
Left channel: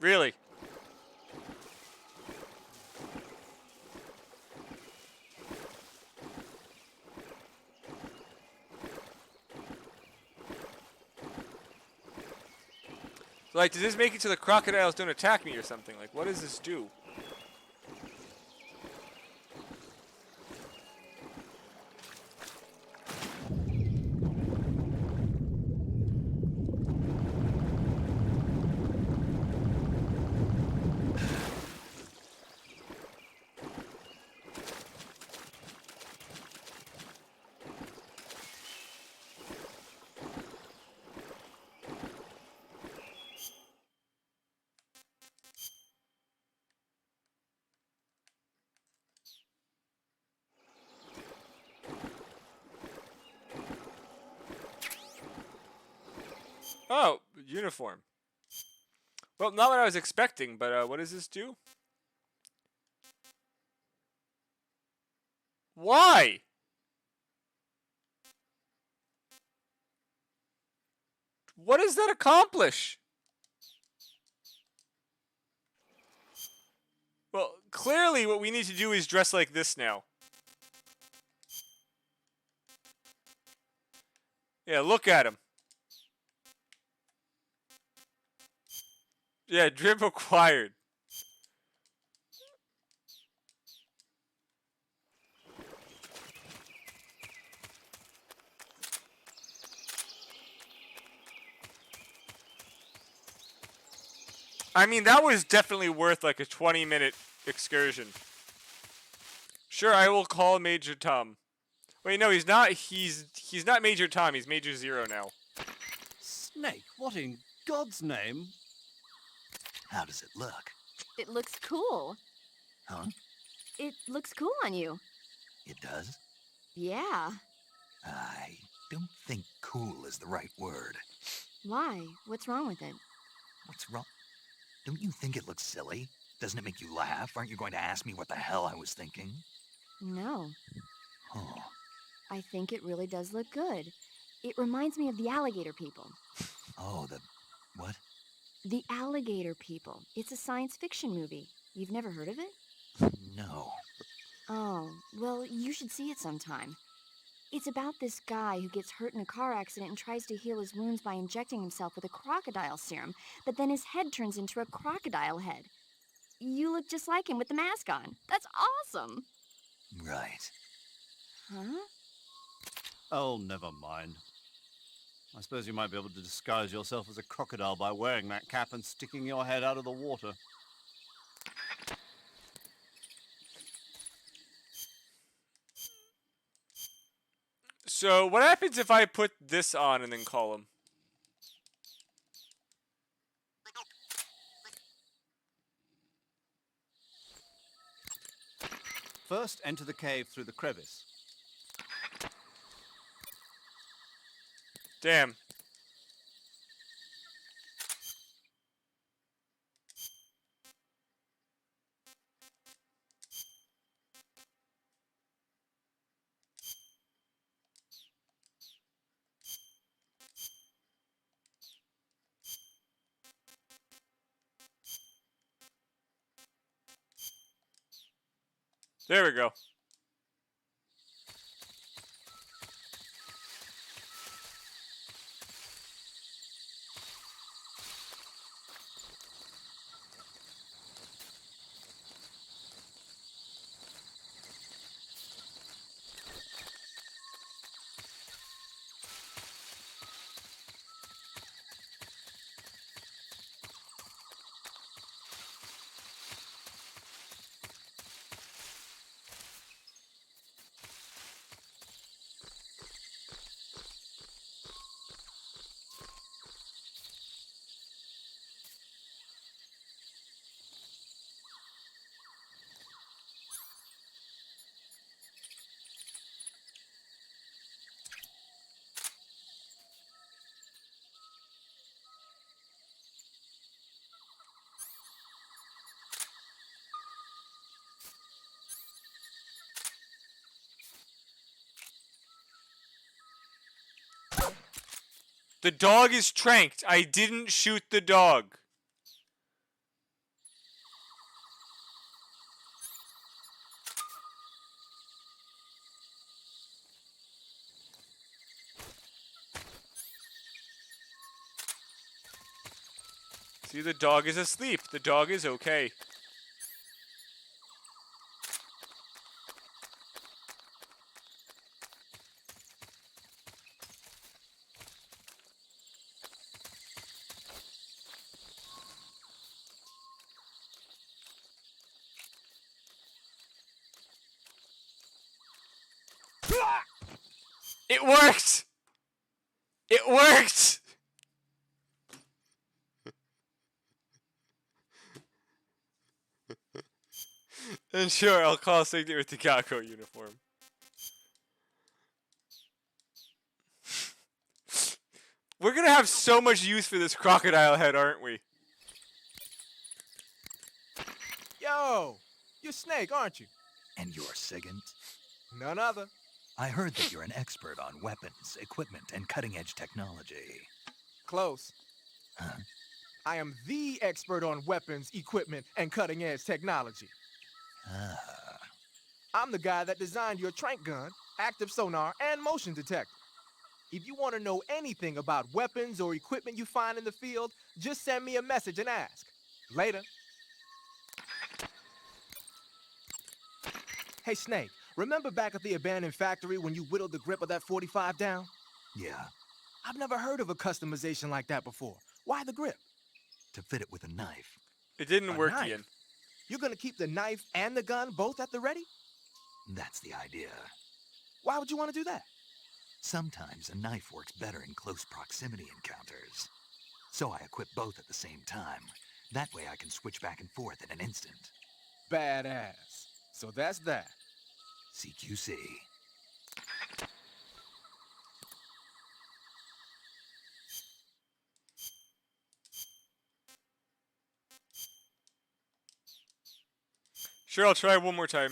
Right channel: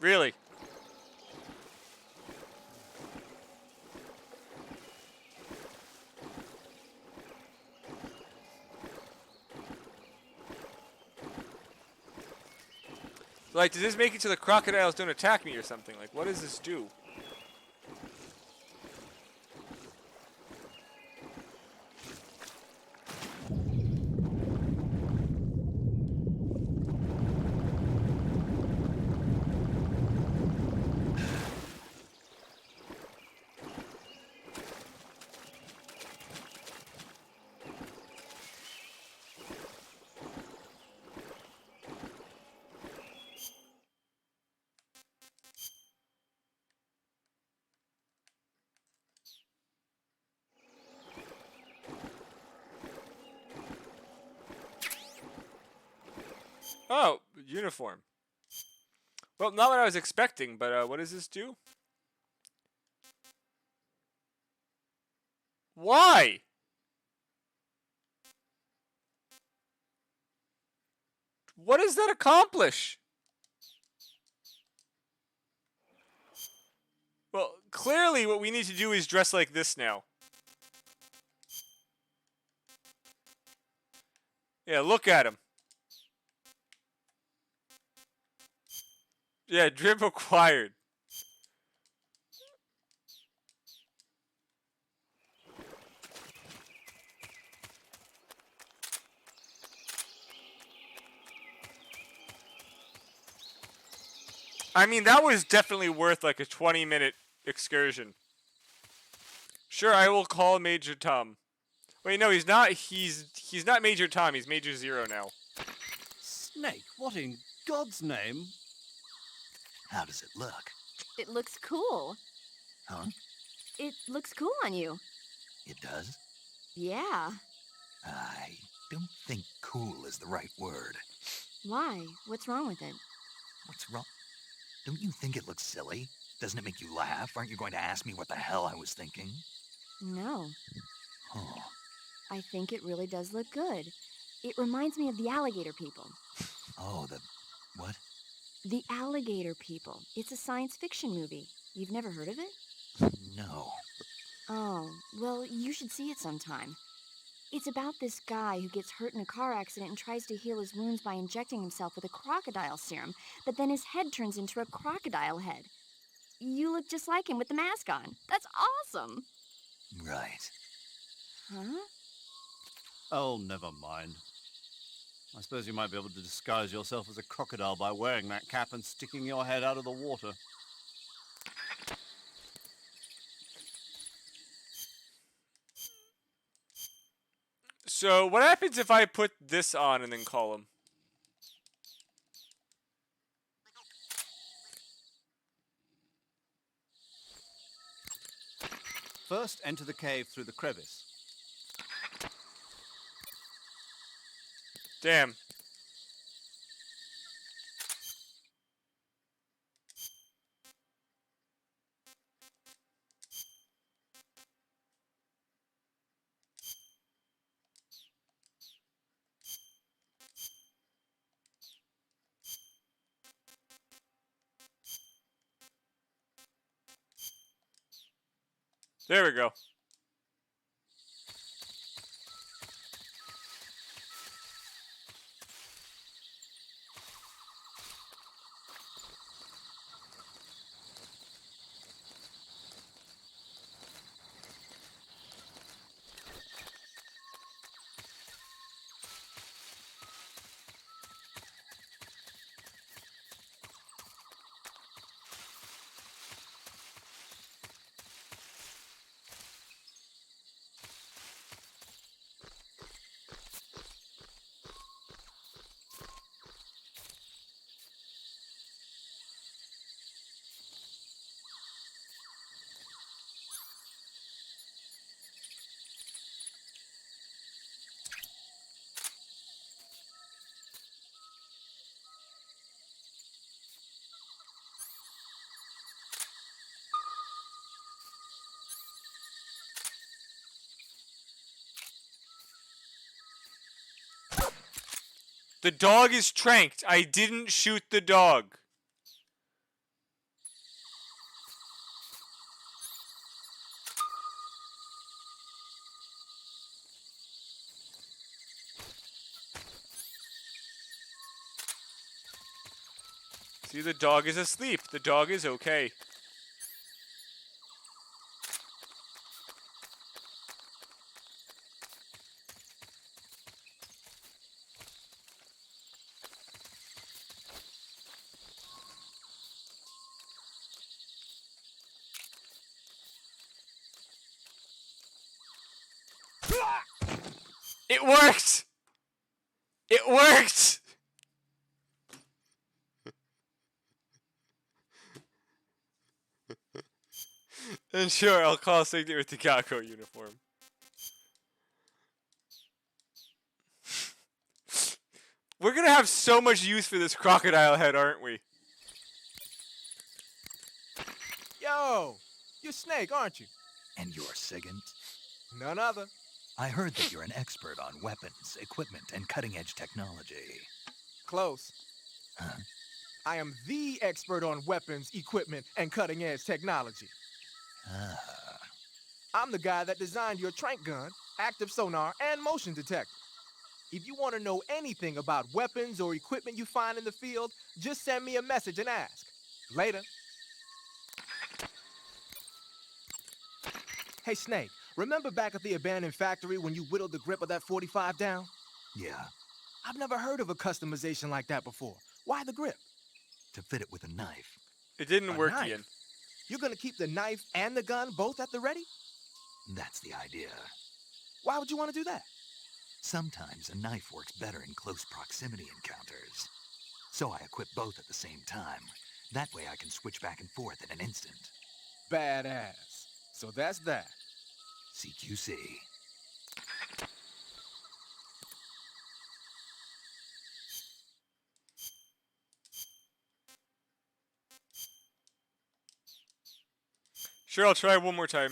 Really? Like, does this make it so the crocodiles don't attack me or something? Like, what does this do? Oh, uniform. Well, not what I was expecting, but what does this do? Why? What does that accomplish? Well, clearly what we need to do is dress like this now. Yeah, look at him. Yeah, drip acquired. I mean, that was definitely worth like a 20-minute excursion. Sure, I will call Major Tom. Wait, no, he's not. He's not Major Tom. He's Major Zero now. Snake, what in God's name? How does it look? It looks cool. Huh? It looks cool on you. It does? Yeah. I don't think cool is the right word. Why? What's wrong with it? What's wrong? Don't you think it looks silly? Doesn't it make you laugh? Aren't you going to ask me what the hell I was thinking? No. Huh. I think it really does look good. It reminds me of the alligator people. Oh, the... what? The Alligator People. It's a science fiction movie. You've never heard of it? No. Oh, well, you should see it sometime. It's about this guy who gets hurt in a car accident and tries to heal his wounds by injecting himself with a crocodile serum, but then his head turns into a crocodile head. You look just like him with the mask on. That's awesome! Right. Huh? Oh, never mind. I suppose you might be able to disguise yourself as a crocodile by wearing that cap and sticking your head out of the water. So, what happens if I put this on and then call him? First, enter the cave through the crevice. Damn. There we go. The dog is tranked. I didn't shoot the dog. See, the dog is asleep. The dog is okay. It worked! It worked! And sure, I'll call Signet with the Kako uniform. We're gonna have so much use for this crocodile head, aren't we? Yo! You're Snake, aren't you? And you're Sigint? None other. I heard that you're an expert on weapons, equipment, and cutting-edge technology. Close. Huh? I am the expert on weapons, equipment, and cutting-edge technology. Ah. I'm the guy that designed your trank gun, active sonar, and motion detector. If you want to know anything about weapons or equipment you find in the field, just send me a message and ask. Later. Hey, Snake, remember back at the abandoned factory when you whittled the grip of that 45 down? Yeah, I've never heard of a customization like that before. Why the grip? to fit it with a knife. It didn't A work, knife? Ian. You're gonna keep the knife and the gun both at the ready? That's the idea. Why would you want to do that? Sometimes a knife works better in close proximity encounters. So I equip both at the same time. That way I can switch back and forth in an instant. Badass. So that's that. CQC. Sure, I'll try one more time.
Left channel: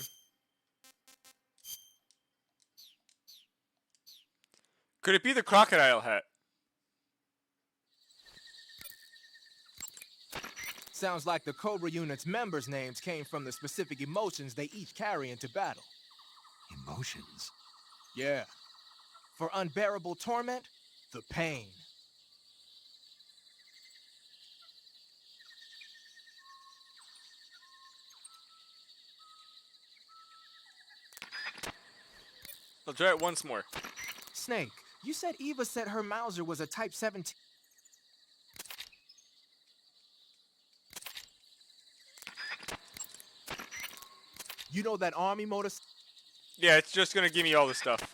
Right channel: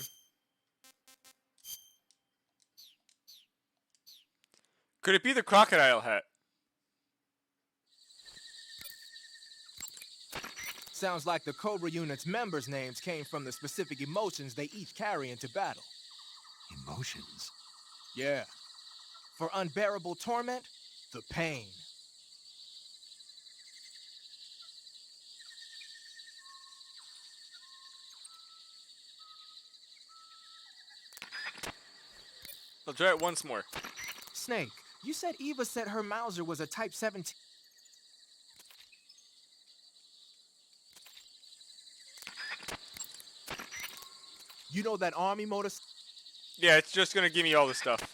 Could it be the crocodile hat? Sounds like the Cobra unit's members' names came from the specific emotions they each carry into battle. Emotions? Yeah. For unbearable torment, the pain. I'll try it once more. Snake, you said Eva said her Mauser was a Type 17. You know that army motor... Yeah, it's just gonna give me all the stuff.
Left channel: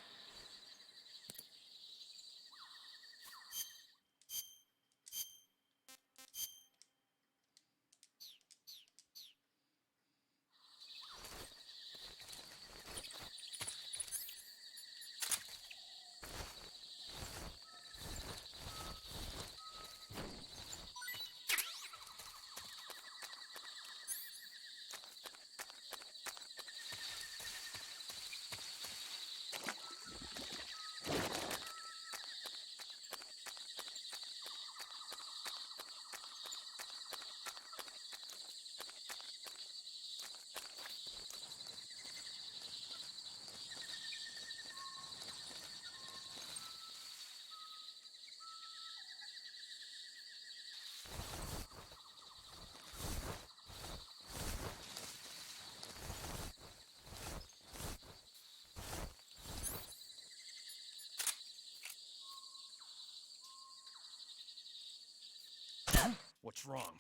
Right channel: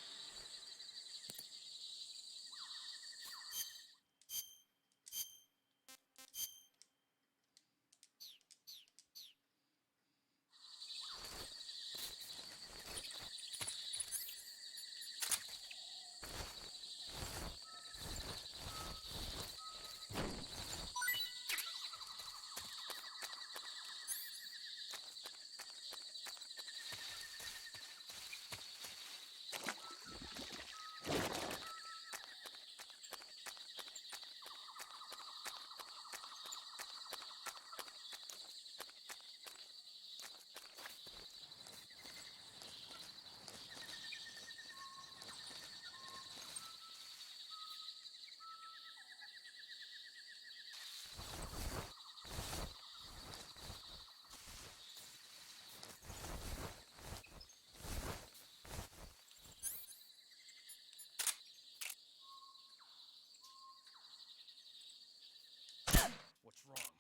What's wrong?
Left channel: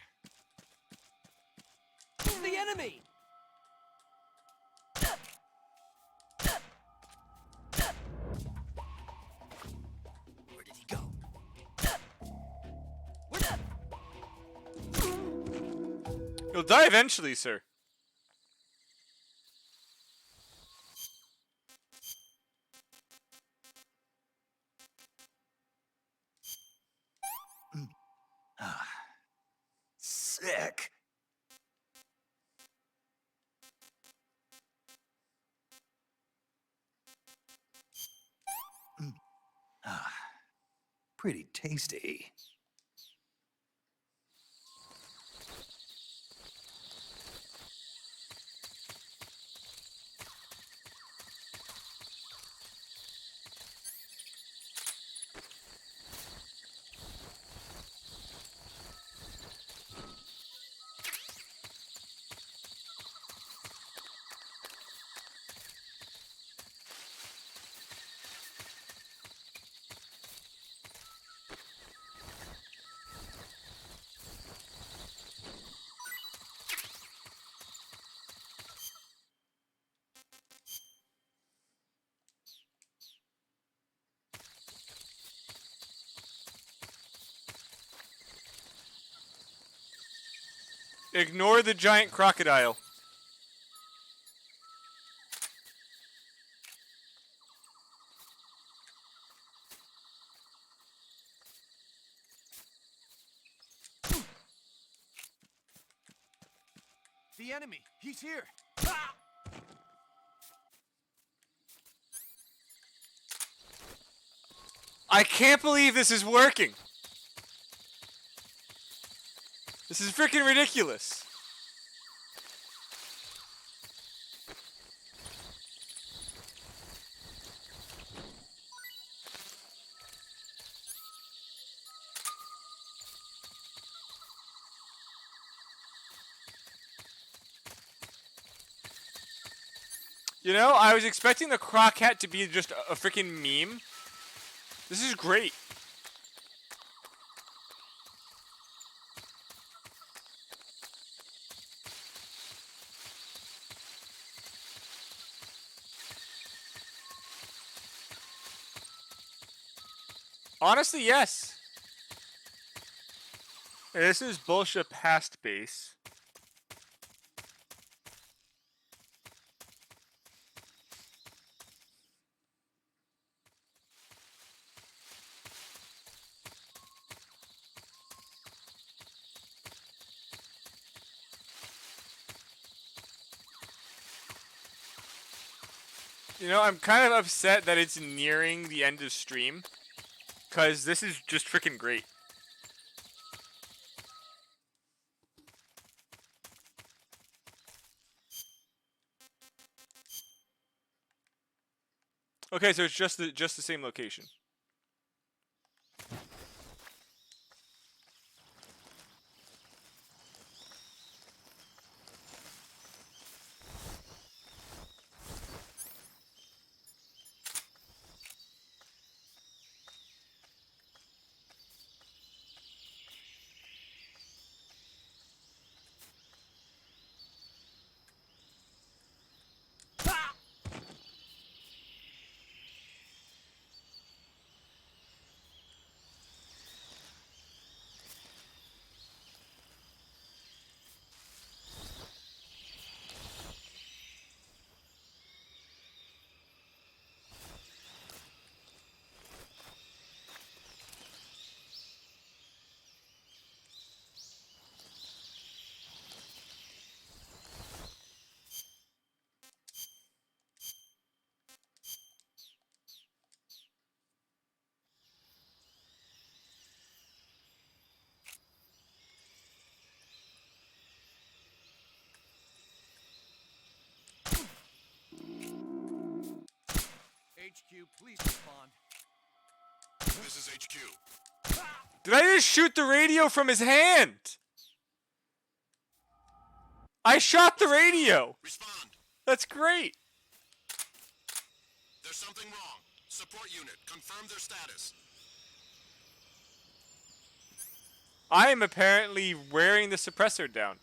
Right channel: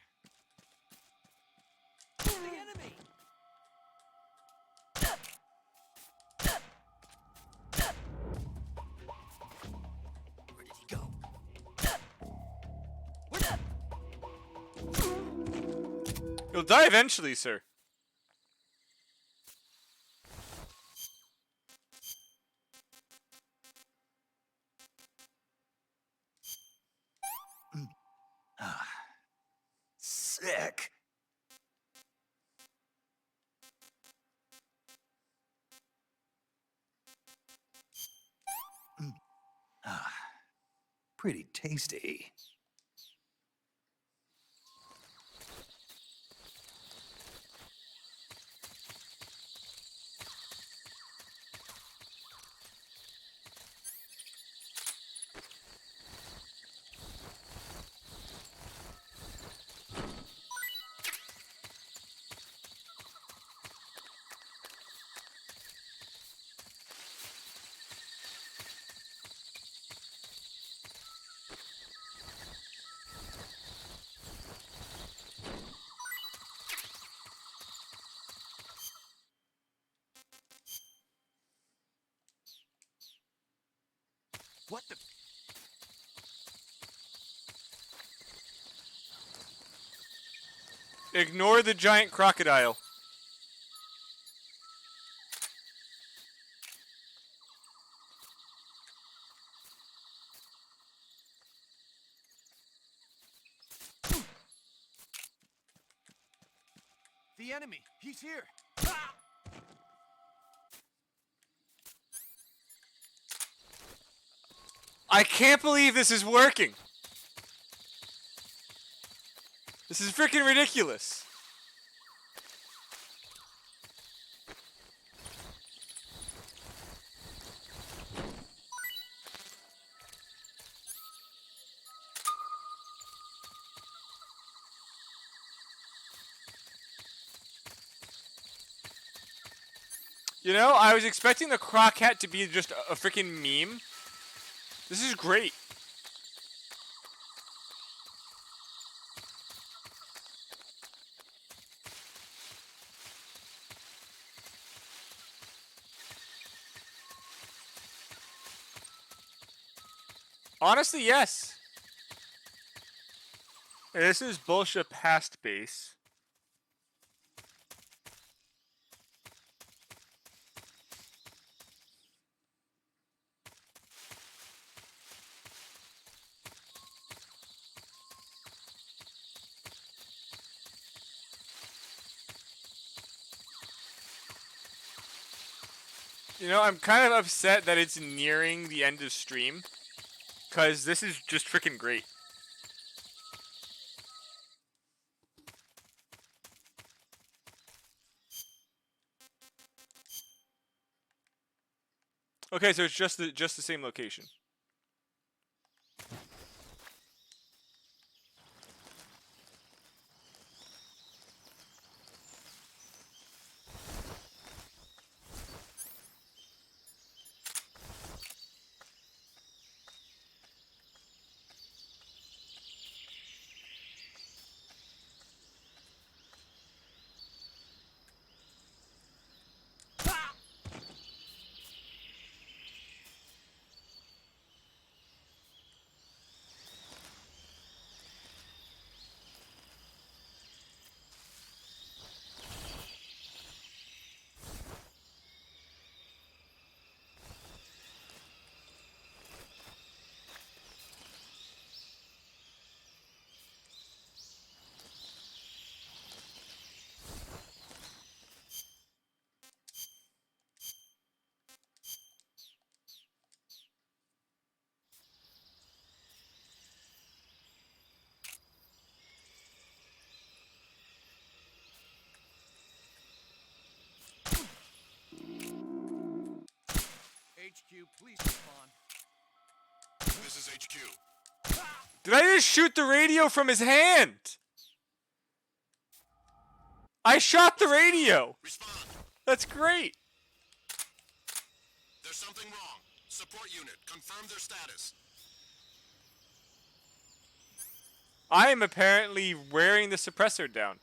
The enemy! Where did he go? You'll die eventually, sir. Pretty tasty. What the... Ignore the giant crocodile. The enemy! He's here! I can't believe this is working. This is freaking ridiculous. You know, I was expecting the Croc hat to be just a freaking meme. This is great. Honestly, yes. Hey, this is bullshit past base. You know, I'm kind of upset that it's nearing the end of stream, because this is just freaking great. Okay, so it's just the same location. HQ, please respond. This is HQ. Did I just shoot the radio from his hand? I shot the radio. Respond. That's great. There's something wrong. Support unit, confirm their status. I am apparently wearing the suppressor down.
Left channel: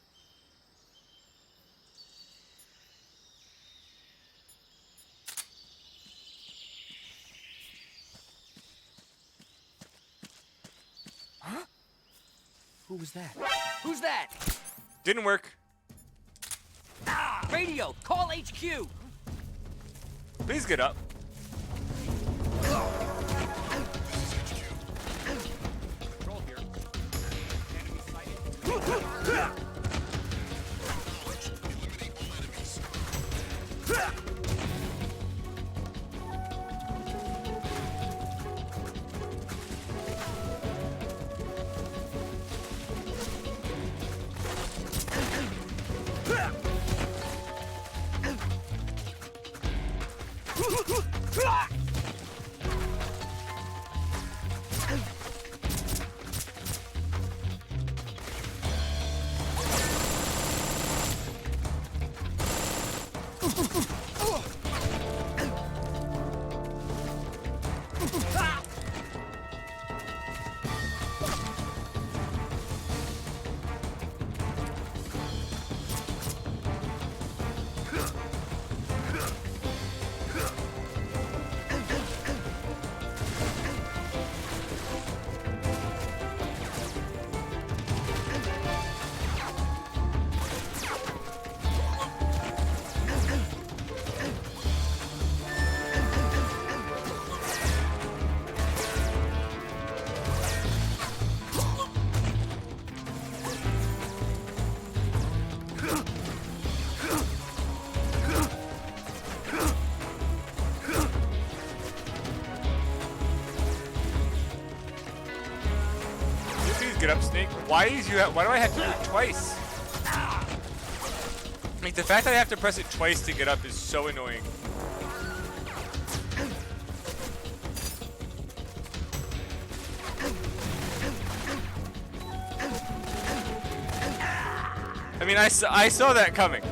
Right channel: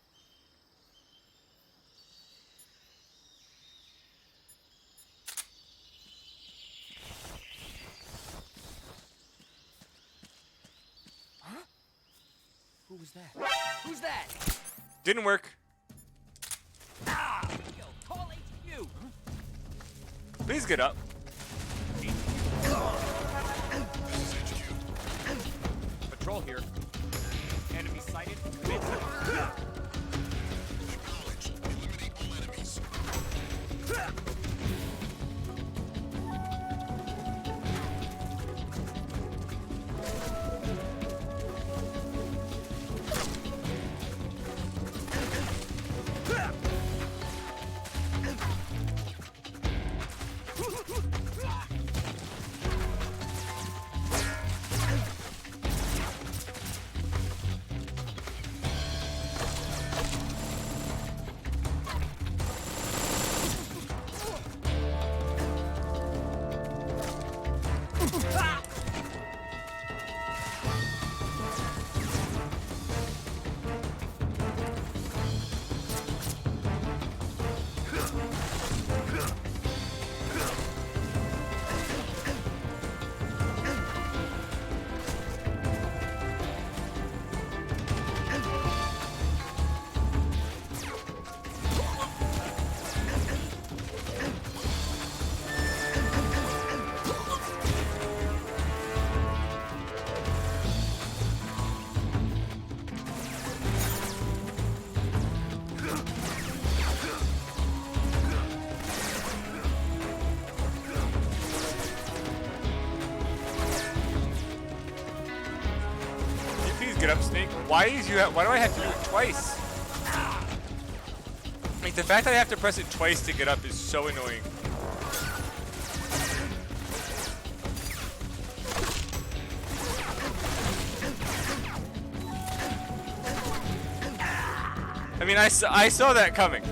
Who was that? Who's that? Didn't work. Ah! Radio! Call HQ! Please get up. This is HQ. Control here. Acknowledged. Eliminate all enemies. Can you please get up, Snake? Why do I have to do it twice? Like, the fact that I have to press it twice to get up is so annoying. I mean, I saw that coming.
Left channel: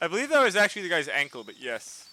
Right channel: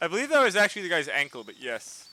I believe that was actually the guy's ankle, but yes.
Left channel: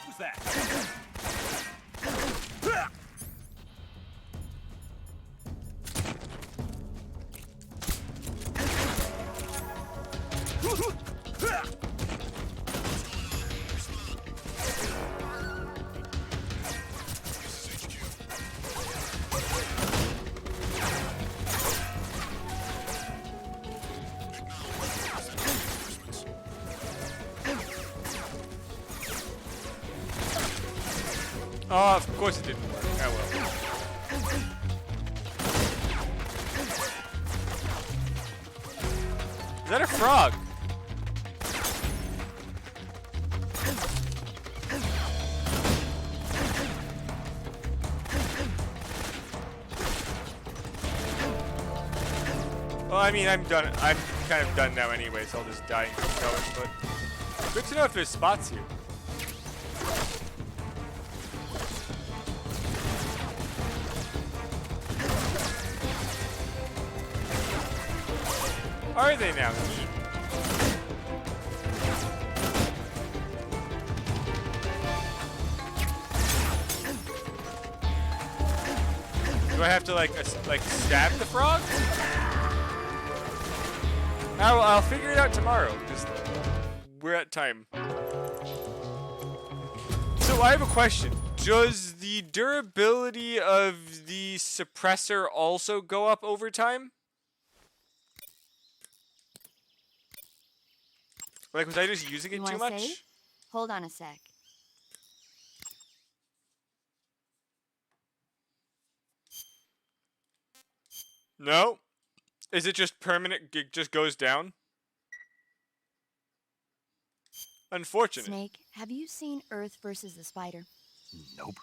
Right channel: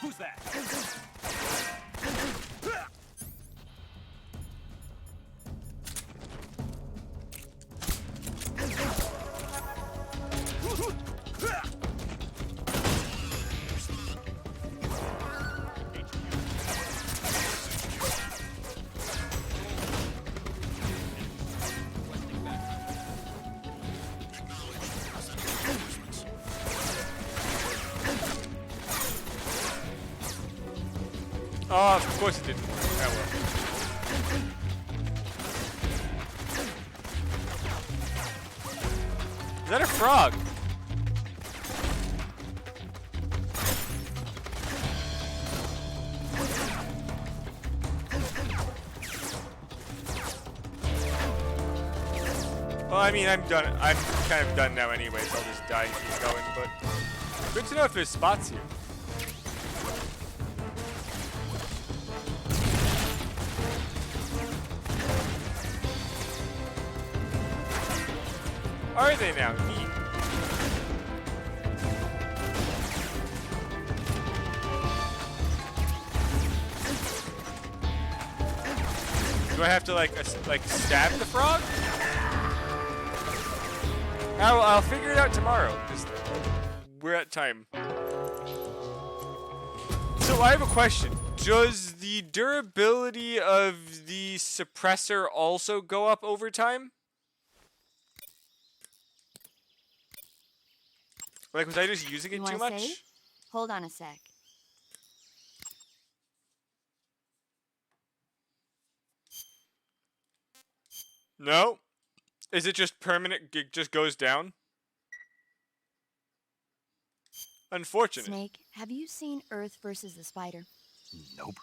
Who's that? Oh, of course it didn't work. Oh well. Is that a frog? Well, I mean, I'm done. I'm kind of done now anyway, so I'll just die and keep going, but good to know if there's spots here. Are they now? Neat. Do I have to like stab the frog? I'll figure it out tomorrow because we're at time. So I have a question. Does the durability of the suppressor also go up over time? Like, was I just using it too much? Save? Hold on a sec. No. Is it just permanent? It just goes down? Unfortunate. Snake, have you seen Earth versus the Spider? Nope.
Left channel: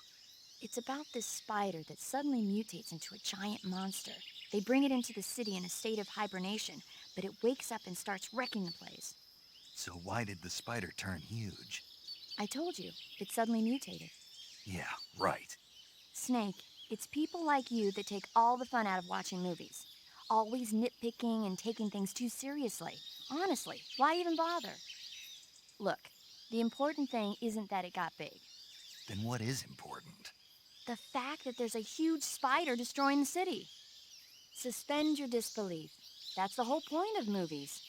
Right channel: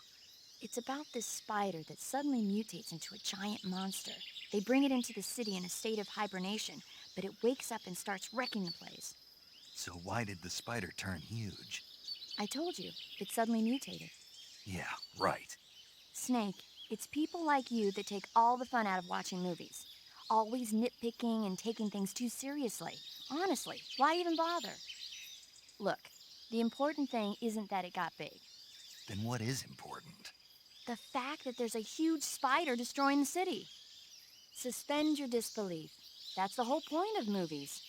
It's about this spider that suddenly mutates into a giant monster. They bring it into the city in a state of hibernation, but it wakes up and starts wrecking the place. So why did the spider turn huge? I told you, it suddenly mutated. Yeah, right. Snake, it's people like you that take all the fun out of watching movies. Always nitpicking and taking things too seriously. Honestly, why even bother? Look, the important thing isn't that it got big. Then what is important? The fact that there's a huge spider destroying the city. Suspend your disbelief. That's the whole point of movies.